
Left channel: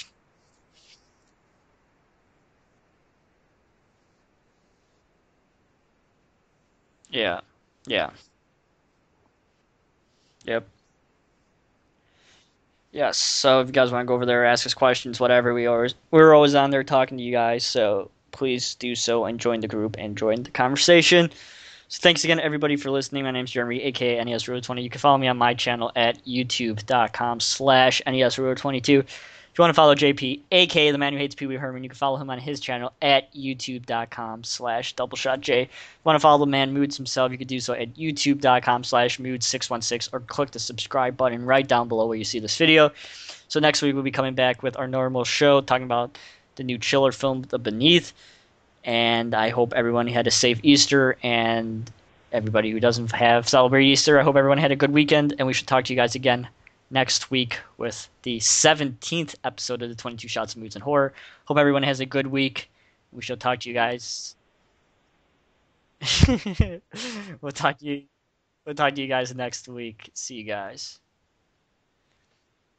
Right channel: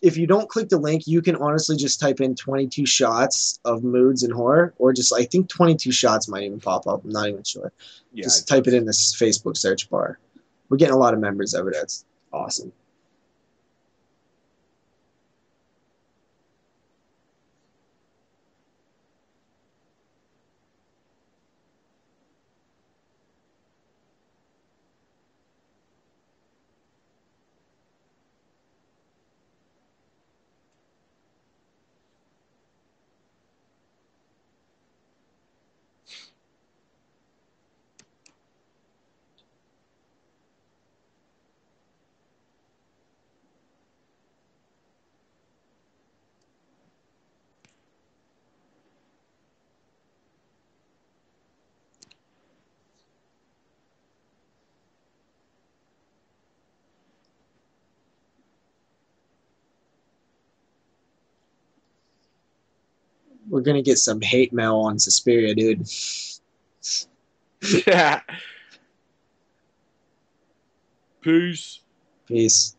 If you don't click the link, you can honestly just type in 22 shots of Moodz and Horror, or I think 22 shots might even pop up. I'm not even sure. Yeah. Just type it in this Facebook search bar. Yep. We're getting a lot of members over there. It's awesome. Yes. So if you guys want to go over there, ask us questions, whatever, we're always on there talking to you guys. So please do so and join the group and join the conversation. So thanks again, everybody, for listening. My name's Jeremy, aka NESRuler20. You can follow me on my channel at youtube.com/NESRuler22. If you want to follow JP, aka the man who hates Pee Wee Herman, you can follow him on his channel at youtube.com/doubleshotj. If you want to follow the man Moodz himself, you can do so at youtube.com/Moodz616, or click the subscribe button right down below where you see this video. So next week we'll be coming back with our normal show, talking about the new Chiller film, The Beneath. And I hope everyone had a safe Easter, and everybody who doesn't celebrate Easter, I hope everyone had a good weekend, and we should talk to you guys again next week with the 17th episode of the 22 Shots of Moodz and Horror. Hope everyone has a good week. We shall talk to you guys. We're going to get some hate mail on Suspiria, dude. We'll talk to you guys next week. See you guys. Peace. Peace.